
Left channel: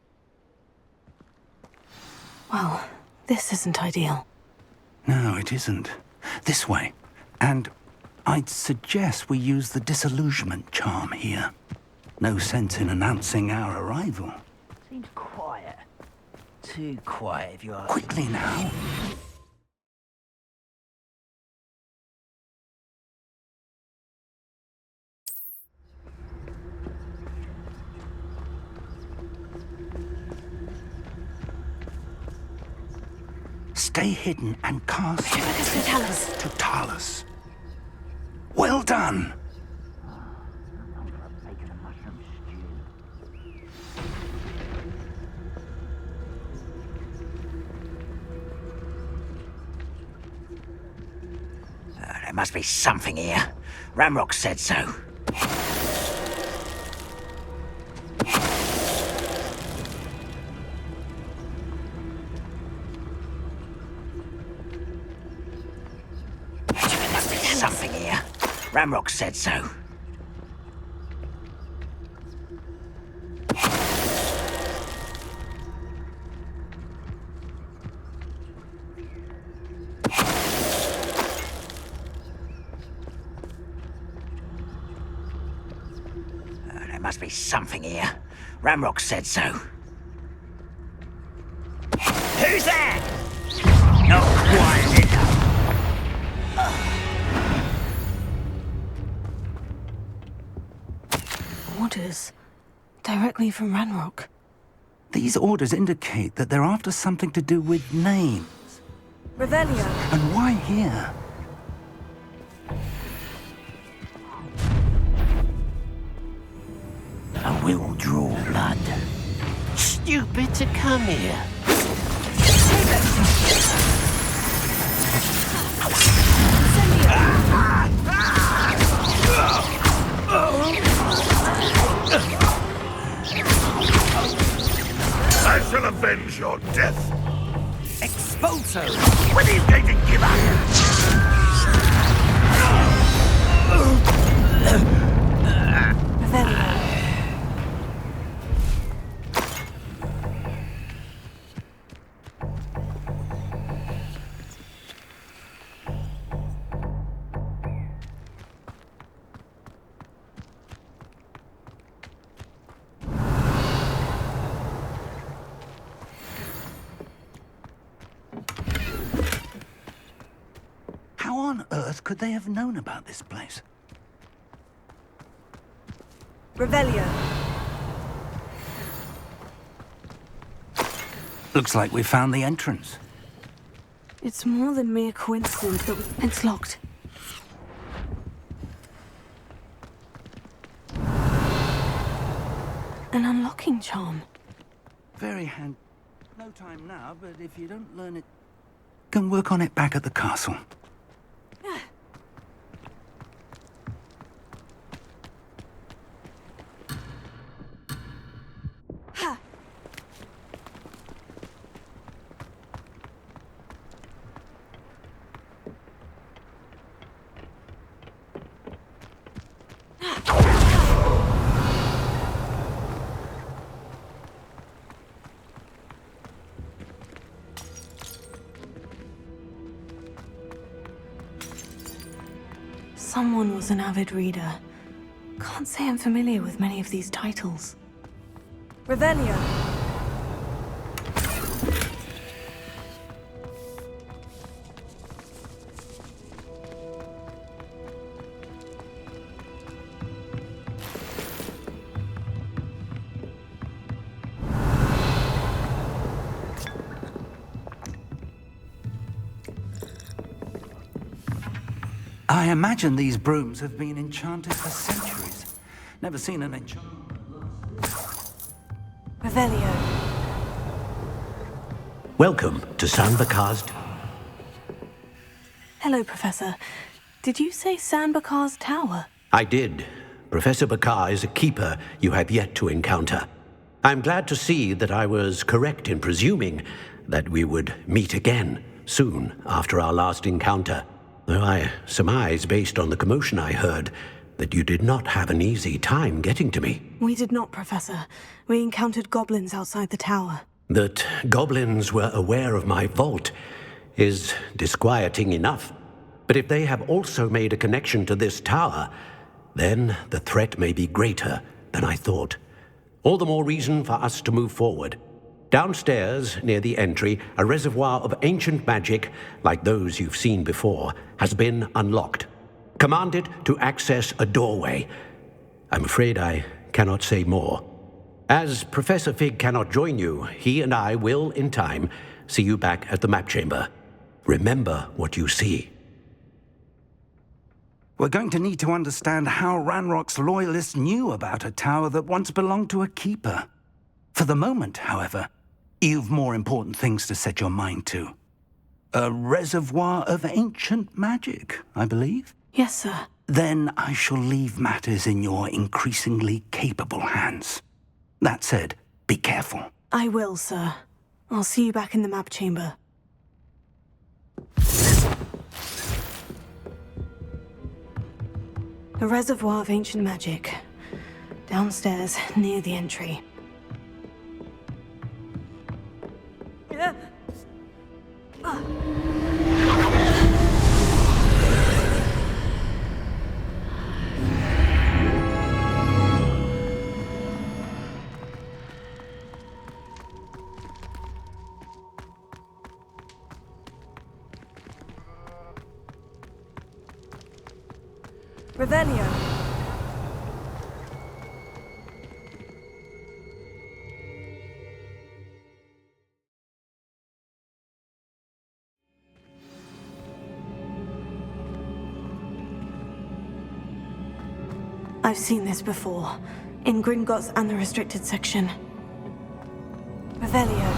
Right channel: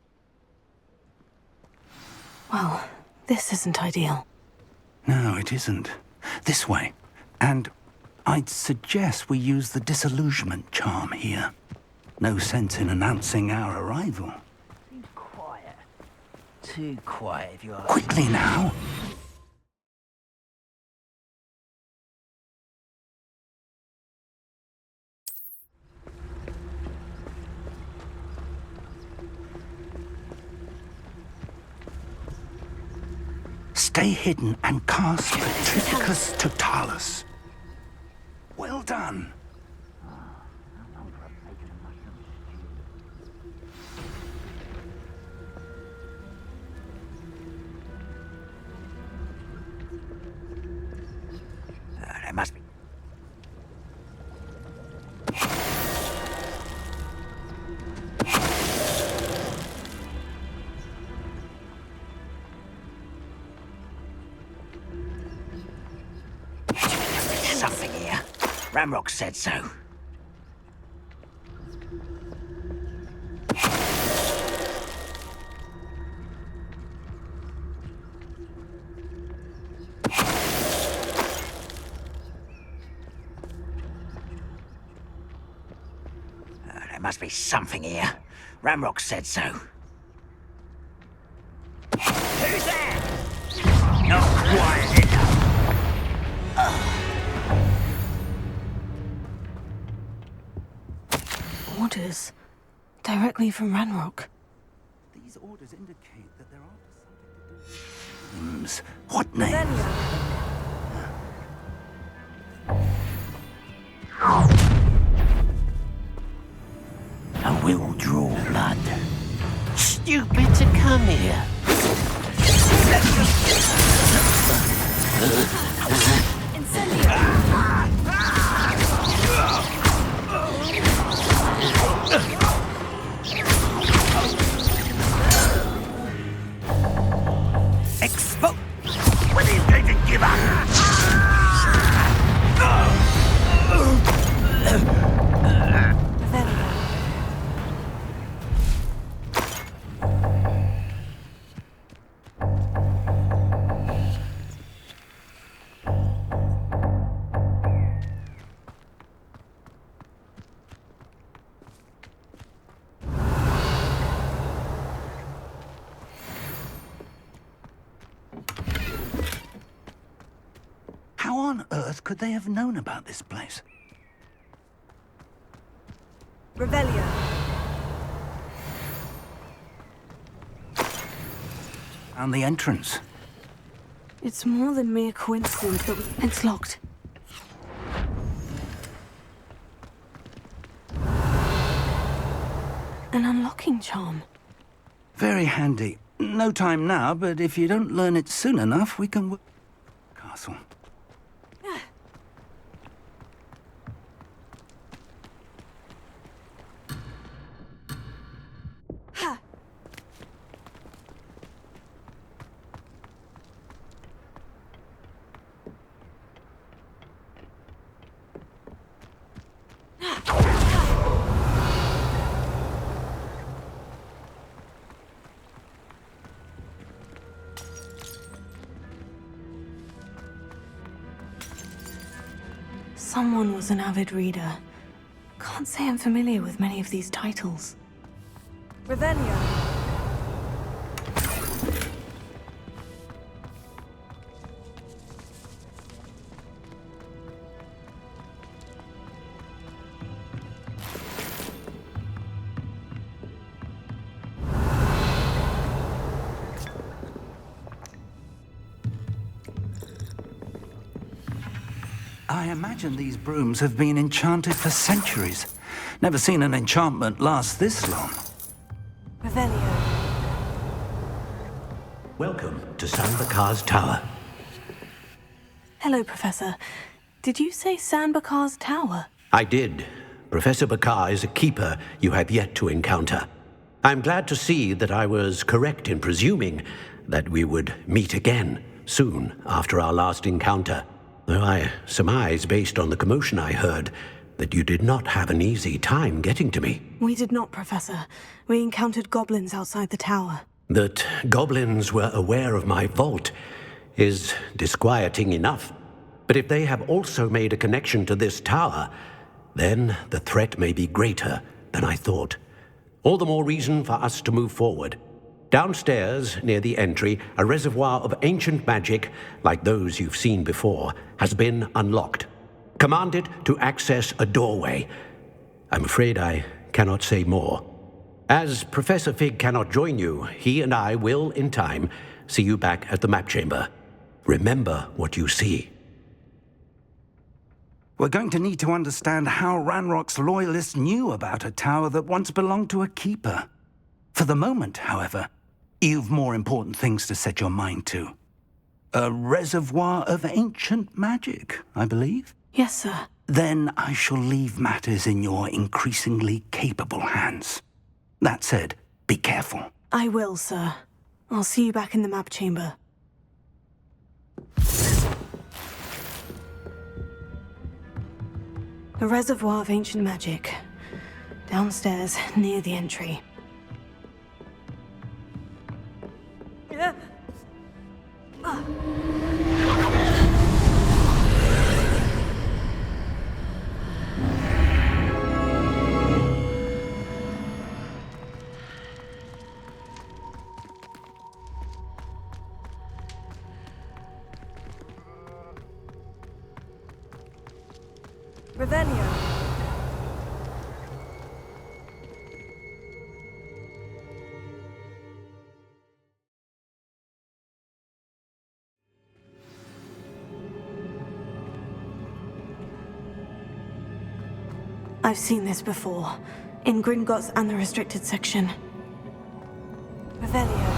Well, this isn't ideal. No, it isn't. This way. And I'd suggest we use the disillusionment charm here. No sense in announcing our arrival. Seems quiet. Too quiet, if you ask. Quickly now. Stay hidden and cast Triticus Totalis. Well done. There must be something here. Ramrock said so. Something here. Ramrock said so. There must be something here. Ramrock said so. Who's there? Not quiet enough. Orders. Directly from Ranrock. These orders indicate that they're after something to do with names. What names? Revelio. And why here? I will draw blood. Stupid to come here. I shall avenge your death. Expulso! When are you going to give up? Revelio. How on earth could they have known about this place? Revelio. Looks like we found the entrance. It's more than mere coincidence that it's locked. An unlocking charm. Very handy. No time now, but if you don't learn it soon enough, we can work on it back at the castle. someone was an avid reader. Can't say I'm familiar with many of these titles. Revelio. I imagine these brooms have been enchanted for centuries. Never seen an enchantment last this long. Revelio. Welcome to San Bakar's Tower. Hello, Professor. Did you say San Bakar's Tower? I did. Professor Bakar is a keeper you have yet to encounter. I'm glad to see that I was correct in presuming that we would meet again soon after our last encounter. Though I surmise, based on the commotion I heard, that you did not have an easy time getting to me. We did not, Professor. We encountered goblins outside the tower. That goblins were aware of my vault is disquieting enough. But if they have also made a connection to this tower, then the threat may be greater than I thought. All the more reason for us to move forward. Downstairs, near the entry, a reservoir of ancient magic, like those you've seen before, has been unlocked. Command it to access a doorway. I'm afraid I cannot say more. As Professor Fig cannot join you, he and I will, in time, see you back at the map chamber. Remember what you see. We're going to need to understand how Ranrock's loyalists knew about a tower that once belonged to a keeper. For the moment, however, you've more important things to set your mind to. A reservoir of ancient magic, I believe? Yes, sir. Then I shall leave matters in your increasingly capable hands. That said, be careful. I will, sir. I'll see you back in the map chamber. A reservoir of ancient magic. Downstairs, near the entry. Revelio. I've seen this before, in Gringotts and the restricted section. Revelio.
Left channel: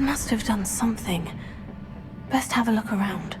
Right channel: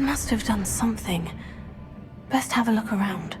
Must have done something. Best have a look around.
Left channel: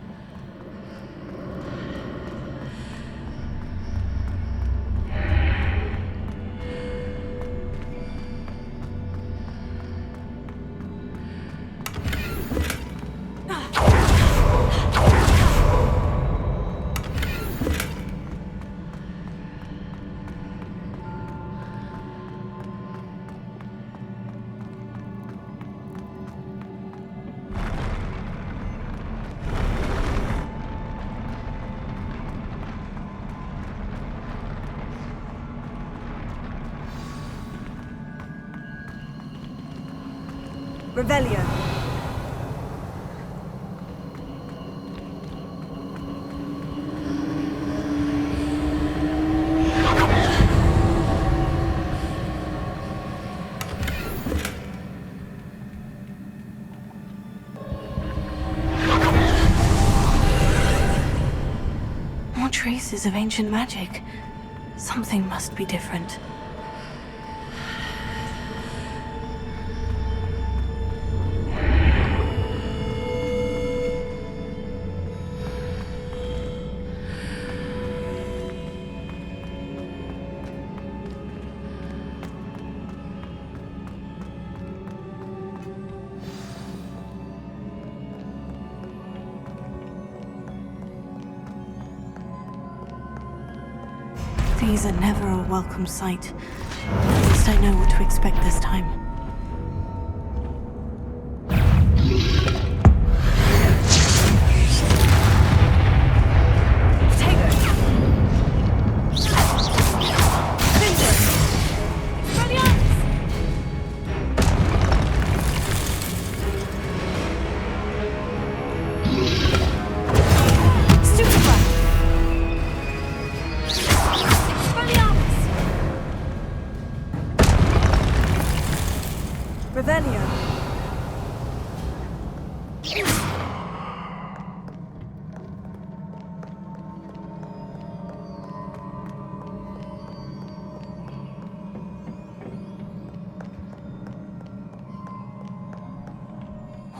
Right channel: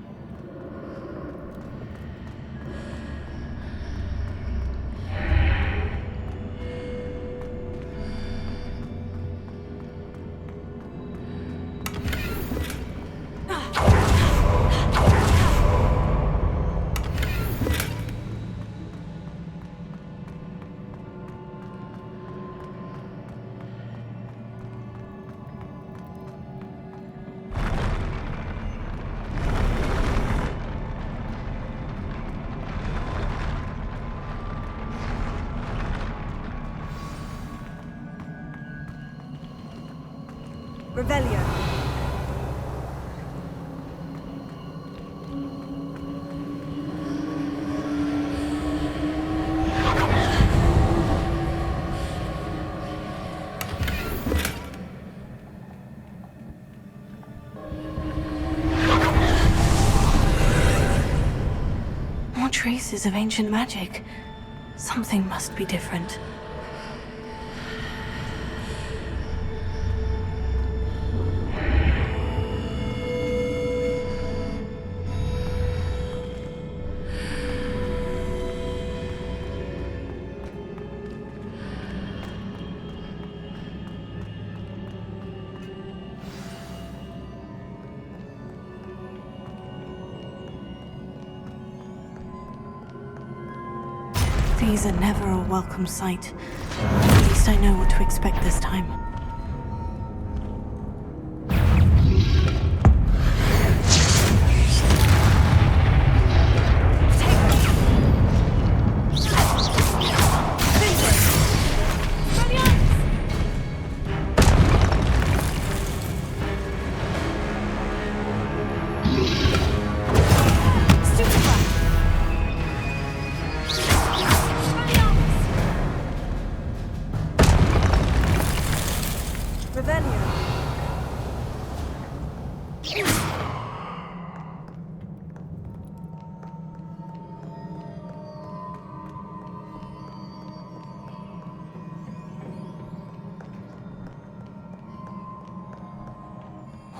Revelio. More traces of ancient magic. Something must be different. These are never a welcome sight. At least I know what to expect this time.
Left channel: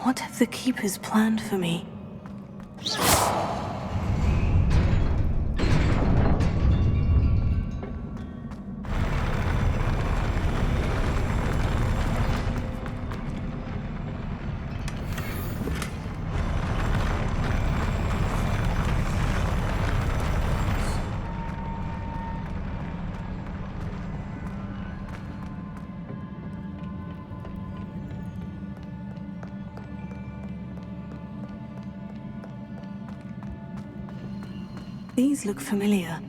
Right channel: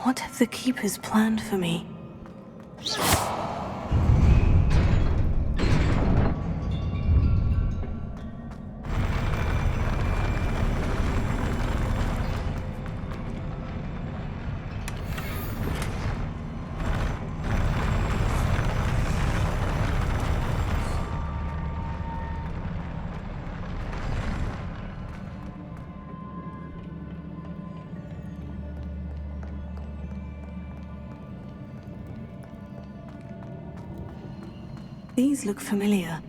What have the Keepers planned for me? These look familiar.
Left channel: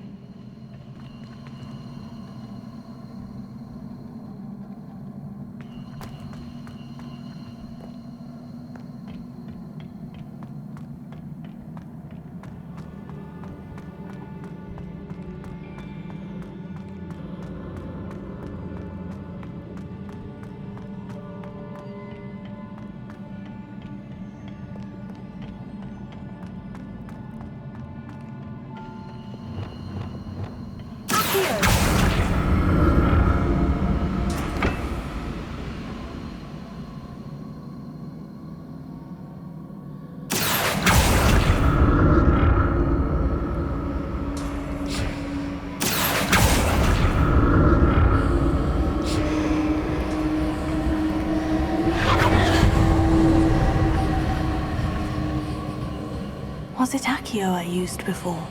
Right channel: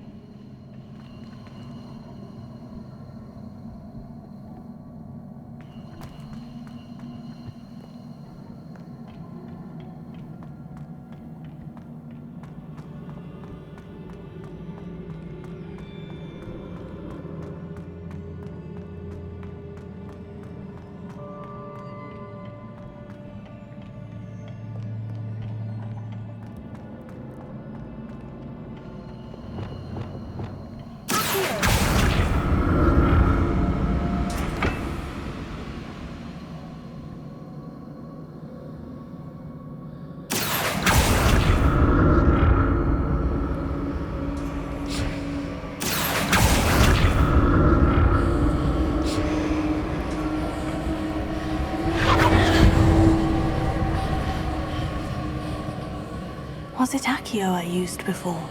Was it Accio I used before?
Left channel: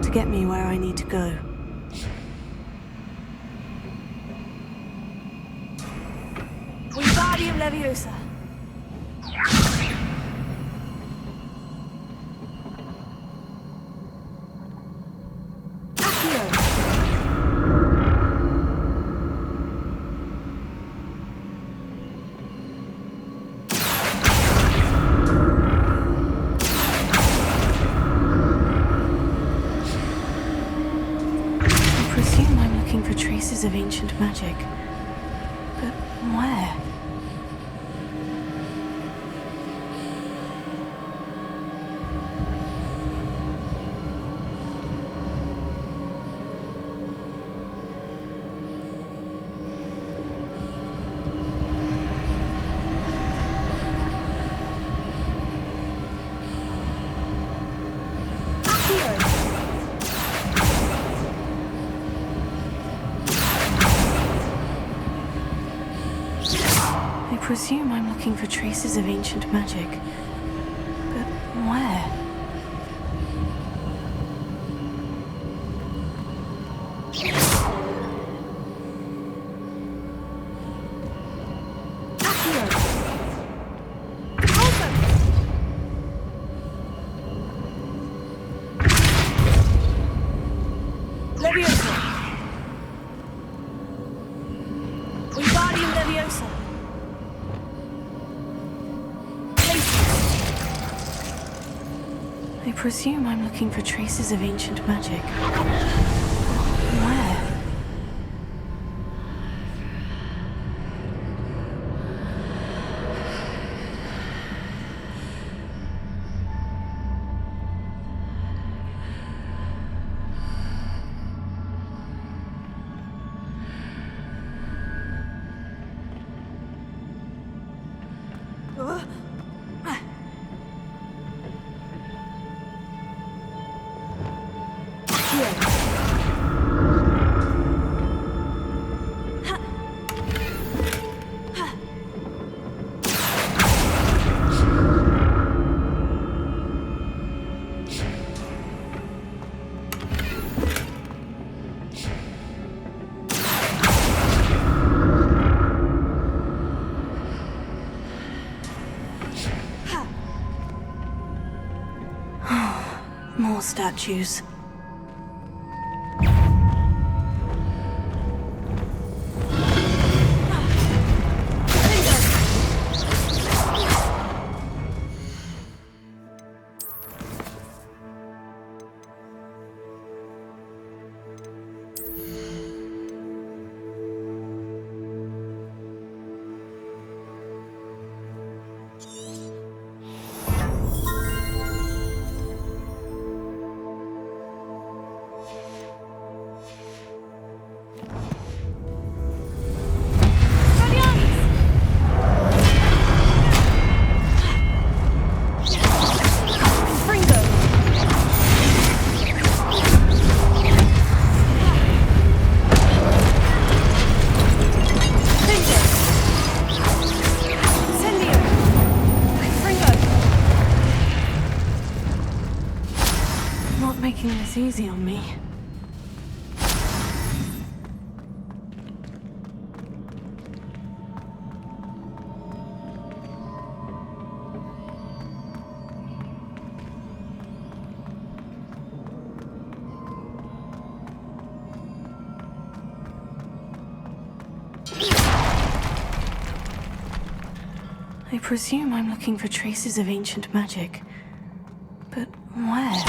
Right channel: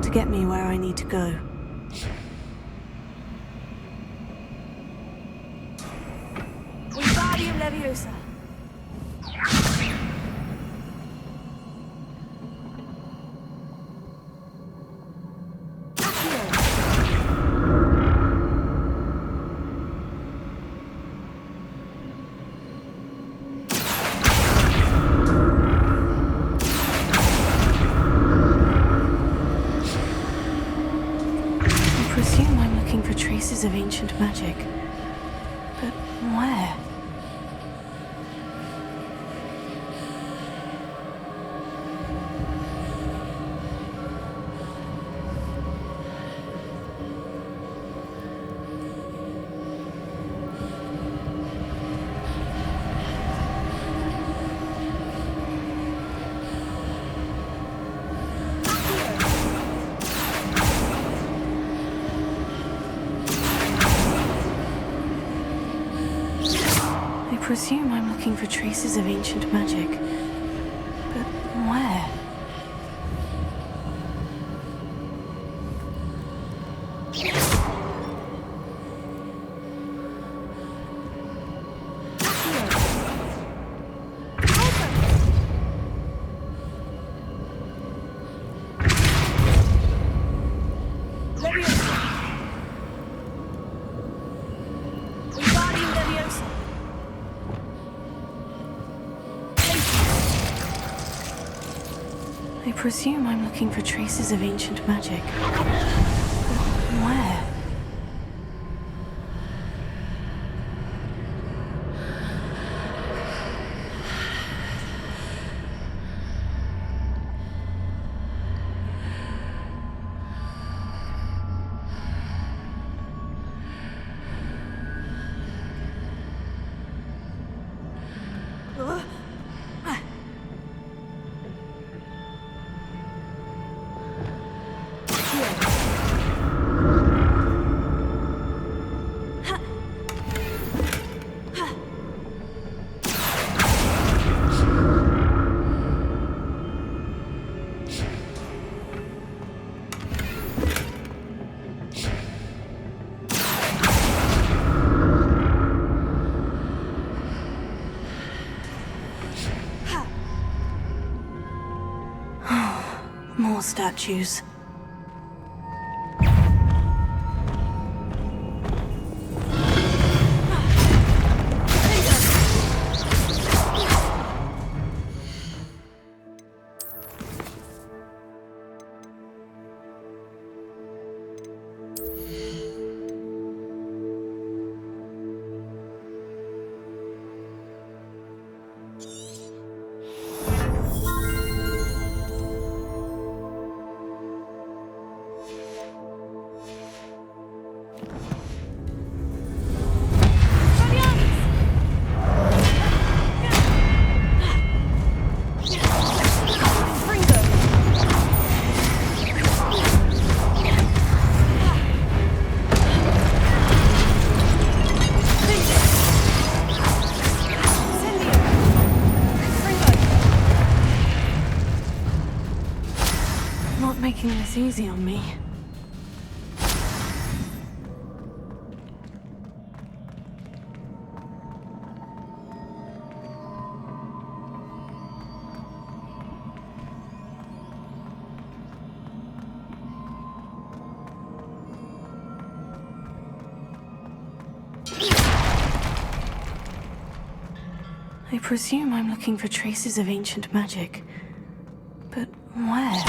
To get me where I need to go. Wingardium Leviosa. Traces of ancient magic. But where? I presume I'm looking for traces of ancient magic. But where? I presume I'm looking for traces of ancient magic. Where? More statues. Making this easy on me. I presume I'm looking for traces of ancient magic. But where?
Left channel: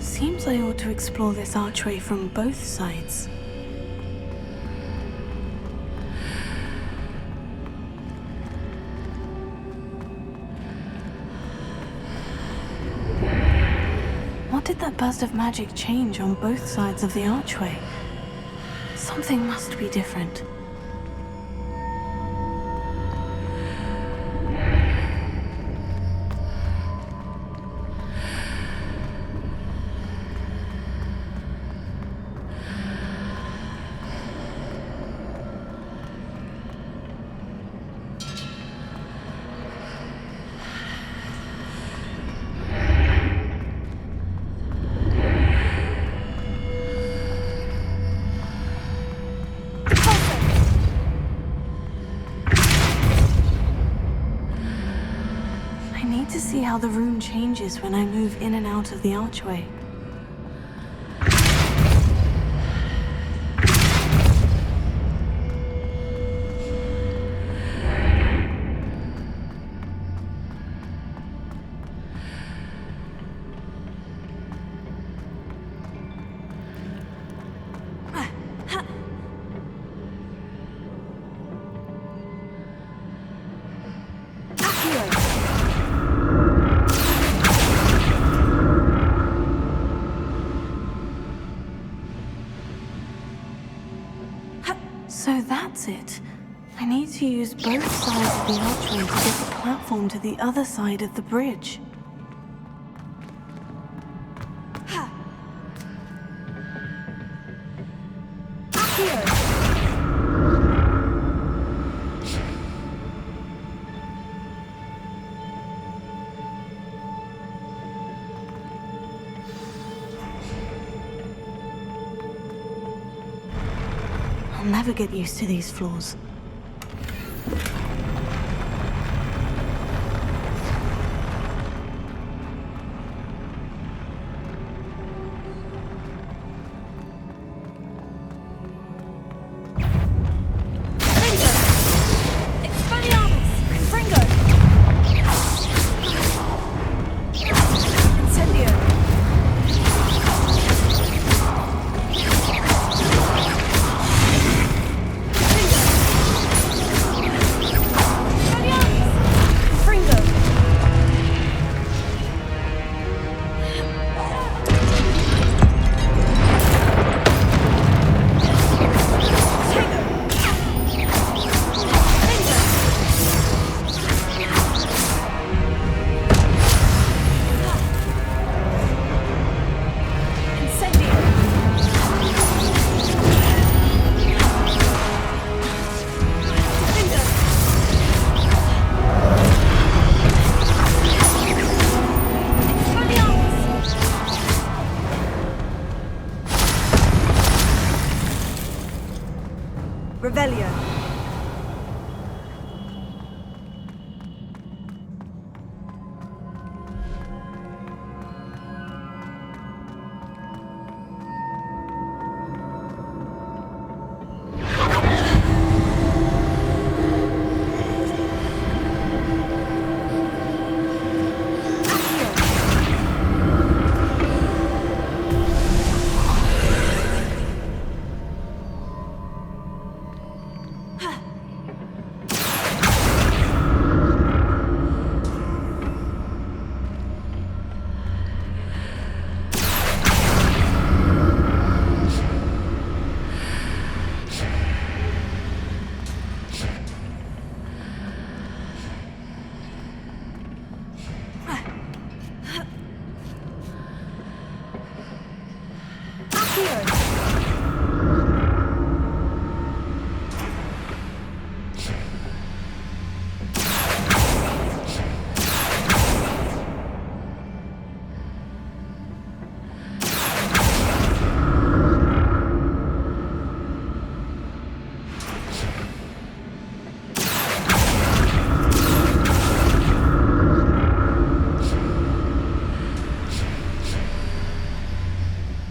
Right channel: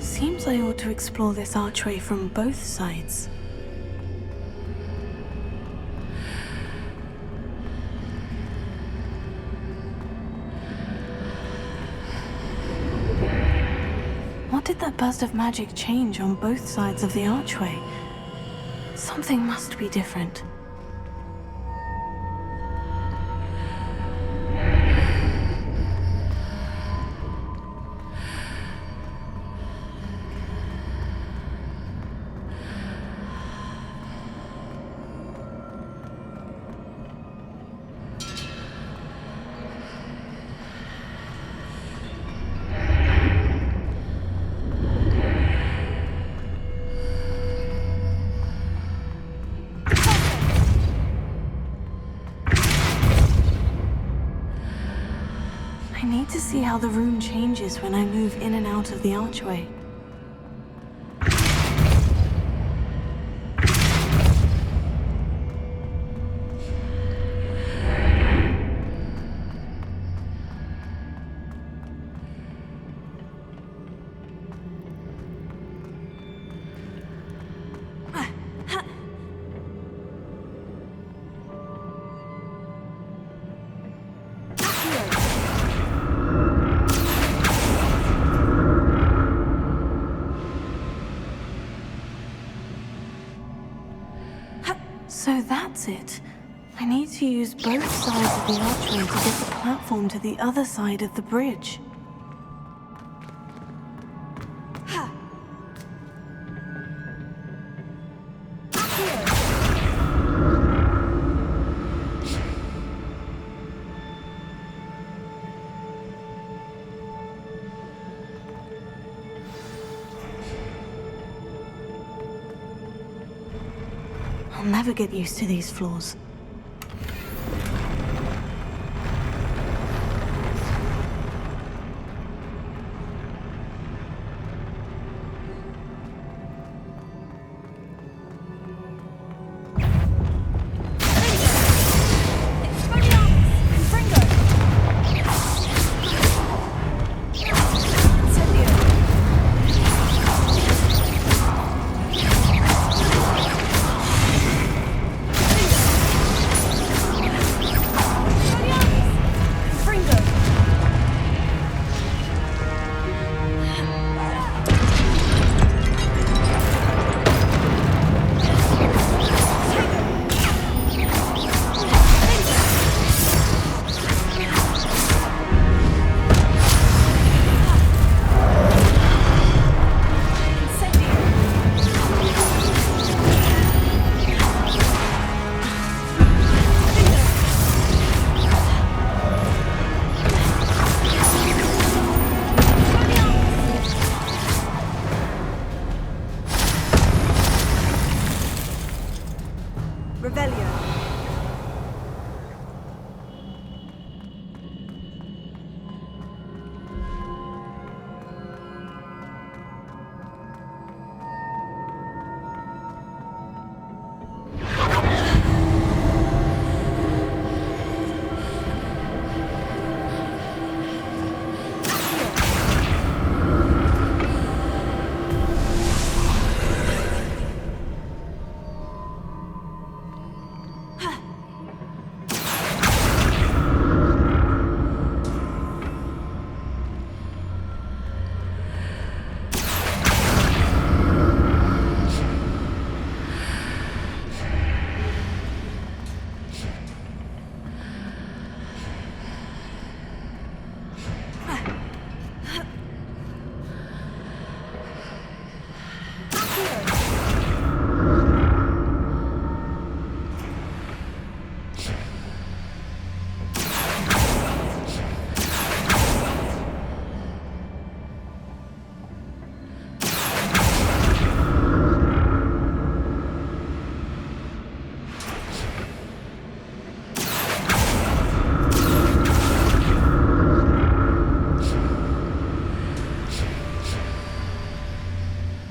Seems I ought to explore this archway from both sides. What did that burst of magic change on both sides of the archway? Something must be different. to see how the room changes when I move in and out of the archway. So that's it. I need to use both sides of the archway to get the platform to the other side of the bridge. I'll never get used to these floors.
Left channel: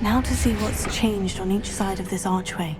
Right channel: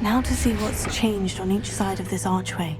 Now to see what's changed on each side of this archway.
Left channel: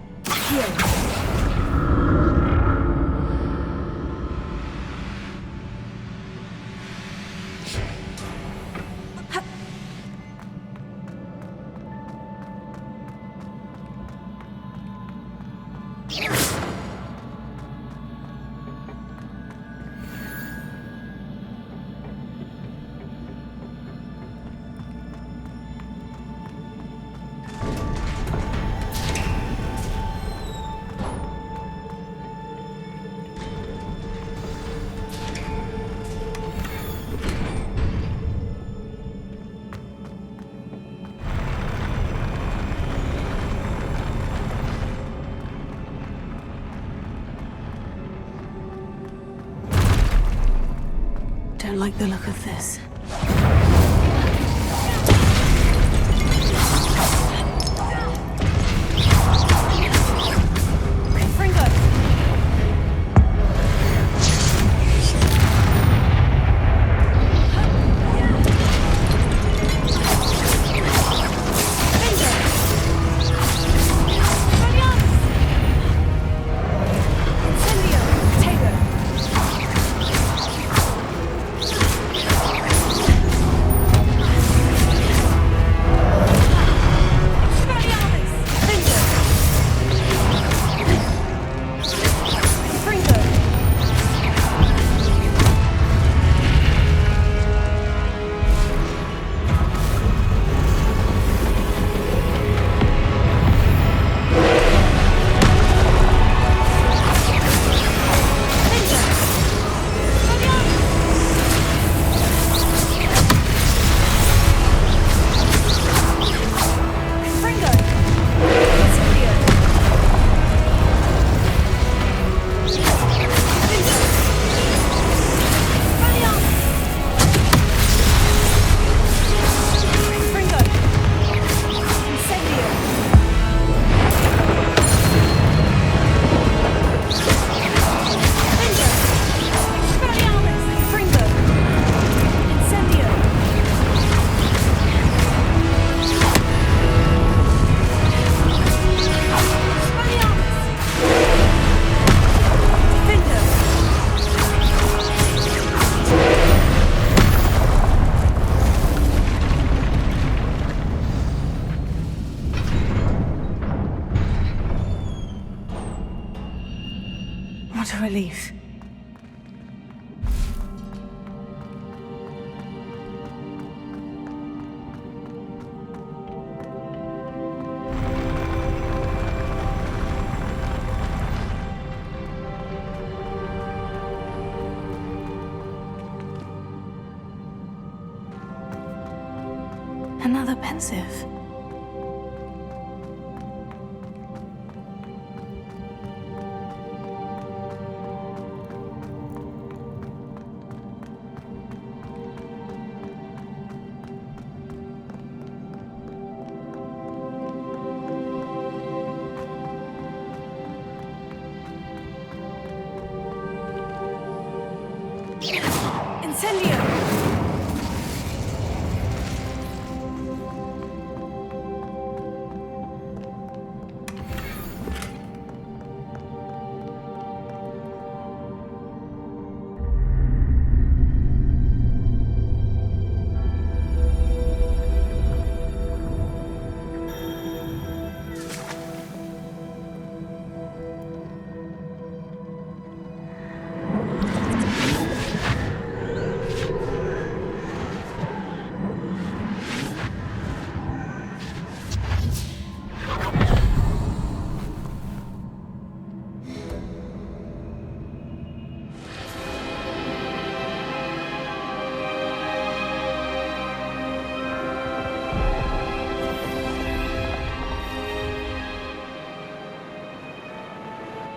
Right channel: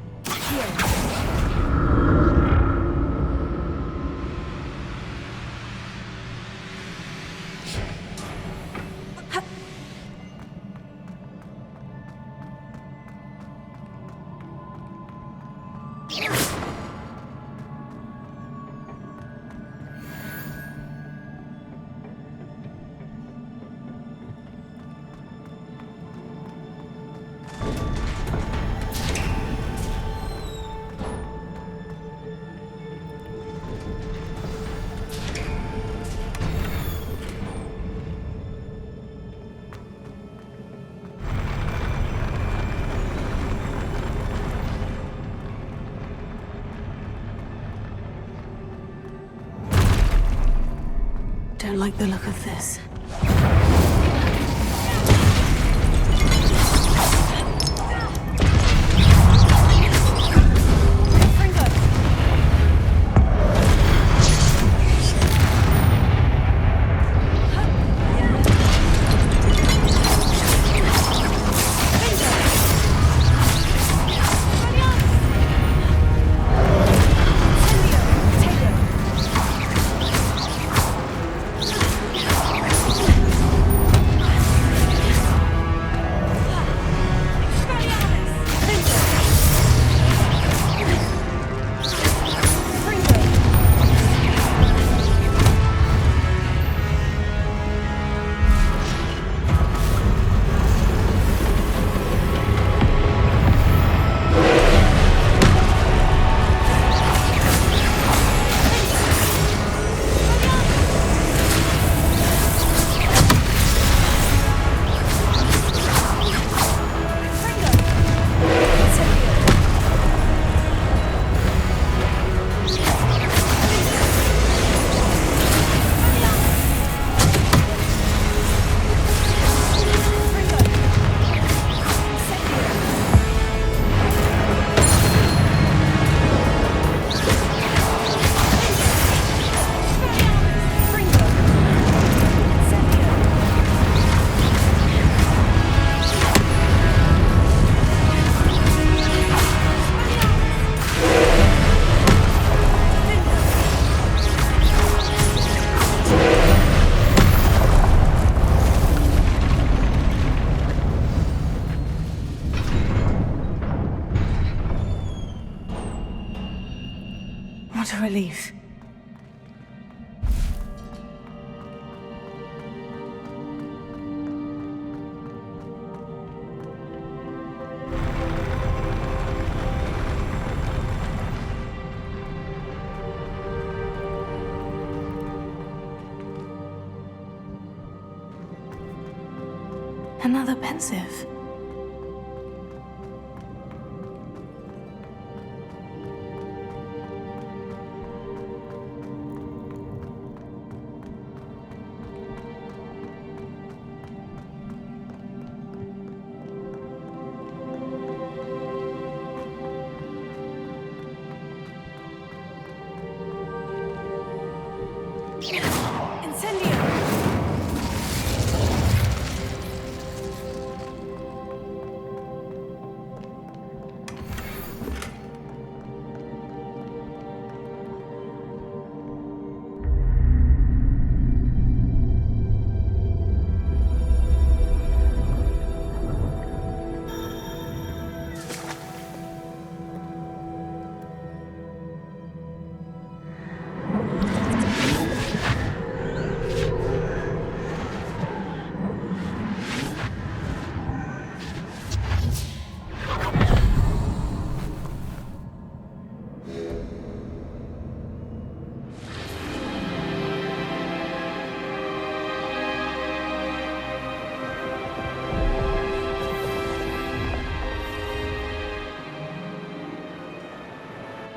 Don't like the look of this. What a relief. Another pensive. Incendio!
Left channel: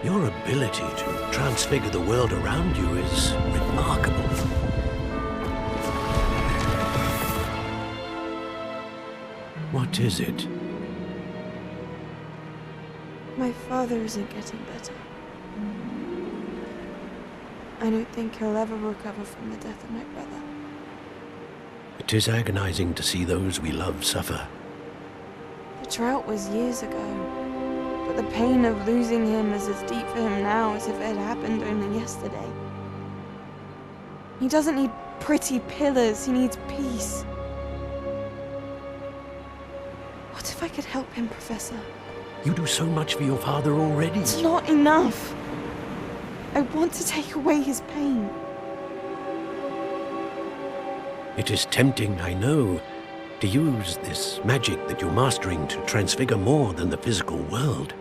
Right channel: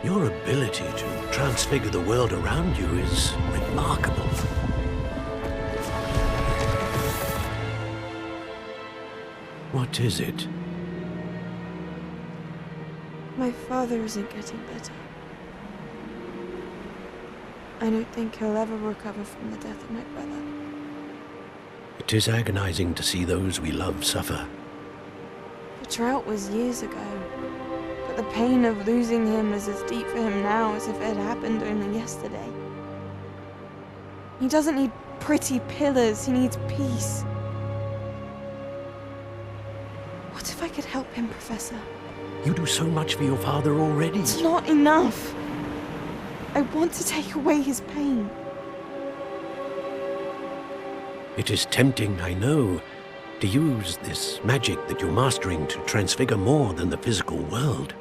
Your ability to transfigure the world around you is remarkable. What is it? My father isn't getting better. I don't think he'll ever recover from the death of my brother. It is agonizing to see those we love suffer. The drought was years ago, but the pain of losing him is as deep for him now as if it had happened only yesterday. He doesn't need pretty pillars, he needs peace. What if I could help him, Professor? You do so much for your father already. It's not enough. I want to take away his pain. It is tempting, I know, to use this magic that you're mastering to transfigure more than the physical world.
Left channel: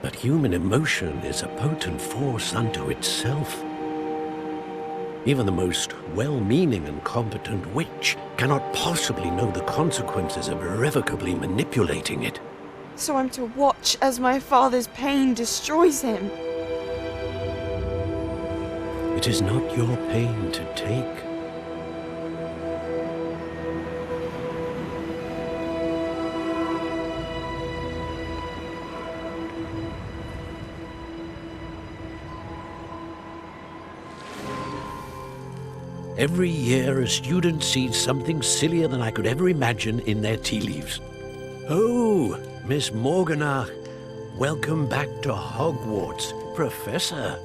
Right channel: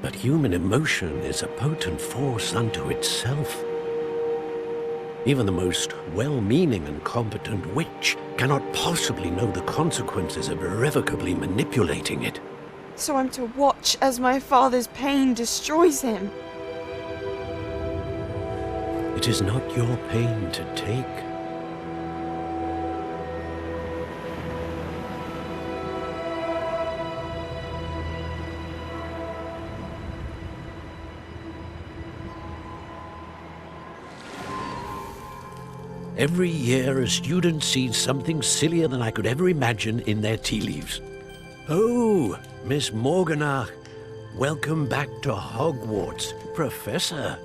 But human emotion is a potent force unto itself. Even the most well-meaning and competent witch cannot possibly know the consequences of irrevocably manipulating it. So I'm to watch as my father's pain destroys him. It is not your pain to take. Every year, a student sees something sillier than I could ever imagine in their tea leaves. Oh, Miss Morganach, welcome back to Hogwarts, Professor.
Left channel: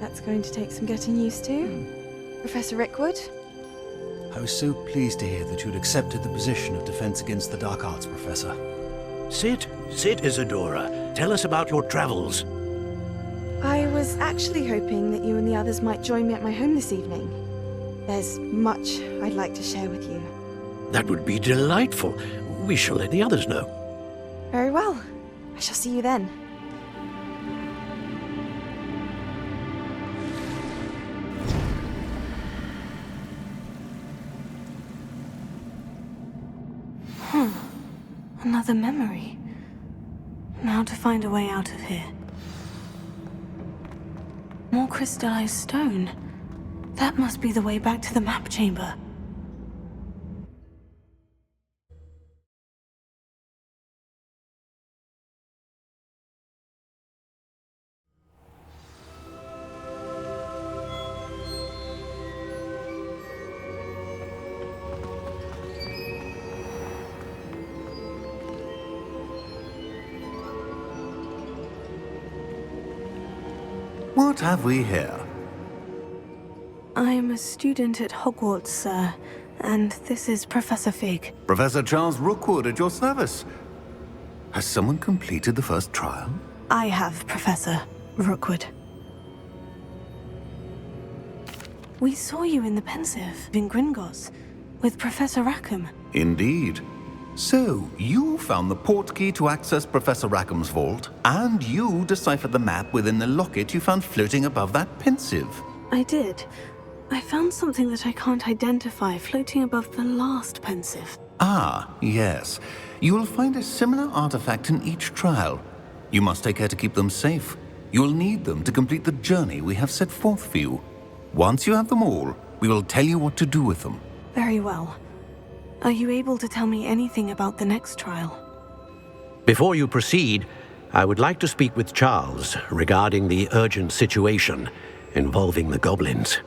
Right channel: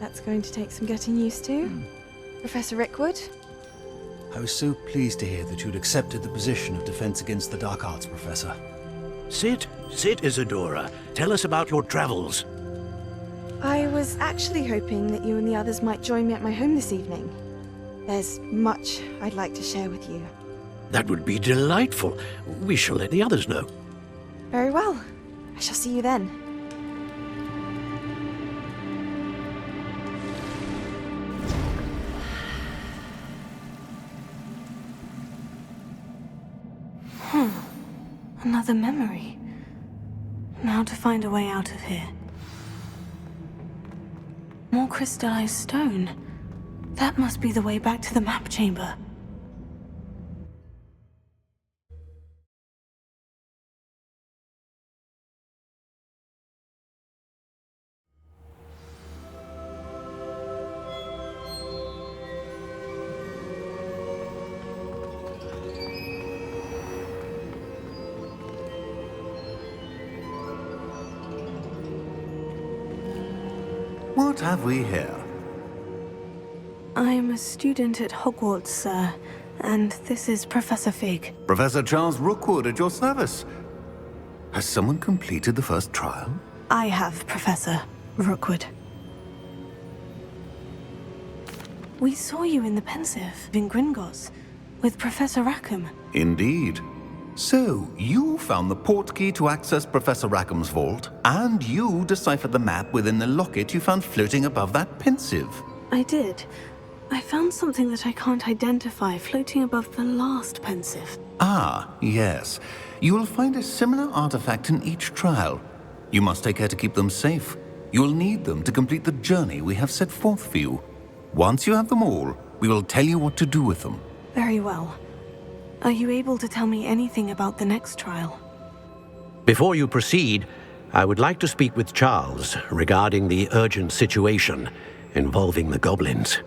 That's going to take some getting used to. Professor Rickwood? I was so pleased to hear that you'd accepted the position of Defense Against the Dark Arts, Professor. Sit, Isadora. Tell us about your travels. I was actually hoping that you and the others might join me at my home this evening. There's much I'd like to share with you. That would be delightful. We shall let the others know. Very well. I shall see you then. Another memory. Now to find a way out of here. More crystallized stone. That must be the way back to the map chamber. What have we here? I'm a student at Hogwarts, sir, and this is Professor Fig. Professor Charles Rookwood at your service. Has someone completed the first trial? I have, Professor Rookwood. We saw you in the Pensive in Gringotts with Professor Rackham. Indeed. So, you found the portkey to access Professor Rackham's vault, and you deciphered the map within the locket you found floating above that Pensive. I did. I found something that I can't identify floating above the last Pensive. Ah, yes. You will find a similar artifact in each trial. You must take care to keep them safe. You will need them to complete the journey we have set forth for you. Once you have them all, we will tell you what to do with them. Very well. Are you able to tell me anything about the next trial? Before you proceed, I would like to speak with Charles regarding the urgent situation involving the goblins.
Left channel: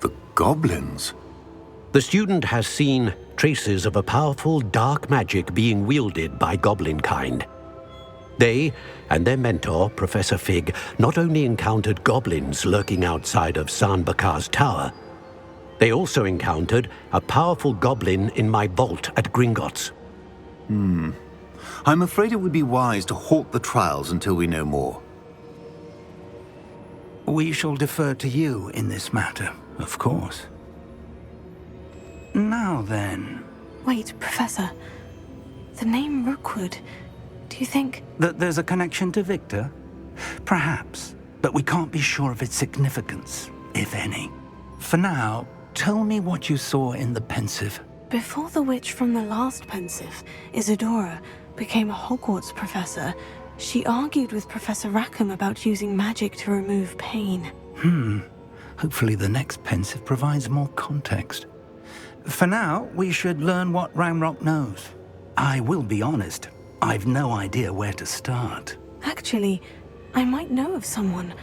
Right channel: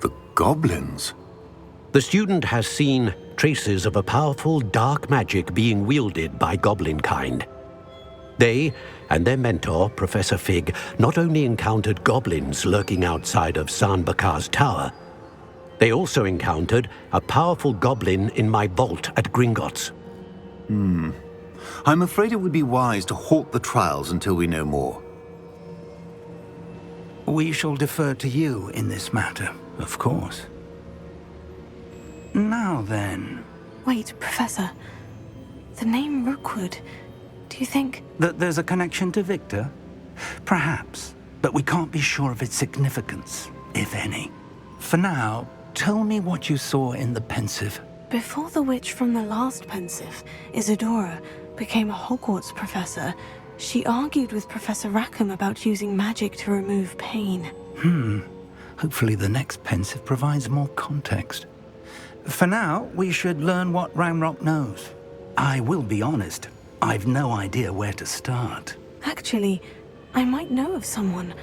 The goblins? The student has seen traces of a powerful dark magic being wielded by goblin kind. They and their mentor, Professor Fig, not only encountered goblins lurking outside of Sanbakar's tower, they also encountered a powerful goblin in my vault at Gringotts. I'm afraid it would be wise to halt the trials until we know more. We shall defer to you in this matter, of course. Now then... Wait, Professor. The name Rookwood. Do you think... That there's a connection to Victor? Perhaps, but we can't be sure of its significance, if any. For now, tell me what you saw in the Pensive. Before the witch from the last Pensive, Isadora, became a Hogwarts professor, she argued with Professor Rackham about using magic to remove pain. Hopefully the next Pensive provides more context. For now, we should learn what Ranrock knows. I will be honest, I've no idea where to start. Actually, I might know of someone.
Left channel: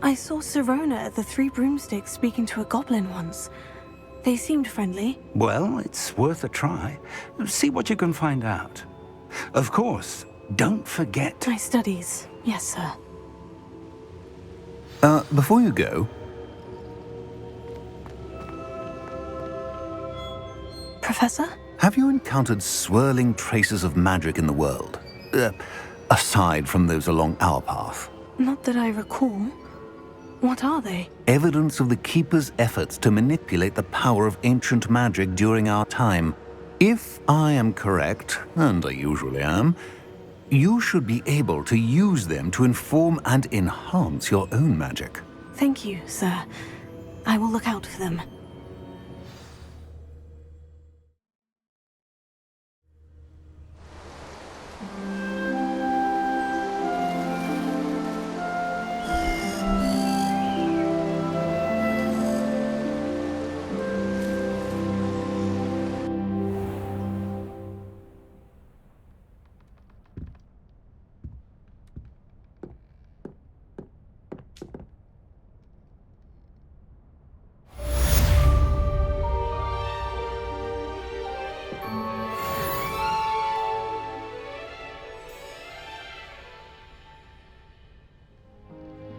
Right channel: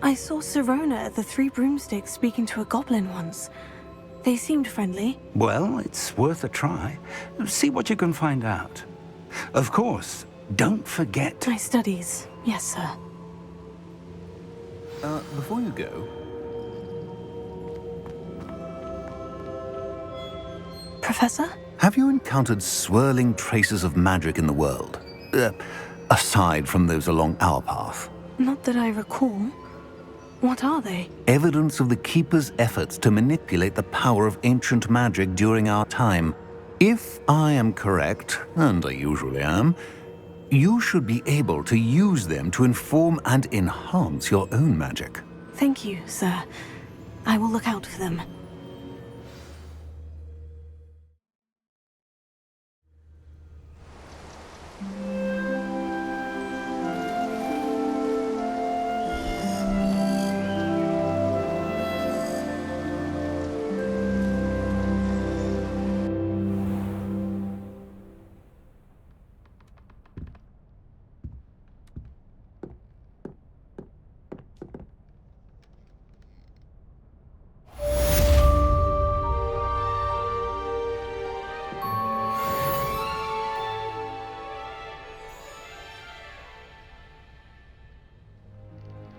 I saw Sirona at the Three Broomsticks speaking to a goblin once. They seemed friendly. Well, it's worth a try. See what you can find out. Of course, don't forget... My studies. Yes, sir. Before you go... Professor? Have you encountered swirling traces of magic in the world? Aside from those along our path? Not that I recall. What are they? Evidence of the Keeper's efforts to manipulate the power of ancient magic during our time. If I am correct, and I usually am, you should be able to use them to inform and enhance your own magic. Thank you, sir. I will look out for them.